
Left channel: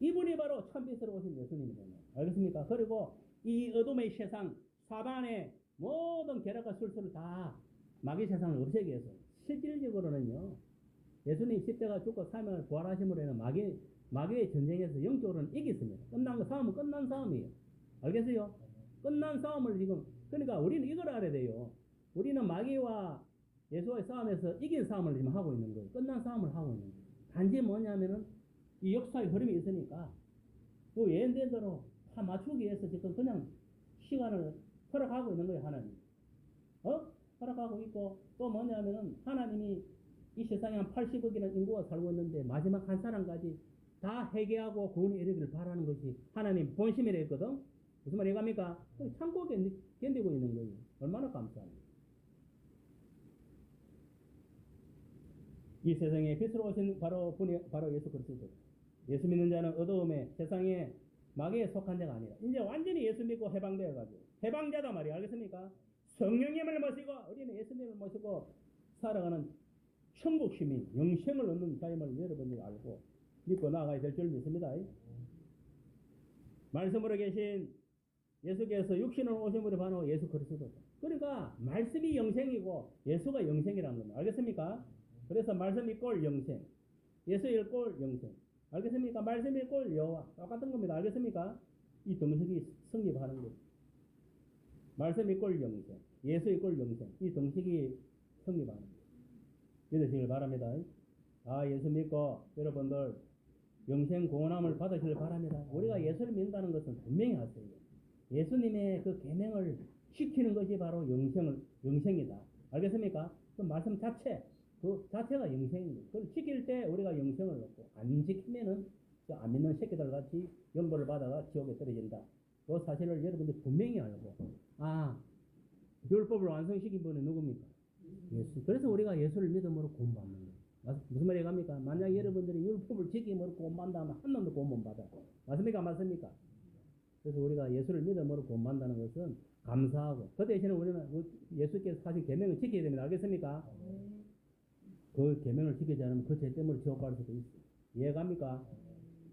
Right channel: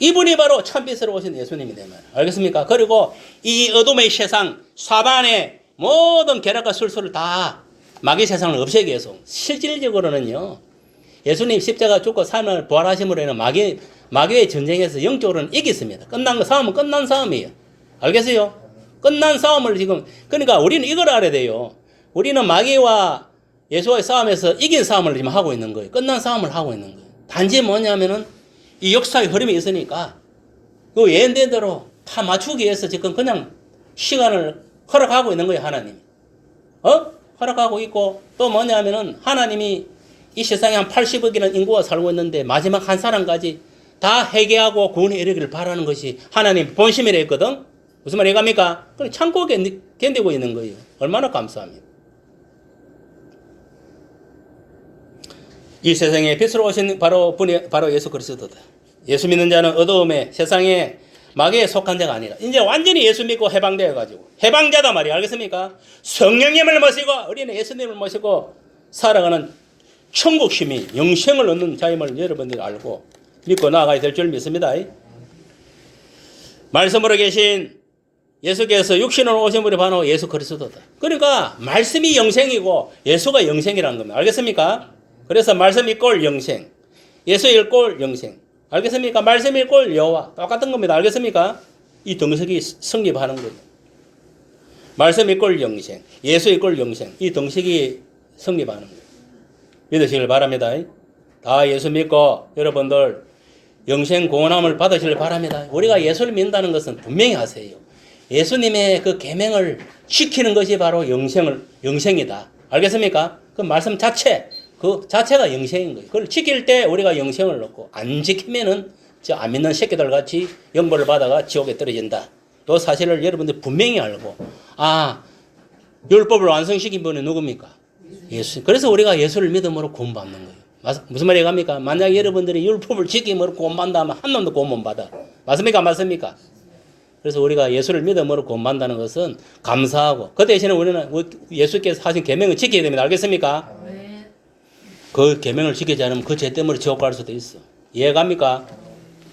이분이 바로 참빛으로 오신 예수님이 된 말이에요. 알겠습니까? 그리고 이 어둠의 세상 사단의 모든 계략과 술수를 다 마귀 세상을 없애기 위해서 실질적으로는요. 예수님 십자가 죽고 삶을 부활하심으로 인해 마귀의 전쟁에서 영적으로는 이겼습니다. 끝난 거 싸움은 끝난 싸움이에요. 알겠어요? 끝난 싸움을 지금 그러니까 우리는 이걸 알아야 돼요. 우리는 마귀와 예수와의 싸움에서 이긴 싸움을 지금 하고 있는 거예요. 끝난 싸움을 하고 있는 거예요. 단지 뭐냐면은 이 역사의 흐름이 있으니까 그 예언된 대로 다 맞추기 위해서 지금 그냥 시간을 허락하고 있는 거예요. 하나님. 허락하고 있고 또 뭐냐면은 하나님이 이 세상에 한 80억이라는 인구가 살고 있는데 마지막 한 사람까지 다 회개하고 구원에 이르기를 바라는 것이 하나님 본심이라 했거든. 무슨 말이 갑니까? 그럼 참고 견디고 있는 거예요. 얼마나 감사합니다. 이 세상에 빛으로 오신 바로 분이 바로 예수 그리스도다. 예수 믿는 자는 어두움에 세상에 마귀에 속한 자가 아니라 이제 완전히 예수 믿고 해방되어 가지고 해방자다 말이야. 알겠습니까? 성령님을 모시고 어린애 예수님을 모시고 살아가는 천국 시민 영생을 얻는 자임을 여러분들이 알고 믿고 나아가야 될 줄 믿습니다. 말씀으로 계신 예수께서 육신으로 오신 분이 바로 예수 그리스도다. 그러니까 말씀이 영생이고 예수가 영생이라는 겁니다. 알겠습니까? 그래서 말씀 이꼴 영생, 예수 이꼴 영생. 알겠습니까? 말씀 이꼴 여호와 똑같은 겁니다. 알겠습니까? 이 등식이 성립하는 거예요. 말씀 이꼴 영생, 예수 이꼴 영생. 이 등식이 성립하는 거예요. 믿으시길 바랍니다. 다 예수 믿고 여러분들 영생 구원함을 받으시길 바랍니다. 우리가 예수를 믿는다는 것은 분명히 아세요. 예수님의 그 계명을 지키는 것이 바로 영생이다. 알겠습니까? 그 말씀 자체, 그 자체가 영생인 거예요. 그걸 지킬 때 우리가 영생을 얻고 안 지키면은 저 안 믿는 새끼들 같이 영벌을 받아가 지옥에 떨어진다. 이 사실을 여러분들 분명히 알고 율법을 완성시킨 분이 누굽니까? 예수. 그래서 우리가 예수를 믿음으로 구원받는 거예요. 무슨 말이 갑니까? 만약 여러분들이 율법을 지킴으로 구원받는다 하면 한 놈도 구원 못 받아. 맞습니까? 맞습니까? 그래서 우리가 예수를 믿음으로 구원받는다는 것은 감사하고 그 대신에 우리는 예수께서 하신 계명을 지켜야 됩니다. 알겠습니까? 그 계명을 지키지 않으면 그 죄 때문에 지옥 갈 수도 있어. 이해갑니까?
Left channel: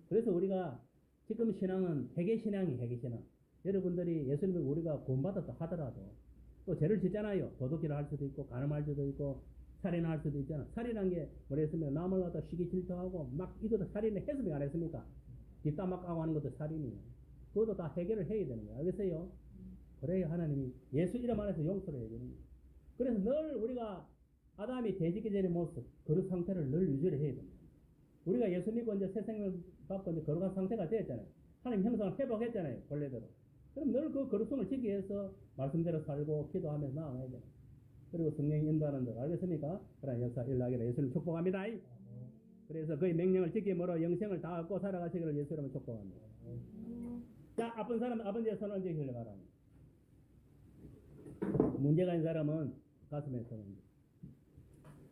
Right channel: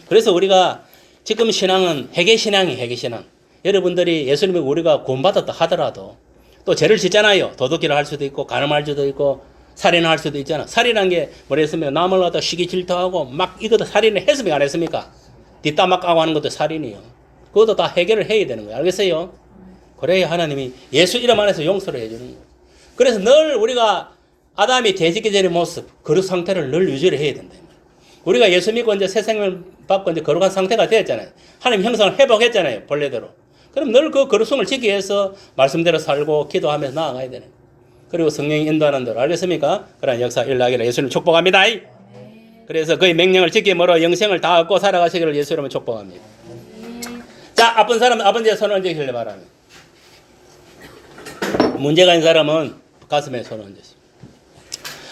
그래서 우리가 지금 신앙은 회개신앙이에요. 회개신앙. 여러분들이 예수님이 우리가 구원받았다 하더라도 또 죄를 짓잖아요. 도둑질을 할 수도 있고 간음할 수도 있고 살인을 할 수도 있잖아. 살인한 게 뭐랬으면 남을 갖다 시기 질투하고 막 이것도 살인을 했습니까? 안 했습니까? 뒷담화 까고 하는 것도 살인이요. 그것도 다 해결을 해야 되는 거예요. 알겠어요? 그래야 하나님이 예수 이름 안에서 용서를 해주는 거예요. 그래서 늘 우리가 아담이 돼지기 전의 모습, 거룩 상태를 늘 유지를 해야 된다. 우리가 예수 믿고 이제 새 생명을 받고 이제 거룩한 상태가 되었잖아요. 하나님 형상을 회복했잖아요. 본래대로. 그럼 늘 그 거룩성을 지키기 위해서 말씀대로 살고 기도하면서 나아가야 되는 거예요. 그리고 성령이 인도하는 대로. 알겠습니까? 그런 역사 일어나기를 예수님 축복합니다. 그래서 그의 명령을 지킴으로 영생을 다 얻고 살아가시기를 예수 이름으로 축복합니다. 자, 아픈 사람은 아픈 데 손을 얹으시길 바랍니다. 문제가 있는 사람은 가슴에 손을 얹으십시오.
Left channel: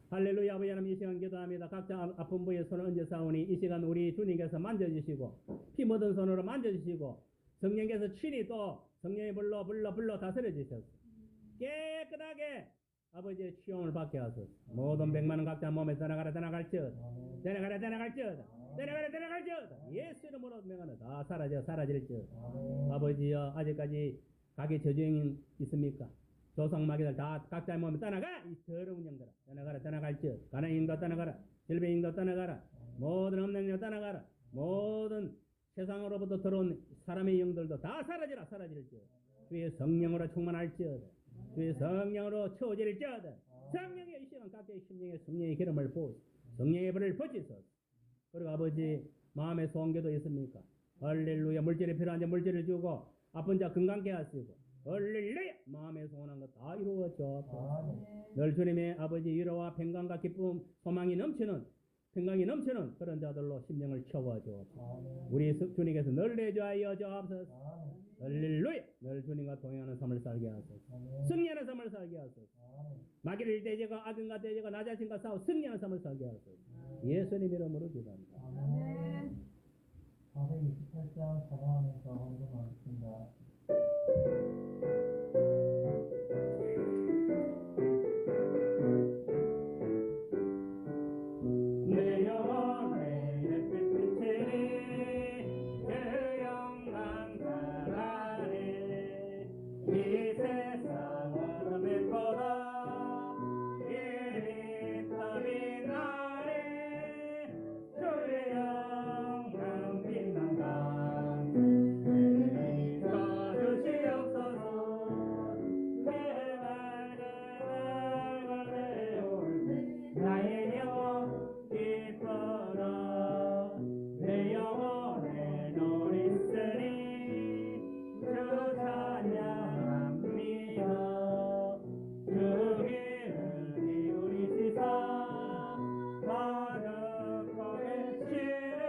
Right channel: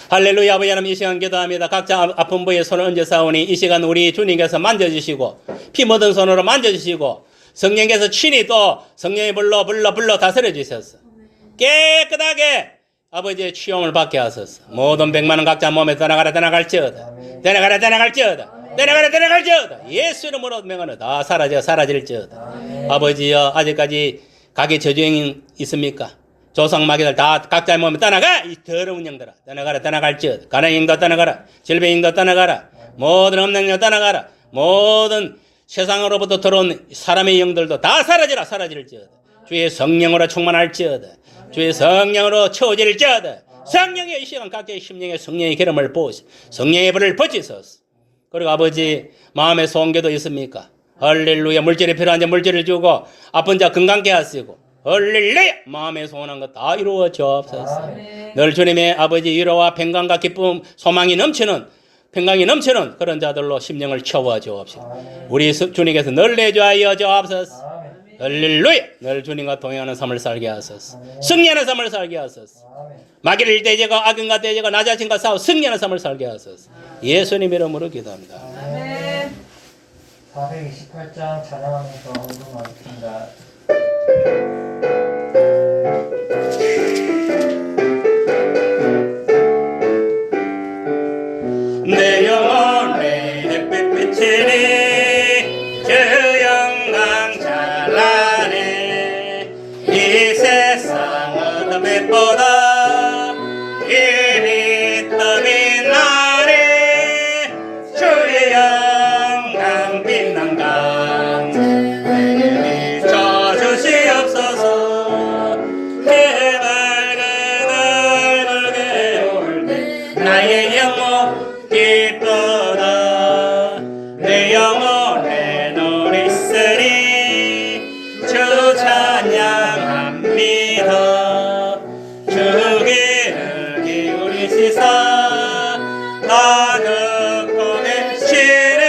할렐루야. 아버지 하나님 이 시간 기도합니다. 각자 아픈 부위에 손을 얹어 싸우니 이 시간 우리 주님께서 만져주시고 피 묻은 손으로 만져주시고 성령께서 친히 또 성령의 불로 다스려 주셔서 깨끗하게 아버지의 취용을 받게 하소서. 모든 백만은 각자 몸에 떠나갈지어다. 예수 이름으로 명하노 다 사라질지어다. 아버지여 아직까지 가게 저주행이 있습니까? 조상마귀들 다 각자의 몸에 떠나가. 이 더러운 영들아 떠나갈지어다. 가난의 영도 떠나가라. 질병의 영도 떠나가라. 모든 없는 영 떠나가라. 모든 세상으로부터 들어온 사람의 영들도 다 사라질지어다. 주의 성령으로 충만할지어다. 주의 성령으로 채워질지어다. 성령의 이 시간 각자의 심령에 성령의 기름을 부으시 성령의 불을 붙이소서. 그리고 아버지 마음의 소원기도 있습니까? 할렐루야. 물질이 필요한 자 물질을 주고 아픈 자 건강케 하시고 할렐루야. 마음에 소원한 것 다 이루어 주옵소서. 늘 주님의 아버지 위로와 평강과 기쁨 소망이 넘치는 평강이 넘치는 그런 자들로 심령을 채워 주옵시다. 우리 주님께서 늘 내주하여 주옵소서. 할렐루야. 늘 주님과 동행하는 삶을 살게 하소서. 승리하는 삶을 살게 하소서. 마귀를 대적하고 악인과 대적하고 나 자신과 싸워 승리하는 삶을 살게 하소서. 예수님 이름으로 기도합니다. 428장 찬양하면서 헌금하겠습니다. 내 영혼의 햇빛 비치니 주 영광 찬란해 이 세상 어둠 빛보다 이리 떠민 날에 주의 영광 빛난 강 내게 비춰주시옵소서 그 밝은 얼굴 배울 때 나의 영혼 기쁘다 내 영혼에 노래 쓰리 주 찬양합니다 주기를 기울이시사 다 듣고 계시네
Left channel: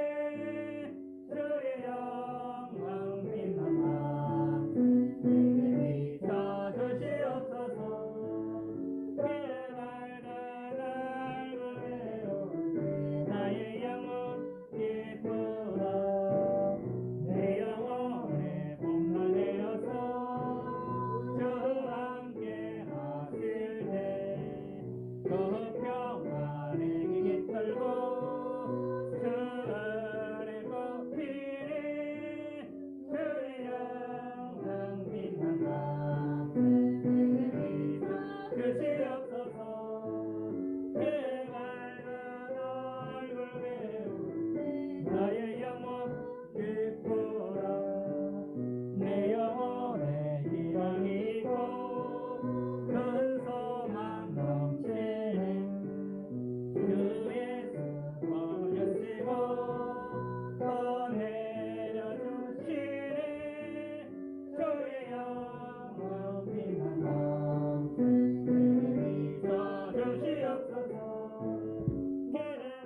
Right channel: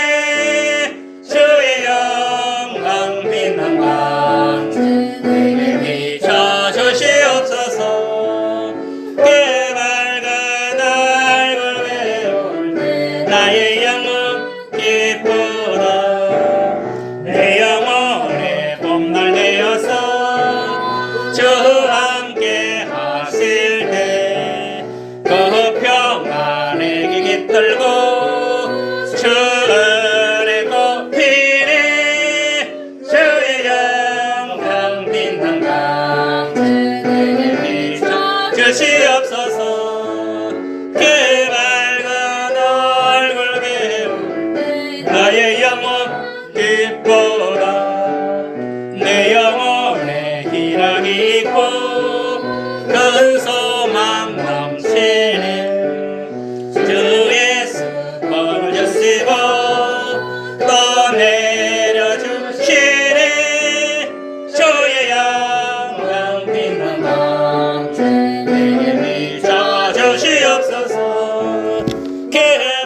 주의 영광 빛난 방 내게 비춰주시옵소서 그 밝은 얼굴 배울 때 나의 영혼 기쁘다 내 영혼의 봄날 되어서 주 함께 하실 때그 평안에게 깃들고 주 은혜 꽃피네 주의 영광 빛난 강 내게 비춰주시옵소서 그 밝은 얼굴 배울 나의 영혼 기쁘다 내 영혼에 희락이 있고 큰 소망 넘치네 주 예수 벌을 주시고 또 내려주시네 주의 영광 빛난 방 내게 비춰주시옵소서 그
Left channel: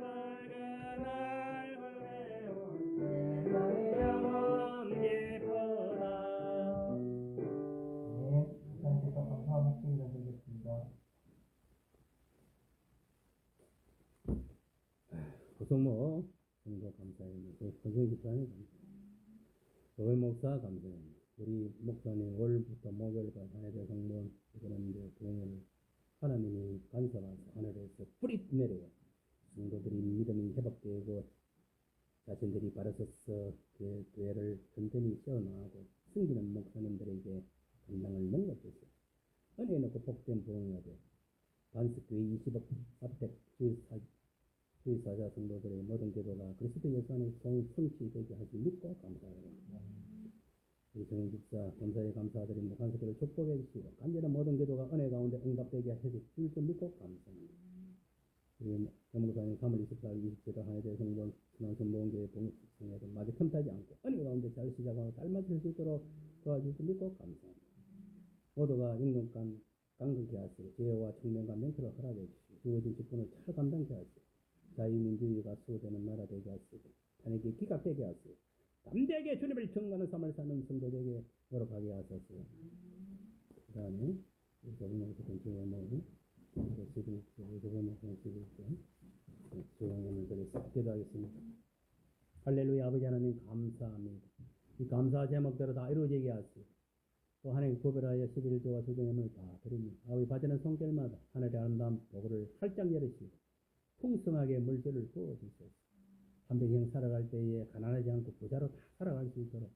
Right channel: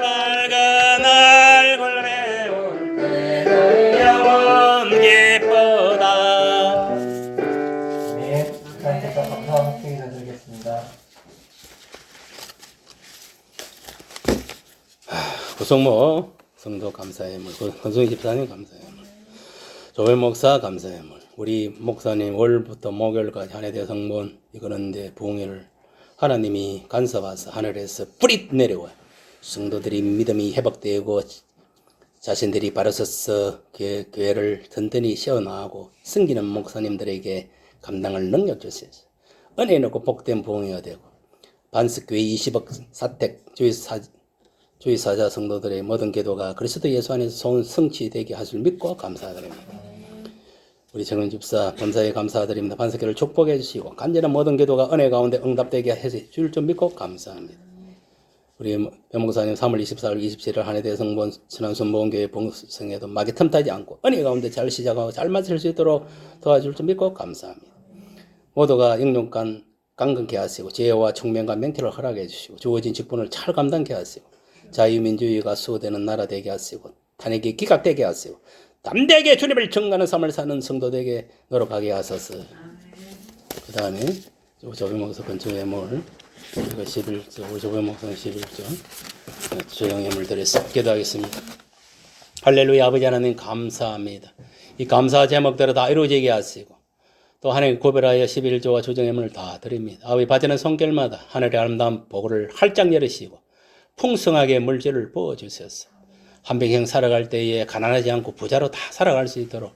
밝은 얼굴 배울 때 영원 기쁘다 네, 하나님께서 감사함 기도 드리겠습니다. 구성모 성도 감사의 물, 권성희 집사님 감사의 물, 조별 목사 감사의 물, 우리 목사님 월부터 목요일까지 한 해 대성본 이거는데 부흥회를 하나님이 간섭하사 하늘에서 뿌리 내려와요. 성도들이 믿음이 회복되고 자신들이 바로 서서 교회를 든든히 세워나가고 섬기는 목사님들에게 감당할 능력 주셔서 은혜 넣고 복된 부흥회가 되고 반석교회 20억 사택 주의사자 성도들의 모든 기도가 그리스도 예수 안에서 성취되게 하실 믿고 감사드립니다. 우리 정은 집사 범사에 감사드립니다. 반석교를 축복해 주시고 간절한 모든 기도가 은혜 가운데 응답되게 해 줄 줄 믿고 감사합니다. 우리 변목사님 3월 24일 27일 한해대 성본 신안순보원교회 봉성에도 막이 틈타지 않고 은혜 가운데 잘 시작하고 잘 마칠 수 있도록 도와줄 줄 믿고 감사합니다. 모두가 영육간 강건케 하시고 지혜와 총명과 명철을 허락해 주시고 주어진 직분을 잘 감당케 하시고 자유민주주의가 수호되는 나라 되게 하시고 탄핵이 기각되게 하시고 담대하게 주님을 증거하는 삶을 사는 성도되게 노력하게 하소서. 그 다음에 조배목사 건축의 물 그리고 11조 우리 조배목사는 11조 조영의 물 드려서 기도하겠습니다. 할렐루야. 아버지 하나님 감사합니다. 이 감사 제목대로 다 이루어지게 하시고 또 하나님 고별하여 11조와 조정의 문을 다 드립니다. 아버지 받는 손길마다 하늘의 아름다운 복을 활짝 열으시고 풍성하게 물질을 부어주셔서 한평생 살아갈 때에 가난하지 않고 부자로 다 살아갈 수 있도록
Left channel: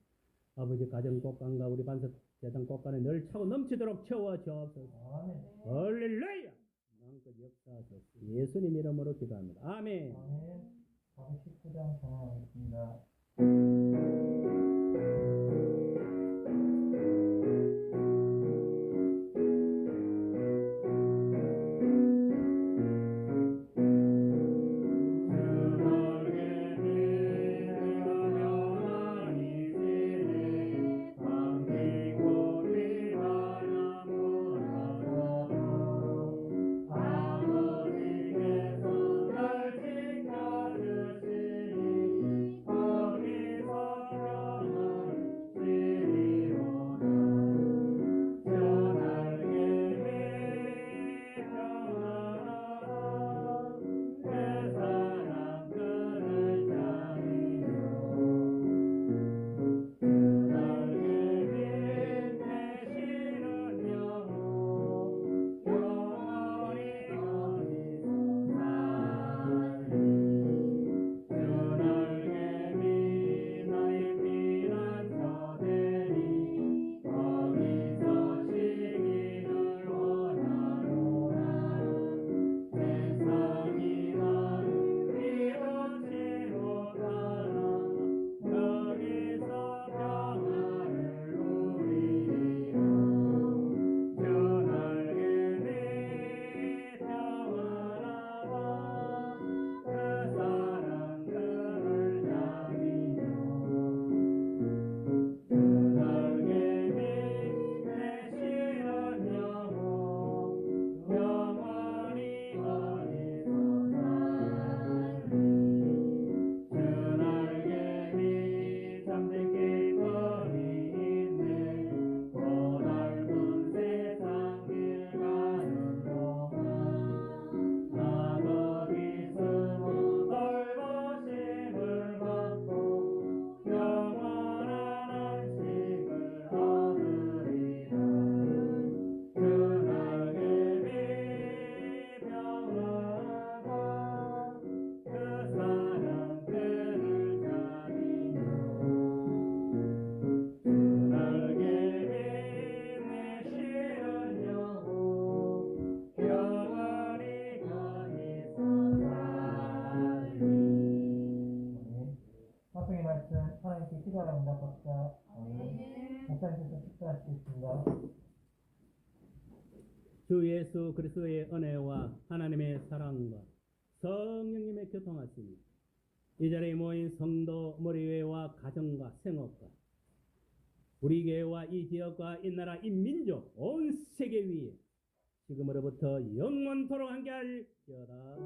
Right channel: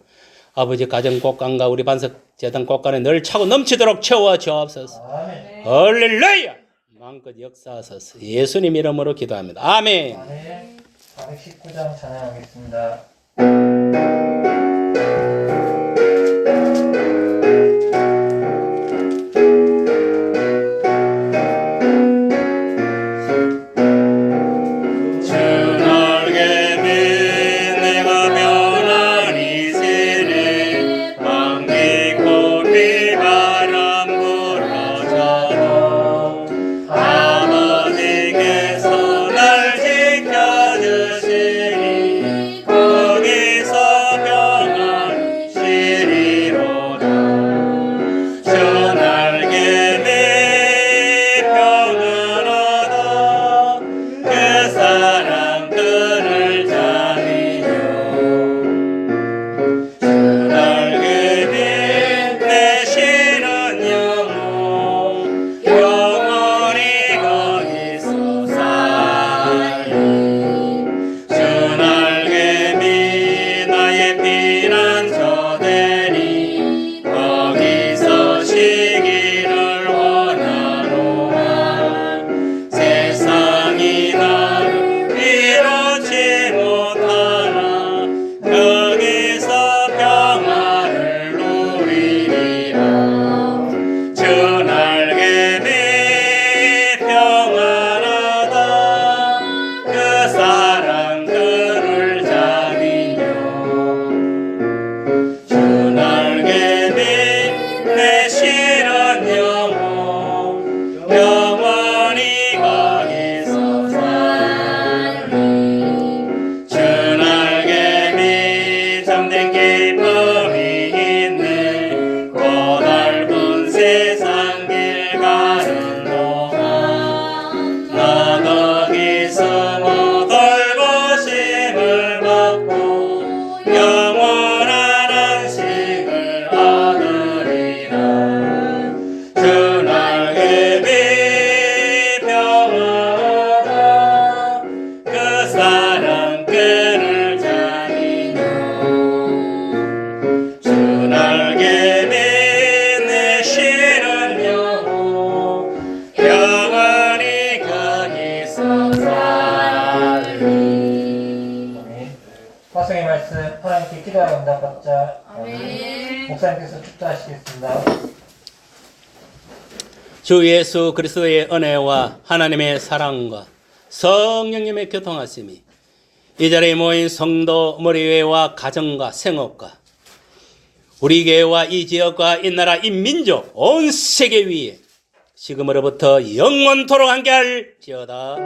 아버지 가정 꽃간과 우리 반석 재단 꽃간에 늘 차고 넘치도록 채워 주옵소서. 아멘. 할렐루야. 마음껏 역사하소서. 예수님 이름으로 기도합니다. 아멘. 아멘. 419장 찬양하겠습니다. 거기서 말씀의 말씀 하나님께 기도하여 응답받자. 아멘. 목사님께서 축도하시겠습니다. 주 예수 그리스도의 은혜와 하나님의 사랑과 성령님의 교통하심이 이 자리에 모인 성도 머리회와 가정과 생업과 우리 교회와 이 지역과 이 나라 이 민족 온 세계 위에 지금으로부터 영원토록 함께할지어다.